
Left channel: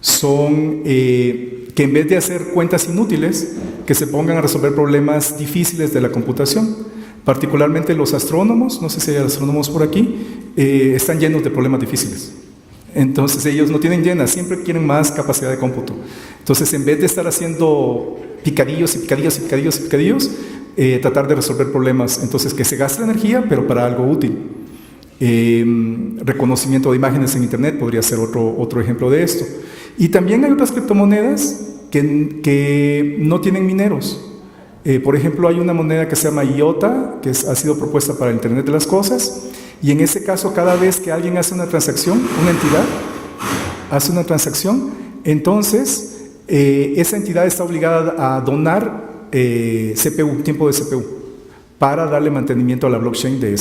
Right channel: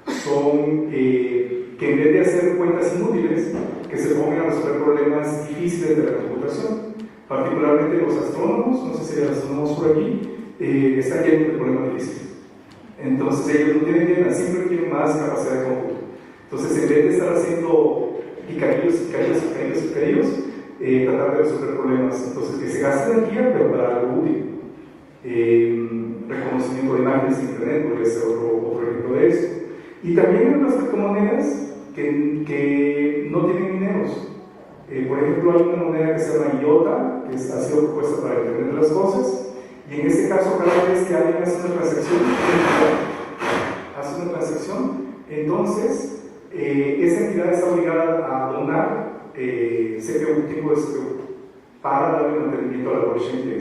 son que en vez de hacer cuentas inútiles, que se pongan a resolver problemas difíciles de la computación. Particularmente los astrónomos, no sé si hay astrónomos por aquí, están llenos de problemas difíciles. Entonces ellos no tienen llenas, siempre quieren más capacidad de cómputo. Entonces, en vez de estar haciendo picadillos, tratar de resolver problemas. Entonces, que se gasta energía, pero para algo útil. Reconocimiento de imágenes en Internet podría ser otro ejemplo de esto. Y también hay otras criptomonedas que no tienen mineros. Por ejemplo, hay una moneda que se llama IOTA, que ha sido propuesta para el Internet de las Cosas, y en ese caso, cada vez que alguien hace una transacción, una entidad hace una transacción, entonces esa entidad está obligada a donar CPU, tiempo de CPU, para darle mantenimiento a la blockchain de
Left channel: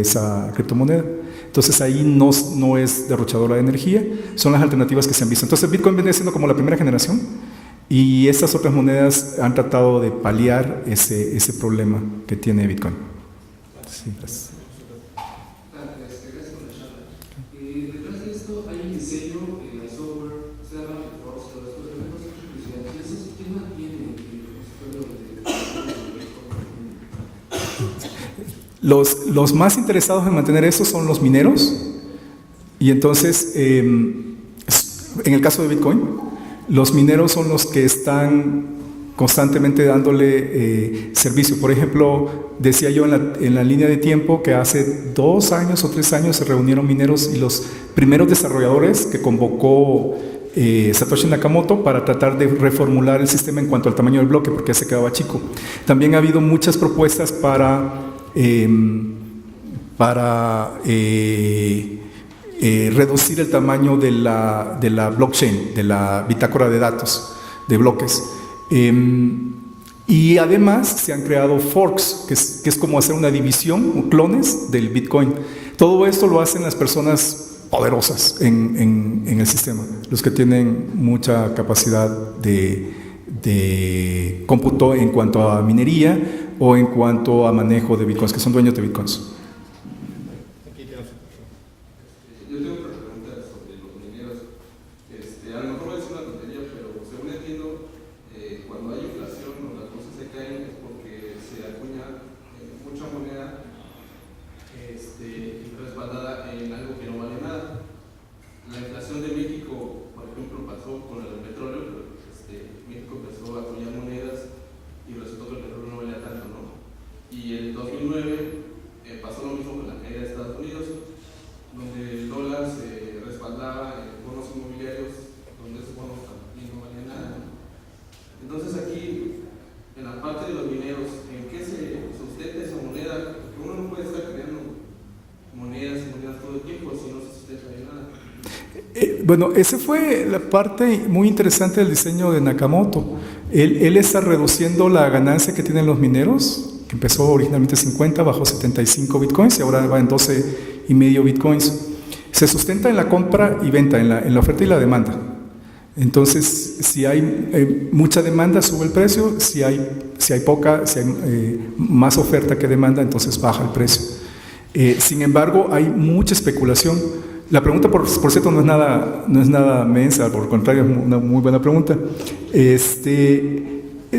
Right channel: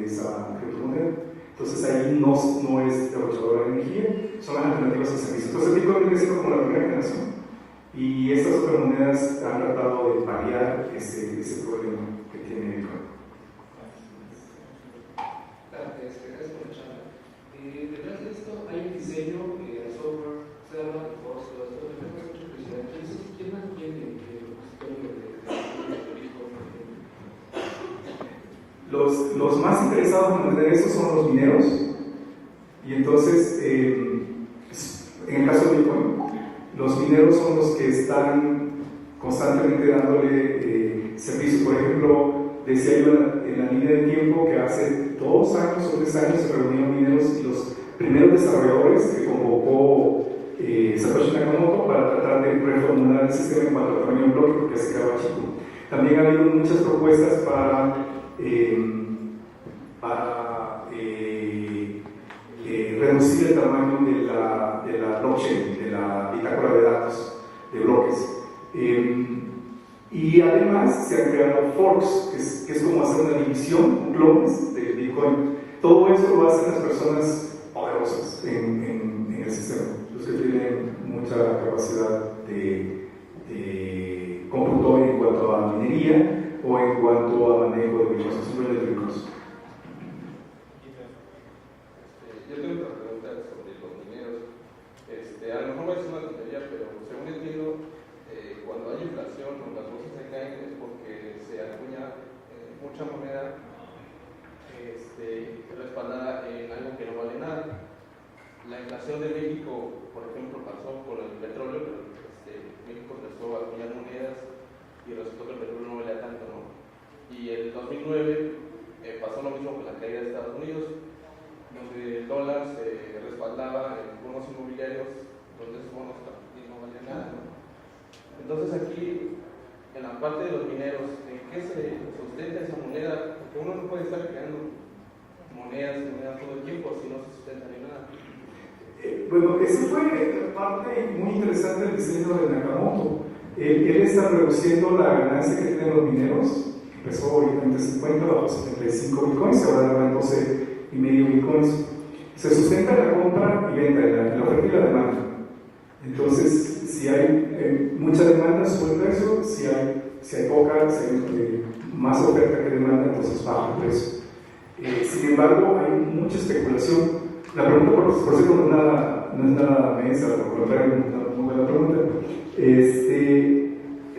esa criptomoneda. Entonces ahí no es derrochadora de energía, son las alternativas que se han visto. Entonces Bitcoin viene siendo como la primera generación, y estas otras monedas han tratado de paliar ese problema que tiene Bitcoin. Sí, gracias. Gracias por la charla. Detrás de esto hay un diseño, hay software, usted habla de Force, todo esto, pero tenemos mucha curiosidad. Entonces, ¿quién mantiene el repositorio de Los más interesados en mantener eso son los mineros, y entonces, en el caso de Bitcoin, los mineros son los que están constantemente dándole servicio. Por ejemplo, decía yo en la línea de tiempo que hace 2 años o 3 años se reunieron mineros y los primeros desarrolladores que convocó Satoshi Nakamoto para tratar de reformular el sistema en cuanto al tamaño del bloque, porque se quedaba chico. También ha habido muchas propuestas para reducir el tamaño de la blockchain, de la bitácora de datos, de bloques. Y además se han creado forks, que es como hacer una división, clones del Bitcoin. Todo esto lo hacen las personas poderosas en el sistema, los que tienen mucha capacidad de cómputo en cuanto a minería o en cuanto a manejo de Bitcoins, que son dueños de Bitcoins. Yo tengo otra pregunta sobre los mineros. A lo mejor va a decir una tontería, pero según entiendo, cuando hay inflación o las cosas se caen es porque se acuña mucha moneda respaldada en algo que no vale nada. La Bueno, esa fue la parte muy interesante del diseño de Nakamoto. Él está reduciendo la ganancia que tienen los mineros, que empezó originalmente 50, bajó 75 bitcoins y ahora va en 12,5 bitcoins. Se sustenta en la compra y venta, en la oferta y la demanda. Entonces, si hay mucha demanda, sube el precio. Si hay más oferta que demanda, entonces baja el precio. Sin embargo, hay mucha especulación. La pregunta, por cierto, no es nada mensa, por el contrario, es una muy buena pregunta.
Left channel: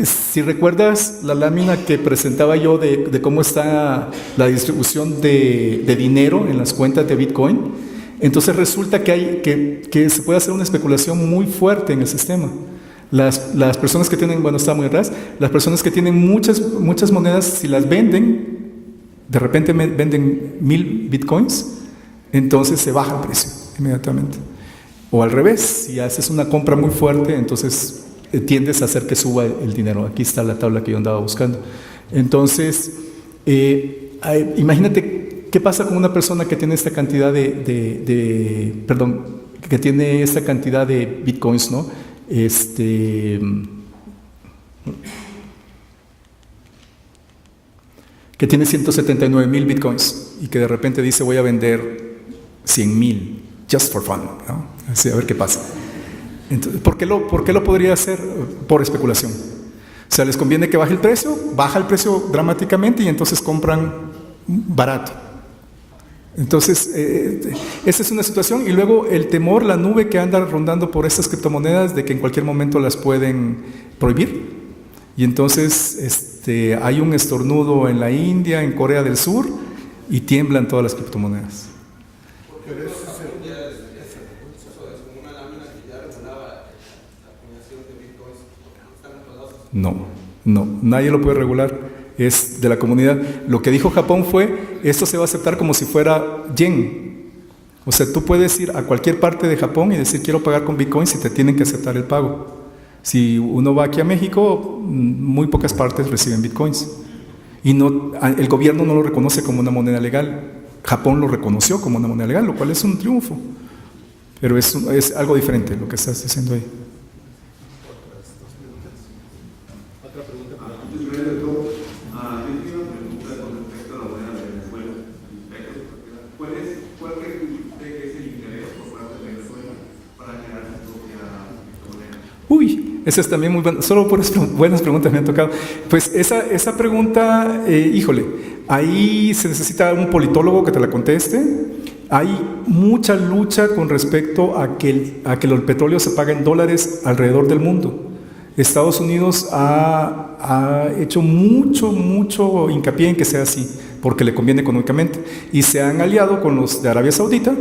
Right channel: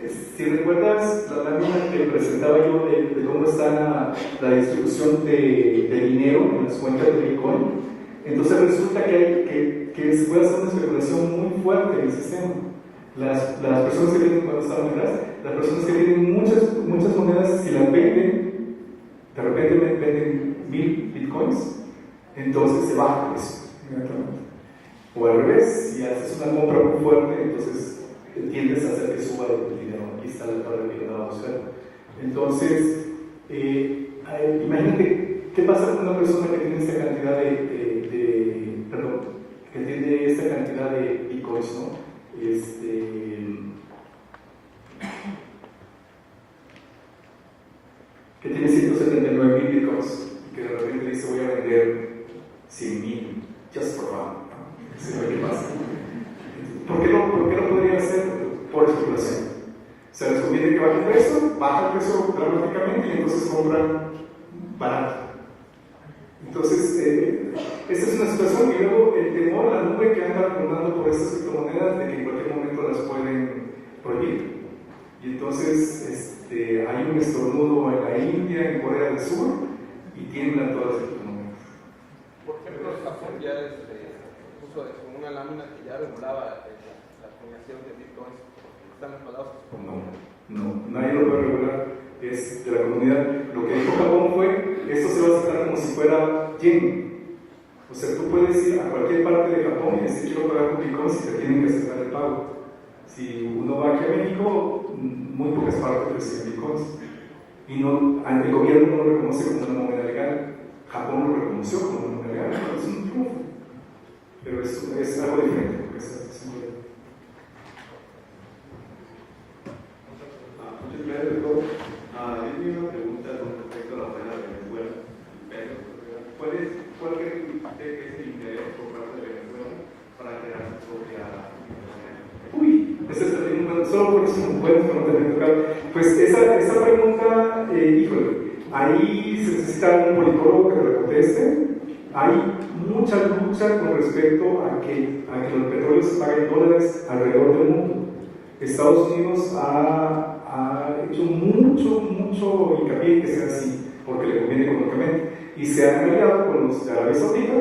Si recuerdas la lámina que presentaba yo de cómo está la distribución de dinero en las cuentas de Bitcoin, entonces resulta que se puede hacer una especulación muy fuerte en el sistema. Las personas que tienen, bueno, está muy atrás, las personas que tienen muchas monedas, si las venden, de repente venden 1000 bitcoins, entonces se baja el precio inmediatamente. O al revés, si haces una compra muy fuerte, entonces tiendes a hacer que suba el dinero. Aquí está la tabla que yo andaba buscando. Entonces, imagínate qué pasa con una persona que tiene esta cantidad que tiene esta cantidad de bitcoins, ¿no? Que tiene 179,000 bitcoins y que de repente dice voy a vender 100,000 just for fun, ¿no? Así, a ver qué pasa. Entonces, ¿por qué lo podría hacer? Por especulación. O sea, les conviene que baje el precio dramáticamente y entonces compran barato. Entonces, esa es una situación. Y luego el temor, la nube que anda rondando por estas criptomonedas de que en cualquier momento las pueden prohibir. Y entonces hay un estornudo en la India, en Corea del Sur, y tiemblan todas las criptomonedas. Porque ya como una lámina que ya regulaba la acuñación de bitcoins, están enfadados. No, nadie lo puede regular. Es de la comunidad. Lo que dijo Japón fue, esto se va a aceptar como si fuera yen. O sea, tú puedes ir a cualquier parte de Japón y decir quiero pagar con bitcoins y te tienen que aceptar el pago. Si uno va aquí a México, muy pocas partes reciben bitcoins. Y el gobierno no lo reconoce como una moneda legal. Japón lo reconoció como una moneda legal, lo cual es un triunfo. Pero es algo diferente lo que estás diciendo ahí. ¿Cuál cree que es el interés por parte de Venezuela para crear su propia moneda? Uy, esa es también muy buena. Solo por buenas preguntas me han tocado. Pues esa pregunta, híjole, ahí se necesita un politólogo que te la conteste. Hay mucha lucha con respecto a que el petróleo se pague en dólares alrededor del mundo. Estados Unidos ha hecho mucho hincapié en que sea así, porque le conviene económicamente. Y se han aliado con los de Arabia Saudita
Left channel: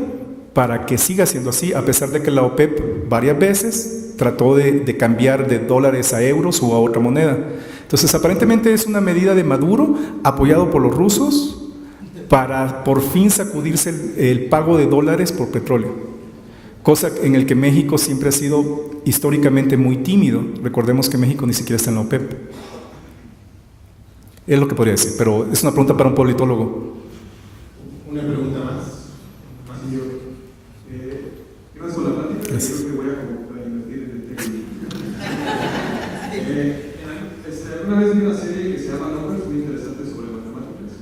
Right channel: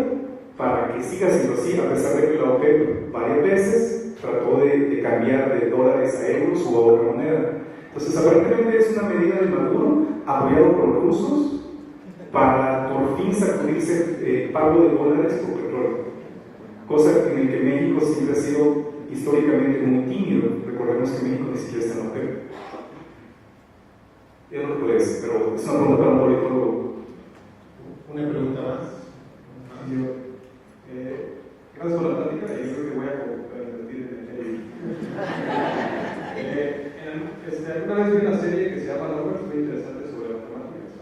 para que siga siendo así, a pesar de que la OPEP varias veces trató de cambiar de dólares a euros o a otra moneda. Entonces, aparentemente es una medida de Maduro, apoyado por los rusos, para por fin sacudirse el pago de dólares por petróleo. Cosa en el que México siempre ha sido históricamente muy tímido. Recordemos que México ni siquiera está en la OPEP. Es lo que podría decir, pero es una pregunta para un politólogo. Una pregunta más. Gracias por la plática. Gracias. Creo que voy a invertir en el tema. Una vez vi una serie que se llama Numbers, muy interesante sobre matemáticas.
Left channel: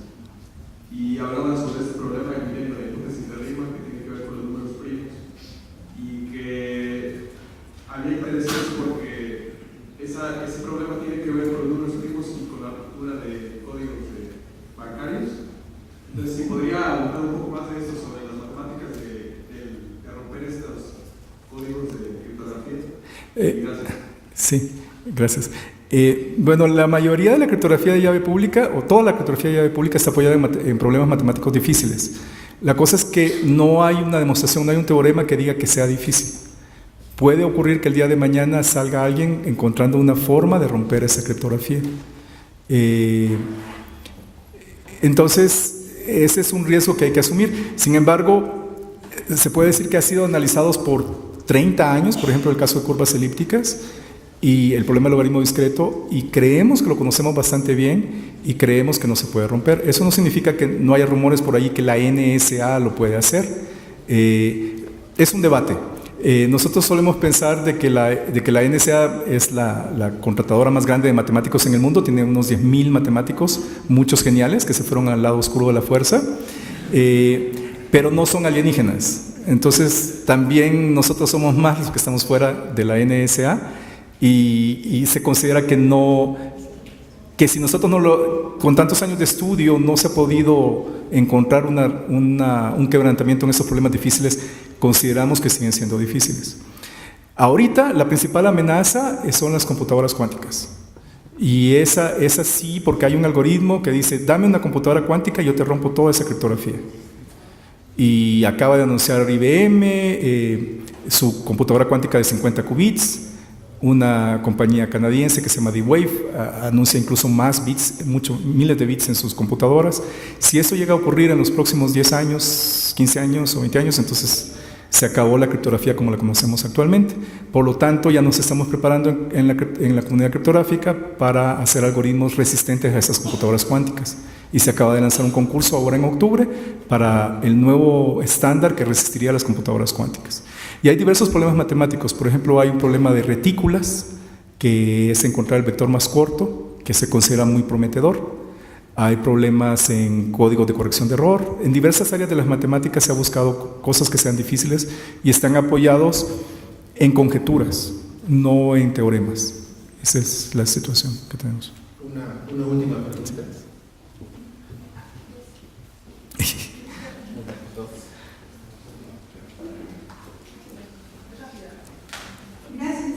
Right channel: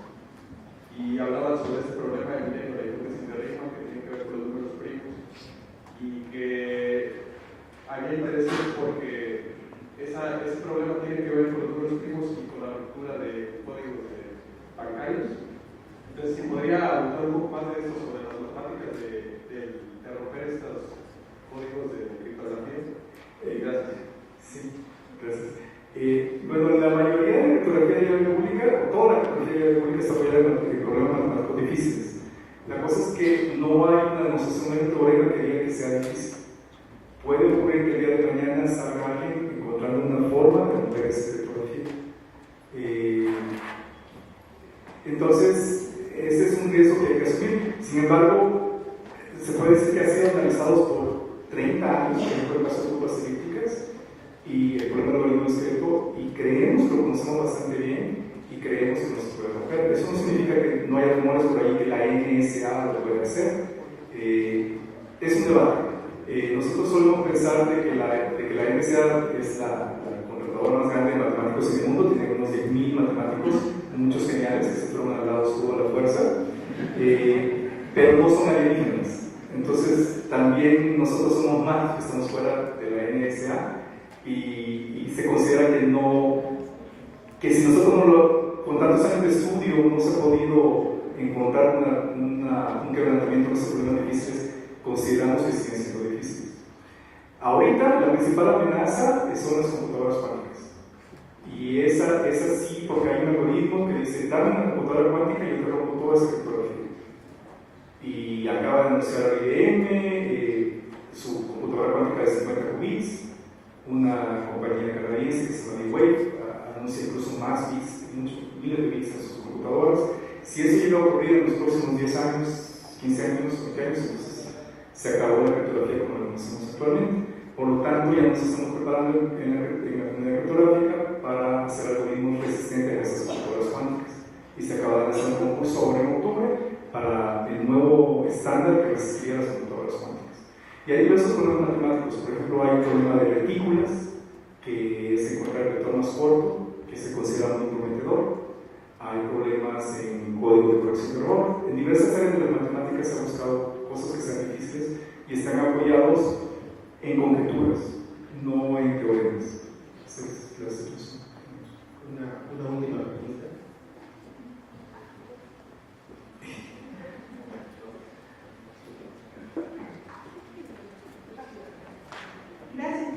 Y hablaban sobre este problema que viene de hipótesis de Riemann, que tiene que ver con los números primos. Y que había intereses porque ese problema tiene que ver con los números primos y con la ruptura de códigos bancarios. Entonces, si podría hablar un poco más de esto sobre las matemáticas de romper estos códigos de criptografía. Gracias. Sí, gracias. Bueno, la mayoría de la criptografía de llave pública, o toda la criptografía de llave pública, está apoyada en problemas matemáticos difíciles. La cosa es que no hay una demostración, no hay un teorema que diga que sea difícil. Puede ocurrir que el día de mañana salga alguien encontrando una forma de romper esa criptografía. Entonces, ese es un riesgo que hay que asumir. Sin embargo, se puede decir que ha sido analizados por 30 años, por ejemplo, el caso de curvas elípticas y el problema del logaritmo discreto, y creemos que lo conocemos bastante bien y creemos que no se puede romper. Eso no significa que no haya rumores por ahí que la NSA lo puede hacer. Es un debate. Nosotros solemos pensar de que la NSA es la contratadora más grande de matemáticos en el mundo, tiene unos 10.000 matemáticos, muchos geniales que se fueron al lado oscuro de la fuerza, pero no son alienígenas. Entonces también nosotros somos más los que estamos fuera de la NSA y se considera que si nosotros con tantos años de estudio no se ha podido encontrar un quebrantamiento en estos problemas difíciles, consideramos que siguen siendo difíciles. Ahorita la principal amenaza son las computadoras cuánticas. Y esa sí, porque hay un algoritmo que dice, dame una computadora cuántica y yo te rompo toda esa criptografía. Y acaba de anunciar IBM su computadora cuántica de 50 qubits. Una compañía canadiense que se llama D-Wave anuncia incluso más bits, miles de bits en sus computadoras. Si eso llega a ocurrir en los próximos 10 años, 15 años o 20 años, entonces se acabó la criptografía como la conocemos actualmente. Por lo tanto, ya nos estamos preparando en la comunidad criptográfica para hacer algoritmos resistentes a esas computadoras cuánticas. Y se acaba de lanzar un concurso ahora en octubre para el nuevo estándar que resistiría a las computadoras cuánticas. Y hay diversos problemas matemáticos. Por ejemplo, hay un problema de retículas, que es encontrar el vector más corto, que se considera muy prometedor. Hay problemas en códigos de corrección de error. En diversas áreas de las matemáticas se ha buscado cosas que sean difíciles y están apoyados en conjeturas, no en teoremas. Esa es la situación que tenemos. Una última pregunta. Gracias.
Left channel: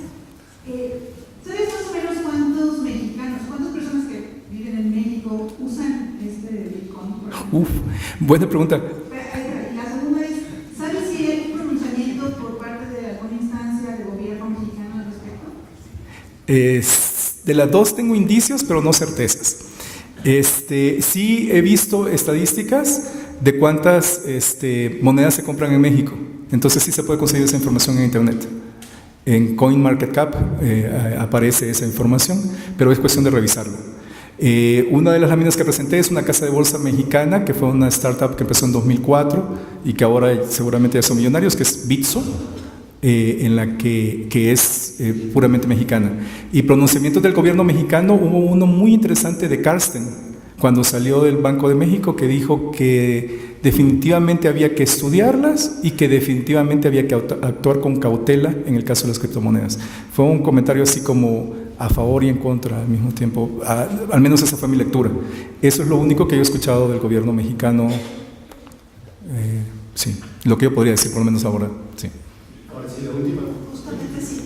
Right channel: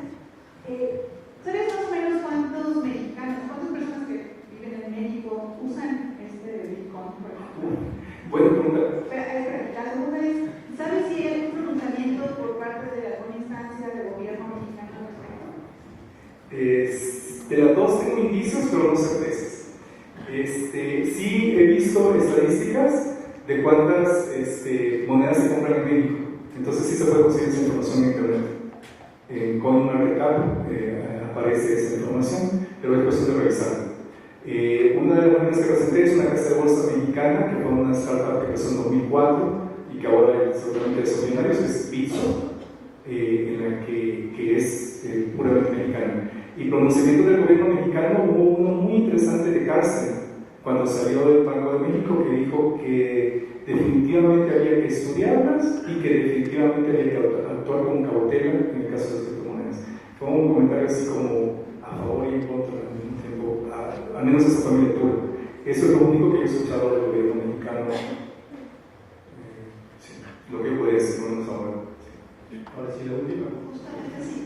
¿Sabes más o menos cuántos mexicanos, cuántas personas que viven en México usan Bitcoin? Buena pregunta. La segunda es, ¿sabes si hay un pronunciamiento por parte de alguna instancia del gobierno mexicano al respecto? De las dos tengo indicios, pero no certezas. Sí he visto estadísticas de cuántas monedas se compran en México. Entonces sí se puede conseguir esa información en internet. En CoinMarketCap aparece esa información, pero es cuestión de revisarla. Una de las láminas que presenté es una casa de bolsa mexicana, que fue una startup que empezó en 2004 y que ahora seguramente ya son millonarios, que es Bitso, en la que es puramente mexicana. Y pronunciamientos del gobierno mexicano, hubo uno muy interesante de Carsten, cuando salió del Banco de México, que dijo que definitivamente había que estudiarlas y que definitivamente había que actuar con cautela en el caso de las criptomonedas. Fue un comentario así como a favor y en contra al mismo tiempo, al menos esa fue mi lectura. Eso es lo único que yo he escuchado del gobierno mexicano, sí, lo que yo podría decir, por lo menos ahora, sí. Ahora sí, la última. Justamente sí.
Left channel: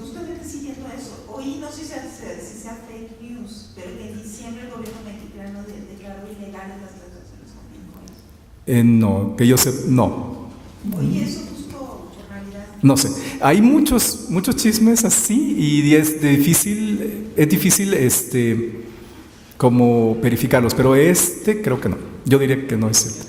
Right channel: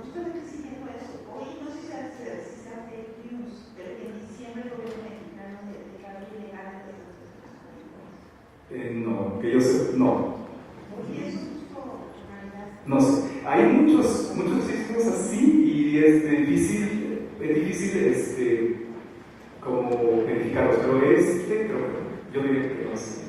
Justamente siguiendo eso, hoy no sé si sea fake news, pero en diciembre el gobierno mexicano declaró ilegales las transacciones con Bitcoin. No, que yo sé, no. Oye, eso justo realidad. No sé, hay muchos chismes así y es difícil como verificarlos, pero creo que no. Yo diré que no es cierto.